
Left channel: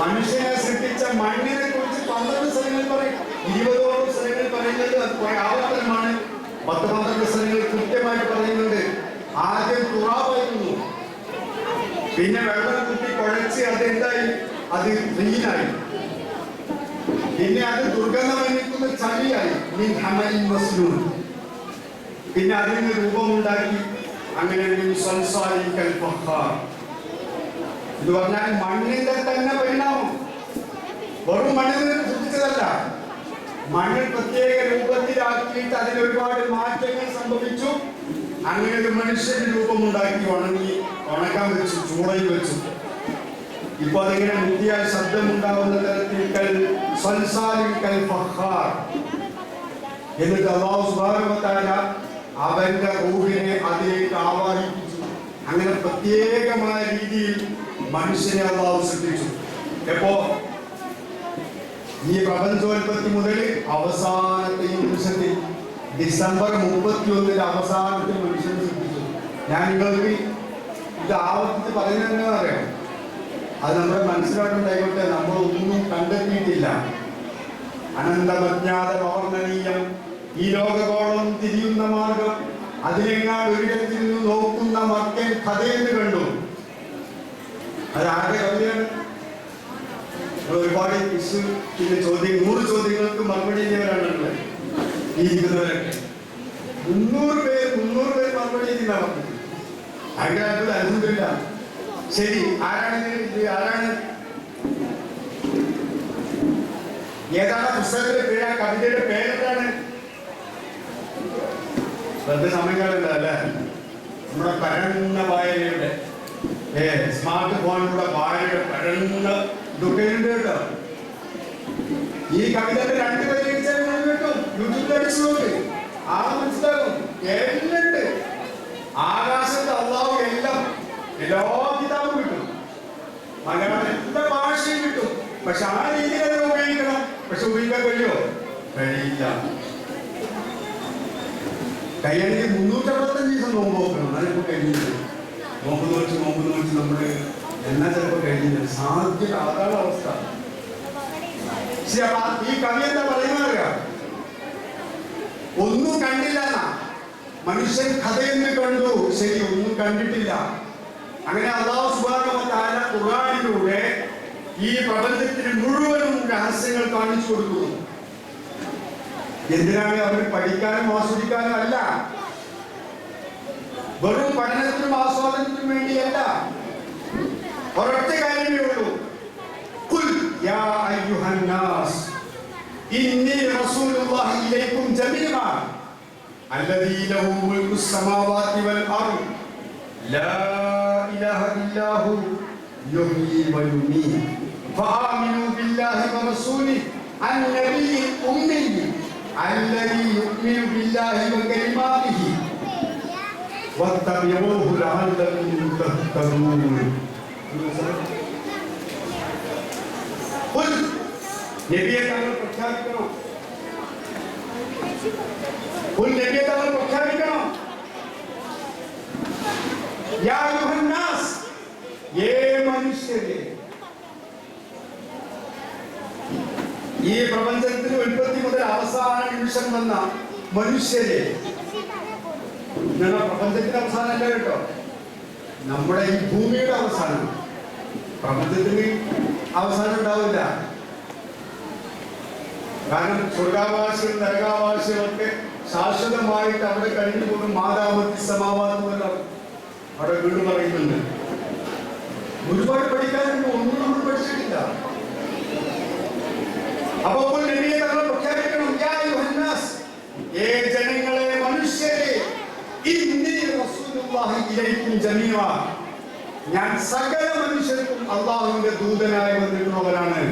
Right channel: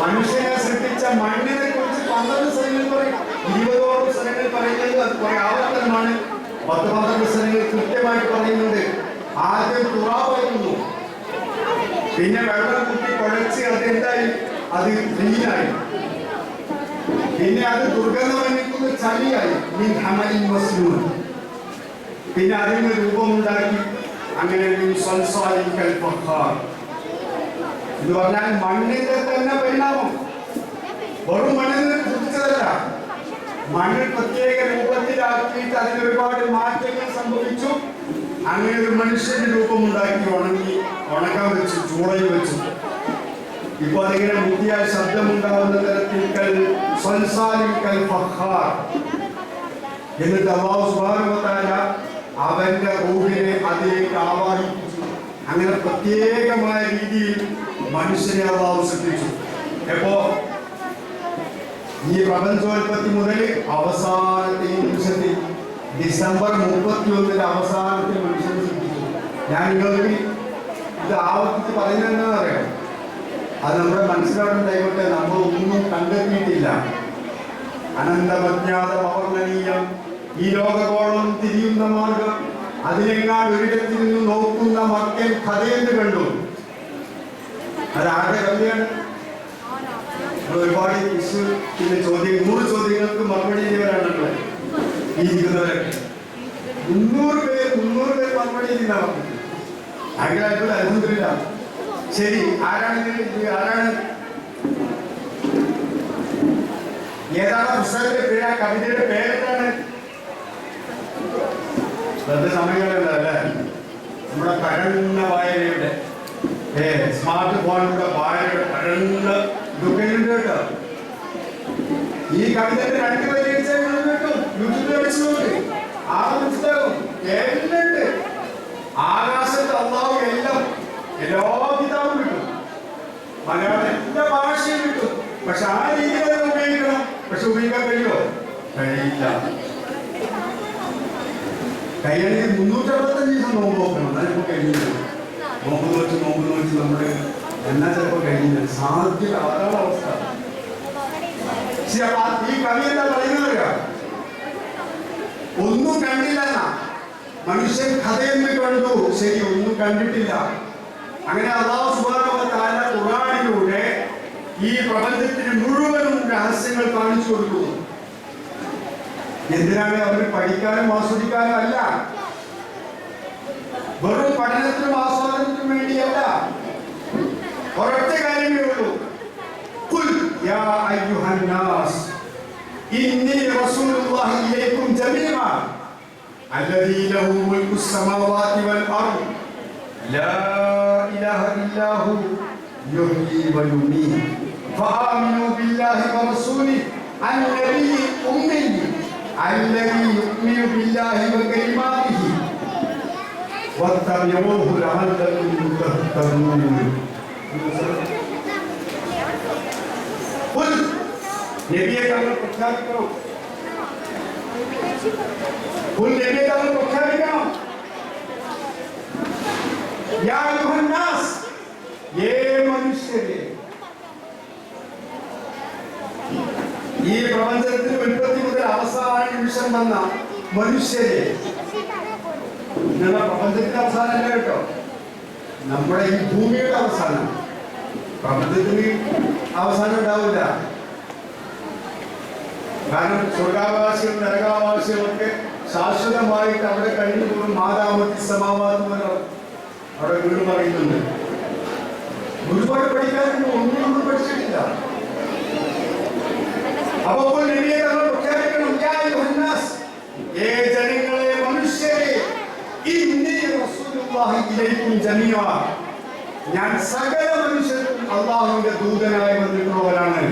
മനുഷ്യനെ സൃഷ്ടിച്ച മണ്ണിനെ കുറിച്ച് 12 സ്ഥലങ്ങളിൽ പറയും. 20ഓളം സ്ഥലങ്ങളിൽ പറയുന്നത് അത് കുറെ ആവർത്തനമാണ്. 10-12 സ്ഥലങ്ങളിൽ കൃത്യമായിട്ട് പറയുന്നുണ്ട്. ആദ്യം തുറാവായിരുന്നു, പിന്നെ വെള്ളം കുത്തി കുഴച്ച് അതെന്തായി, അത് ക്ലീനായി, പിന്നെ അത് ദുർഗന്ധമണിക്കുന്ന ചളിയായി, പിന്നെ അതിന് രൂപമുണ്ടാക്കി. അങ്ങനെ ഇത് പറഞ്ഞാൽ മണ്ണിന്റെ തന്നെ പരിണാമം. വെറും മണ്ണിന് സൃഷ്ടിച്ചതല്ല, മണ്ണിൽ പ്രത്യേക രൂപത്തിലാക്കിയിട്ട് അതിന് ഒരുപാട് മാറ്റങ്ങൾ സംഭവിച്ചു. അങ്ങനെ ഒരു മനുഷ്യന്റെ രൂപമുണ്ടാക്കി ഉണക്കാൻ വെച്ചു, ചൂളയിൽ വെച്ചു. ഇപ്പൊ അതിങ്ങനെ മുത്തിയാൽ ശബ്ദമുണ്ടാവുന്ന തരത്തിൽ എന്നിട്ട് അല്ലാഹു സുബ്ഹാനഹു വ തആല അവന്റെ റൂഹിനെ അതിലേക്ക് ആവാഹിപ്പിച്ചു. അങ്ങനെ പ്രത്യേകമായ രീതിയിൽ മനുഷ്യനെ അല്ലാഹു സൃഷ്ടിച്ചു. എപ്പോ ഈ പ്രപഞ്ചോൽപത്തി മുതൽ അവസാനത്തെ ഈ നിമിഷത്തിൽ ഡിസംബർ 31 അവസാനത്തിൽ മനുഷ്യനെ സൃഷ്ടിച്ചു. ഞാൻ നിങ്ങൾക്ക് ഇത് ആവർത്തിച്ച് പറയുന്നതെന്ന് പറയാം, അത് നമ്മുടെ മനസ്സിലായിട്ടുണ്ടായിക്കോട്ടെ. നമ്മൾ ഒന്നും കണ്ടെത്തിയിട്ടില്ല. അനന്തമജ്ഞാത പവർണ്ണനീയം, ഈ ലോകത്തോളം തിരിയുന്ന മാർഗം, അതിനെങ്ങാട് ഒരിടത്തിൽ നിന്ന് നോക്കുന്ന മക്കൻ കഥയെന്ന് കണ്ടു. അതാരുടെ കവിതയാണ്? ഒരുപാട് ചോദ്യം 100 ചോദ്യങ്ങൾക്ക് മറുപടി ചെയ്തവരാണല്ലോ ഈ ഇരിക്കുന്നവരൊക്കെ. 300 പേർ മറുപടി ചെയ്യുന്നവർക്ക് ആഗ്രഹത്തിൽ അത്ഭുതമില്ല. ശരി, ആരാണ് ഏതാണ് പുസ്തകത്തിന്റെ പേര്? ആ കവിതയുടെ പേരെന്താണ്? വെറുതെ സമയങ്ങളുണ്ട് അല്ലേ? നമ്മുടെ പരന്ന വായനയുടെ സ്മാർട്ട് ഫോണിലൂടെ വായനയുടെ പരന്ന ദുഃഖമുണ്ട് കേട്ടോ. ഈ കവിതയുടെ 2 വരി കേട്ടോ, യൂട്യൂബിൽ അടിച്ചു നോക്ക്, മനസ്സിലാകും. എല്ലാം ആകാശത്ത് അല്ലാഹു എല്ലാ കിതാബും കിട്ടും, മലയാളം എല്ലാ ഭാഷയും കിട്ടും. പക്ഷെ ആ രീതിയിൽ അത് ഉപയോഗിക്കണം. പക്ഷെ ഉപയോഗിക്കാൻ കഴിയുമോ? കഴിയില്ല. കഴിയണമെങ്കിൽ 365 ദിവസം നോമ്പ് നോക്കണം. അതിപ്പോ കഴിഞ്ഞില്ല. നോമ്പ് നോച്ച് നമ്മള് എന്നാ ചിലപ്പോ കഴിഞ്ഞില്ല. സാധ്യത അതാണ് അവസ്ഥ. ഈ കവി എന്താ പറയുന്നത്? ഒന്നും കണ്ടില്ല. മനുഷ്യൻ കഥയെന്ന് കണ്ടു, ശരി, ഒന്നും കണ്ടിട്ടില്ല. അങ്ങനെ അല്ലാഹു സുബ്ഹാനഹു വ തആല ഖുർആനിലൂടെ ഈ പ്രപഞ്ചത്തിന് മുഴുവനും രഹസ്യങ്ങൾ കാണിച്ചു കൊടുക്കുന്നു. എന്തിനാണ്? അവർ പഠിക്കാനും ആസ്വദിക്കാനും അല്ല, വെറും പഠനത്തിനും ആസ്വാദനത്തിനും വേണ്ടിയല്ല. ഒരൊറ്റ കാര്യമേ ഉള്ളൂ. ഖുൽ യാ അയ്യുഹൻ നാസ് ഇന്നി റസൂലുള്ളാഹി ഇലൈക്കും ജമീഅ അല്ലദീ ലഹു മുൽക്കുസ് സമാവാതി വൽ അർദ് ലാ ഇലാഹ ഇല്ലാ ഹു യുഹ്യി വ യുമീത് ഫആമിനൂ ബില്ലാഹി വ റസൂലിഹി അൻ-നബിയ്യി ഉമ്മി അല്ലദീ യുഅ്മിനു ബില്ലാഹി വ കലിമാതിഹി വത്തബിഊഹു ലഅല്ലകും തഹ്തദൂൻ. നബിയെ തങ്ങൾ പ്രഖ്യാപിക്കണം. നബിയെ തങ്ങൾ പ്രഖ്യാപിക്കണം. യാ അയ്യുഹൻ നാസ്, ഏ മനുഷ്യരെ, ഈ പ്രപഞ്ചത്തിന്റെ ഉൽപ്പത്തി മുതൽ അവസാന നിമിഷം വന്ന മനുഷ്യരെ. പ്രപഞ്ചത്തിന്റെ അവസാനമല്ല കേട്ടോ, നമ്മുടെ ഈ ഭൂമിയുടെ അവസാനം. പ്രപഞ്ചത്തിന് അവസാനം ഉണ്ടാവില്ല. കാരണം സ്വർഗാവാസിയും നരകാവാസിയും ഒക്കെ ശാശ്വതമായിട്ട് അവിടെ കഴിഞ്ഞു പോകും. മാതാമത്തി സമാവാദം അവിടെ വീണ്ടും പറയുന്നുണ്ട്. ഒരുപാട് പഠിക്കാനുണ്ട്, ഒന്നും നമ്മൾ പഠിച്ചിട്ടില്ല. അപ്പോൾ നബിയെ തങ്ങൾ പ്രഖ്യാപിക്കണം, യാ അയ്യുഹൻ നാസ്, ഏ ജനങ്ങളെ, മനുഷ്യരെ, ഇന്നി റസൂലുള്ളാഹി ഇലൈക്കും ജമീഅ, ഞാൻ സകല മനുഷ്യർക്കും അല്ലാഹുവിന്റെ ദൂതനായി വന്നിട്ടുള്ളവരാണ്.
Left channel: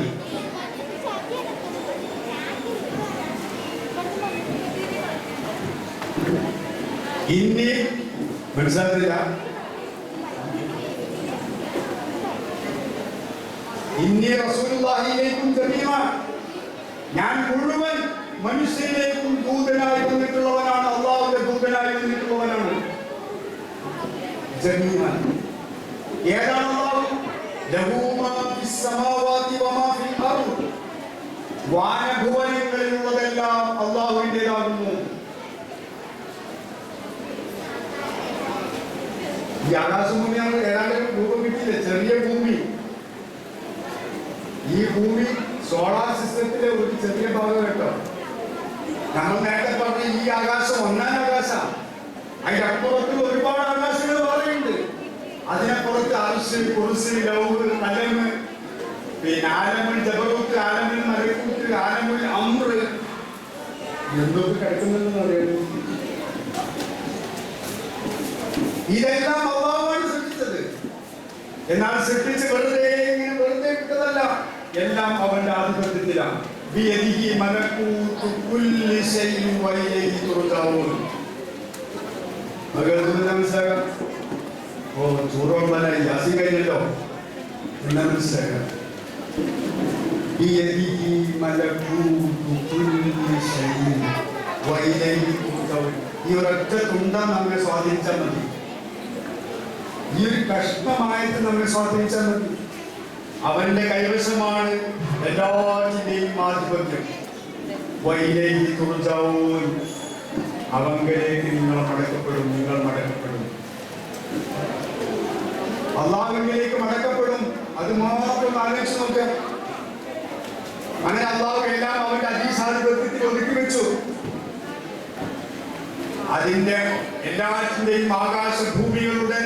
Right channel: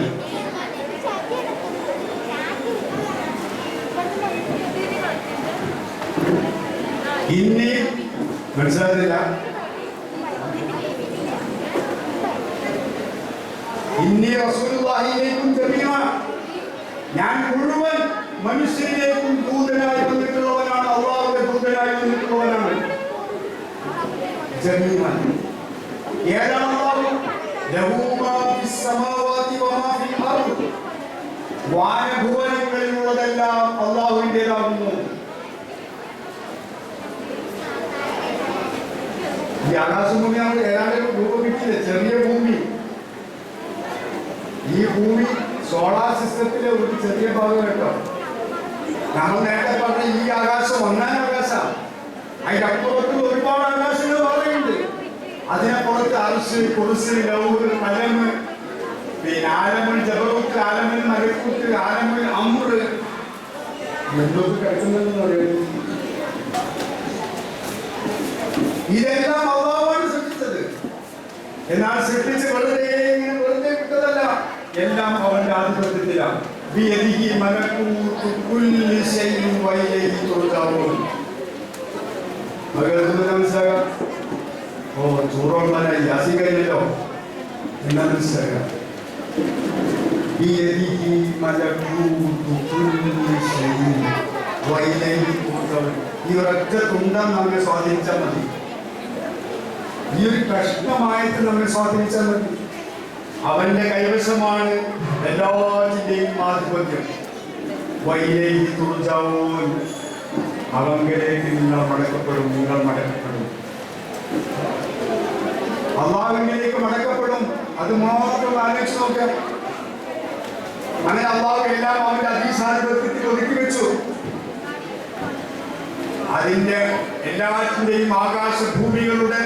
ഇനി മനസ്സിലായില്ല. ഇന്നി റസൂലുള്ളാഹിയിലേക്കും ജമീഅ, ഞാൻ മുഴുവൻ മനുഷ്യരിലേക്കും ദൂതനായി വന്നിട്ടുള്ളവനാണ്, അള്ളാഹുവിന്റെ ദൂതനായി വന്നിട്ടുള്ളവനാണ്. ജമീഅ ഏതാണ് അള്ളാഹു? ലഹു മാ ഫിസ് സമാവാതി വമാ ഫിൽ അർദ്, വാനഭുവനങ്ങളിലുള്ളതെല്ലാം അള്ളാഹുവിൻ്റെതാകുന്നു. ഈ ആകാശഭൂമിയാണ് ഏതാണ്ട് രൂപം കിട്ടിയില്ല, ചെറിയ ഭൂമി. ഈ ഭൂമി സോളാർ സിസ്റ്റത്തിലെ ഒരു ചെറിയ ഭാഗം കേട്ടോ. നമ്മൾ നേരത്തെ പറഞ്ഞ ഈ ആകാശം ഒന്നാം ആകാശം, അതിന്റെ അപ്പുറത്ത് ഒരുപാട് ആകാശങ്ങൾ പറയുന്നുണ്ട്. അതിനപ്പുറത്ത് അർശ്, കുർസി, ലൗഹ്, കലമ്, പിന്നെ ആലമുൽ ജബറൂത്ത്, ആലമുൽ മലക്കൂത്ത്, ആലമുൽ അംറ്, എന്തൊക്കെ കിടക്കുന്നതെന്ന് പറയുന്നത്. ഇതെല്ലാം അല്ലാഹുവാണ് സൃഷ്ടിച്ചത്. എന്നാൽ സൃഷ്ടിച്ച് വെറുതെ വിട്ടതല്ല, എല്ലാം അവന്റെ ആധിപത്യത്തിലാണ്. ബിയദിഹി മലകൂതു കുല്ലി ശൈഇൻ വഇലൈഹി തുർജഊൻ. മനസ്സിലാക്കാം. ഓ ചൂറോളല്ല യാസി കഴിഞ്ഞല്ലോ, എന്നാ മനസ്സിലാക്കാം. ബിയദിഹി മലകൂതു കുല്ലി ശൈഇൻ വഇലൈഹി തുർജഊൻ. ഈ ഒരൊറ്റ തുണ്ടം നമ്മെ സ്വാധീനിച്ചാൽ മതി, ഈ ഒരു കഷ്ണമായിട്ട് നമ്മെ സ്വാധീനിച്ചാൽ മതി. അവന്റെ കൈവശമാണ് എല്ലാറ്റിന്റെയും ആധിപത്യം. വൈലൈഹി തുർജഊൻ, അവങ്കലേക്ക് നിങ്ങൾ മടക്കപ്പെടും, നിങ്ങൾ മടക്കപ്പെടും, അള്ളാഹുവിലേക്ക് മടക്കപ്പെടും. അത് മാത്രം ആലോചിച്ച് നോക്കാം. അങ്ങനെ അള്ളാഹു എല്ലാം അവന്റെ അധീശാധിപത്യത്തിൽ ഒതുക്കി വെച്ചു. അതിന്റെ എല്ലാറ്റിന്റെയും ആകാശഭൂമികളുടെ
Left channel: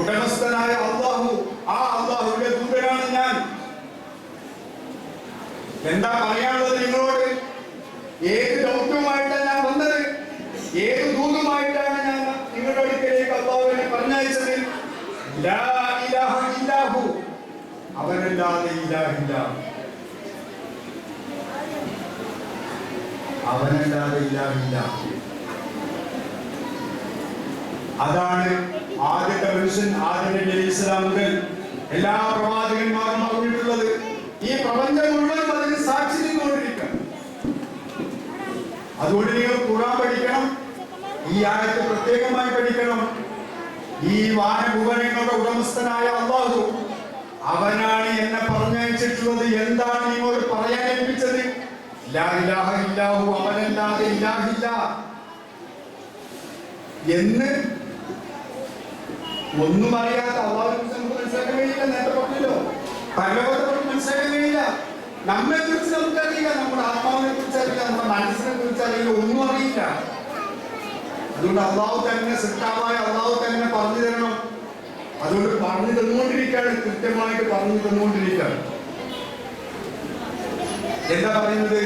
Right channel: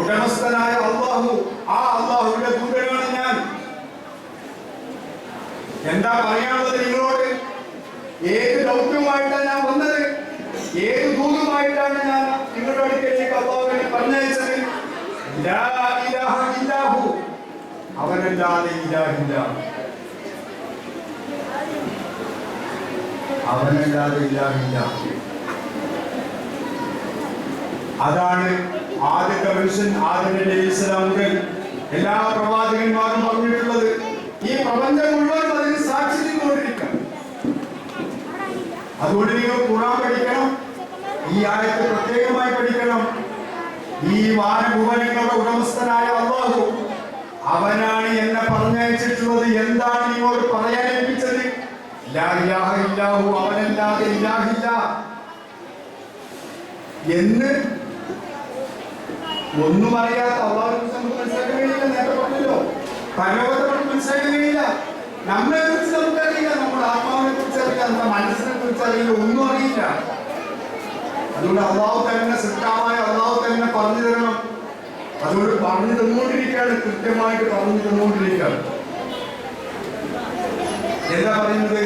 ഉടമസ്ഥനായ അള്ളാഹു, ആ അള്ളാഹുവിന്റെ ദൂതനാണ് ഞാൻ. എന്താ പറയാനുള്ളത് നിങ്ങളോട്? ഏത് ദൗത്യവുമായിട്ടാണ് ഞാൻ വന്നത്? ഏത് ദൂതുമായിട്ടാണ് ഞാൻ നിങ്ങളുടെ അടുക്കലേക്ക് അള്ളാഹുവിനെ പറഞ്ഞയച്ചത്? ലാ ഇലാഹ ഇല്ലാഹു, അവനല്ലാതെ ഇലാഹില്ല, അവനല്ലാതെ ഇലാഹില്ല. അതാണ് ആദ്യത്തെ മനുഷ്യൻ ആദം നബി അലൈഹിസ്സലാം മുതൽ എല്ലാ പ്രവാചകന്മാരും പറഞ്ഞിട്ടുള്ളത്. ഈ പ്രപഞ്ചം മുഴുവൻ അതിന് സാക്ഷി നിന്നുകൊണ്ടിരിക്കണം. അതുകൊണ്ട് നിങ്ങൾ ഖുർആൻ പഠിക്കണം, ഈ ആയത്ത് പ്രത്യേകമായി പഠിക്കണം. ഈ വാനഭുവനങ്ങളുടെ ഉടമസ്ഥനായ അല്ലാഹു, അവനാണ് എന്നെ പറഞ്ഞയച്ചിട്ടുള്ളത്. എന്താണ് നിങ്ങളോട് പറയാൻ ഏൽപ്പിച്ചത്? ലാ ഇലാഹ ഇല്ലാഹു, അവനല്ലാതെ ഇലാഹില്ല എന്ന്. ഒന്നും അറിയാത്ത അള്ളാഹുവിനെ കുറിച്ച് നമുക്ക് മനസ്സിലാക്കാൻ കഴിയില്ല. നേരത്തെ പറഞ്ഞല്ലോ, പരലോകത്തെ നമുക്ക് മനസ്സിലാക്കാൻ കഴിയില്ല. നമ്മെ കുറിച്ച് നമുക്കറിയില്ല, നമ്മുടെ ആത്മാവിനെ കുറിച്ച് അറിയില്ല, നമ്മുടെ മനസ്സിനെ കുറിച്ച് അറിയില്ല, ഒന്നും അറിയില്ല. അതുകൊണ്ട് അള്ളാഹു തന്നെ, സൃഷ്ടാവായ അള്ളാഹു തന്നെ പറഞ്ഞു തരണം. അതുകൊണ്ട് പറഞ്ഞു തന്നുകൊണ്ടിരിക്കുകയാണ്, കൃത്യമായിട്ട് പറഞ്ഞു തന്നുകൊണ്ടിരിക്കുകയാണ്. എന്താ പറയുന്നത്?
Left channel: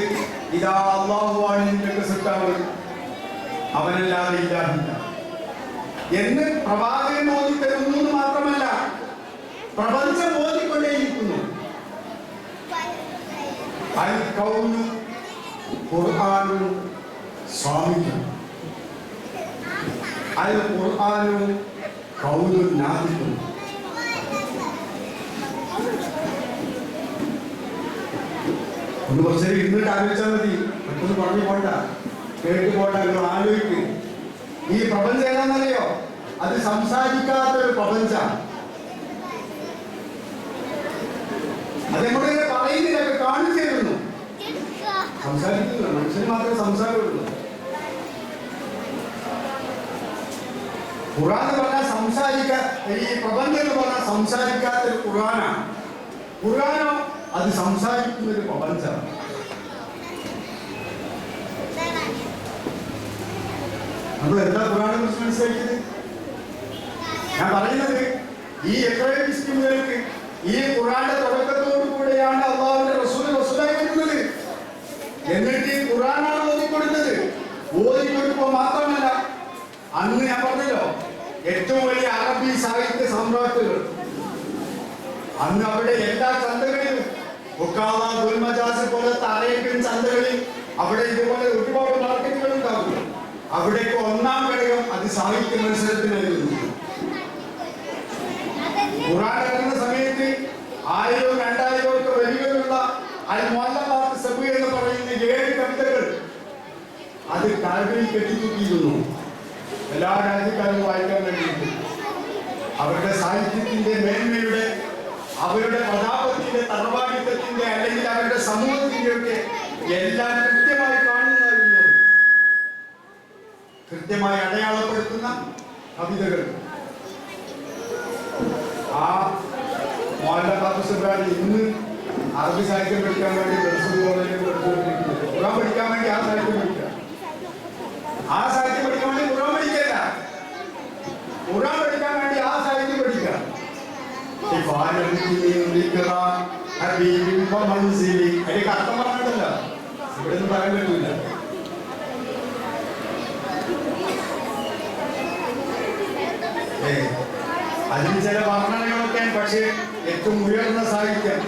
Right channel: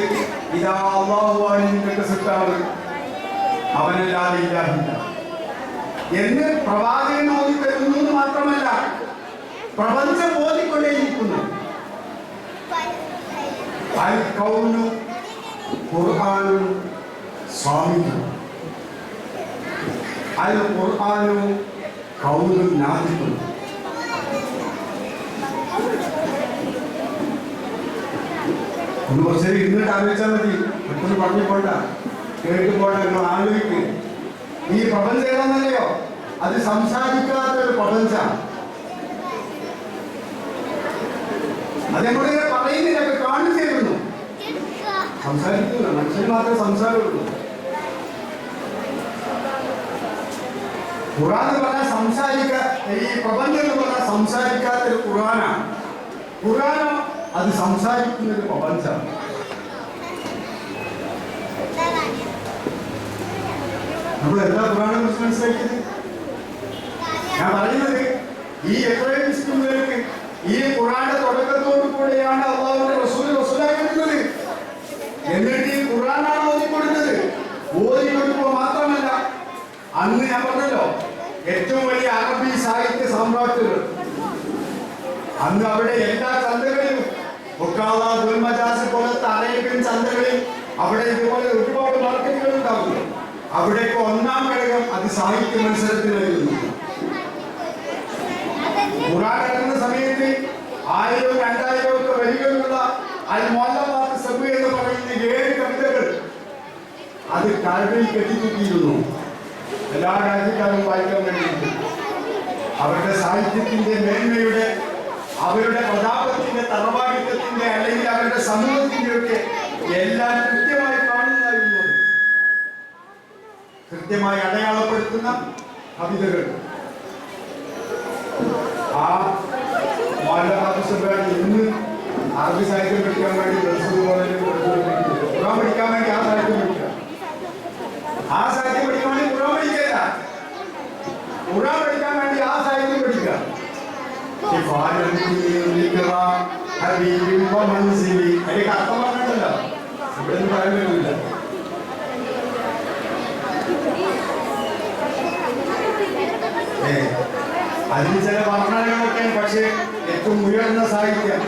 ഇതാ അള്ളാഹുവാണ് നിന്റെ സൃഷ്ടാവ്, അവനല്ലാതെ ഇല്ലാഹില്ല എന്ന് പ്രവാചകൻ ഓതി തരുന്നു. മാത്രമല്ല, പ്രപഞ്ചം ഓതിക്കൊണ്ടേയിരിക്കുന്നു. അൽ കൗനു ഖുർആനും സ്വാമിക്കും, അൽ ഖുർആനും കൗനും നാദിക്കും. ഒന്ന് കുറച്ച് ഇരുന്നിട്ട് ആലോചിച്ചാൽ മതി, മറ്റൊന്ന് പറഞ്ഞു പോണ്ട, കേട്ട് പോണ്ട. നിങ്ങൾ ആലോചിക്കും, ഈ പ്രപഞ്ചം ഏതാണെന്നറിയോ? അത് സംസാരിക്കാത്ത ഒരു പ്രപഞ്ചം. അതെങ്ങനെ പറയുന്നില്ല, കാണിച്ചു തരുന്നു. സംസാരിക്കില്ല, മനുഷ്യന് മാത്രമേ സംസാരമുള്ളൂ. ഖുർആൻ എന്ന് പറഞ്ഞാൽ ഈ പ്രപഞ്ചം എന്ന് പറഞ്ഞാൽ സംസാരിക്കാത്ത ഒരു ഖുർആനാണ്. ഖുർആനോ അത് സംസാരിക്കുന്ന ഒരു പ്രപഞ്ചം. നമ്മൾ എന്താ ഖുർആനെ കുറിച്ച് മനസ്സിലാക്കിയത്? ഞാൻ പറയുന്നത്, ഈ എബ്രാഹിം മുസ്ലിംകൾക്ക് ഈ ഖുർആന്റെ തുടക്കത്തോടു കൂടെയാണ് അള്ളാഹുവിന്റെ റസൂൽ റസൂലാക്കുന്നത്. എന്നിട്ട് ഈ ഖുർആനാണ് ഓതിക്കൊടുത്തത്. ഓതിക്കൊടുക്കുക മാത്രമല്ല, അന്ന് ഞാൻ പറഞ്ഞല്ലോ, ഏറ്റവും വലിയ അറബി സാഹിത്യ സാമ്രാജ്യങ്ങൾ, അന്ന് അവിടെ എല്ലാ ചന്തകളിലും, പോലത്തെ അറേബ്യൻ ചന്തകളിൽ അവിടെ ഇതുപോലെ ഒരുപാട് മാർക്കറ്റുകൾ ഉണ്ടാകും. അവിടേക്ക് ഒന്നാം ഘടകം അത് സാഹിത്യ മത്സരത്തിനായിരുന്നു. ഖുർആൻ ഇറങ്ങുന്ന സമയത്ത് 1000 2000 ഒക്കെ വരികളുള്ള അൽ മുഅല്ലഖാത്ത് സബ് എന്ന് പറയുന്ന 7 കവിതകൾ അത് കാൽബയിൽ കെട്ടിത്തൂക്കിയിരുന്നു. എല്ലാ രാജ്യക്കാരും വായിക്കാൻ വേണ്ടിയിട്ട് അവരുടെ സാഹിത്യത്തിന്റെ മേന്മയുടെ, അവരുടെ പ്രതാപത്തിന്റെ, തറവാടിത്തത്തിന്റെ, അല്ലെങ്കിൽ അവരുടെ സമൂഹത്തിന്റെ ഒക്കെ എല്ലാം കൃത്യമായി കാണുന്നതായിരുന്നു. കൃത്യമായി അടയാളപ്പെടുത്തുന്ന കവിതകൾ. ആ മുഅല്ലഖാത്ത് ഇന്ന് അറബി സാഹിത്യം പഠിക്കാൻ വേണ്ടി ഖുർആൻ പഠിക്കാൻ വേണ്ടി ആ സാഹിത്യം പഠിക്കുക. ആ സാഹിത്യം പഠിക്കാൻ വേണ്ടി ഖുർആൻ പഠിക്കല്ല, ഖുർആൻ പഠിക്കാൻ വേണ്ടി ആ സാഹിത്യം പഠിക്കുക. അതിലേക്ക് അർത്ഥം പറഞ്ഞിട്ടല്ല, ഇവിടെ ഒന്നും പറയാൻ പറ്റില്ല. അതിന് ചില വർണ്ണനകളൊക്കെ, പക്ഷേ ഏറ്റവും ഉയർന്ന സാഹിത്യം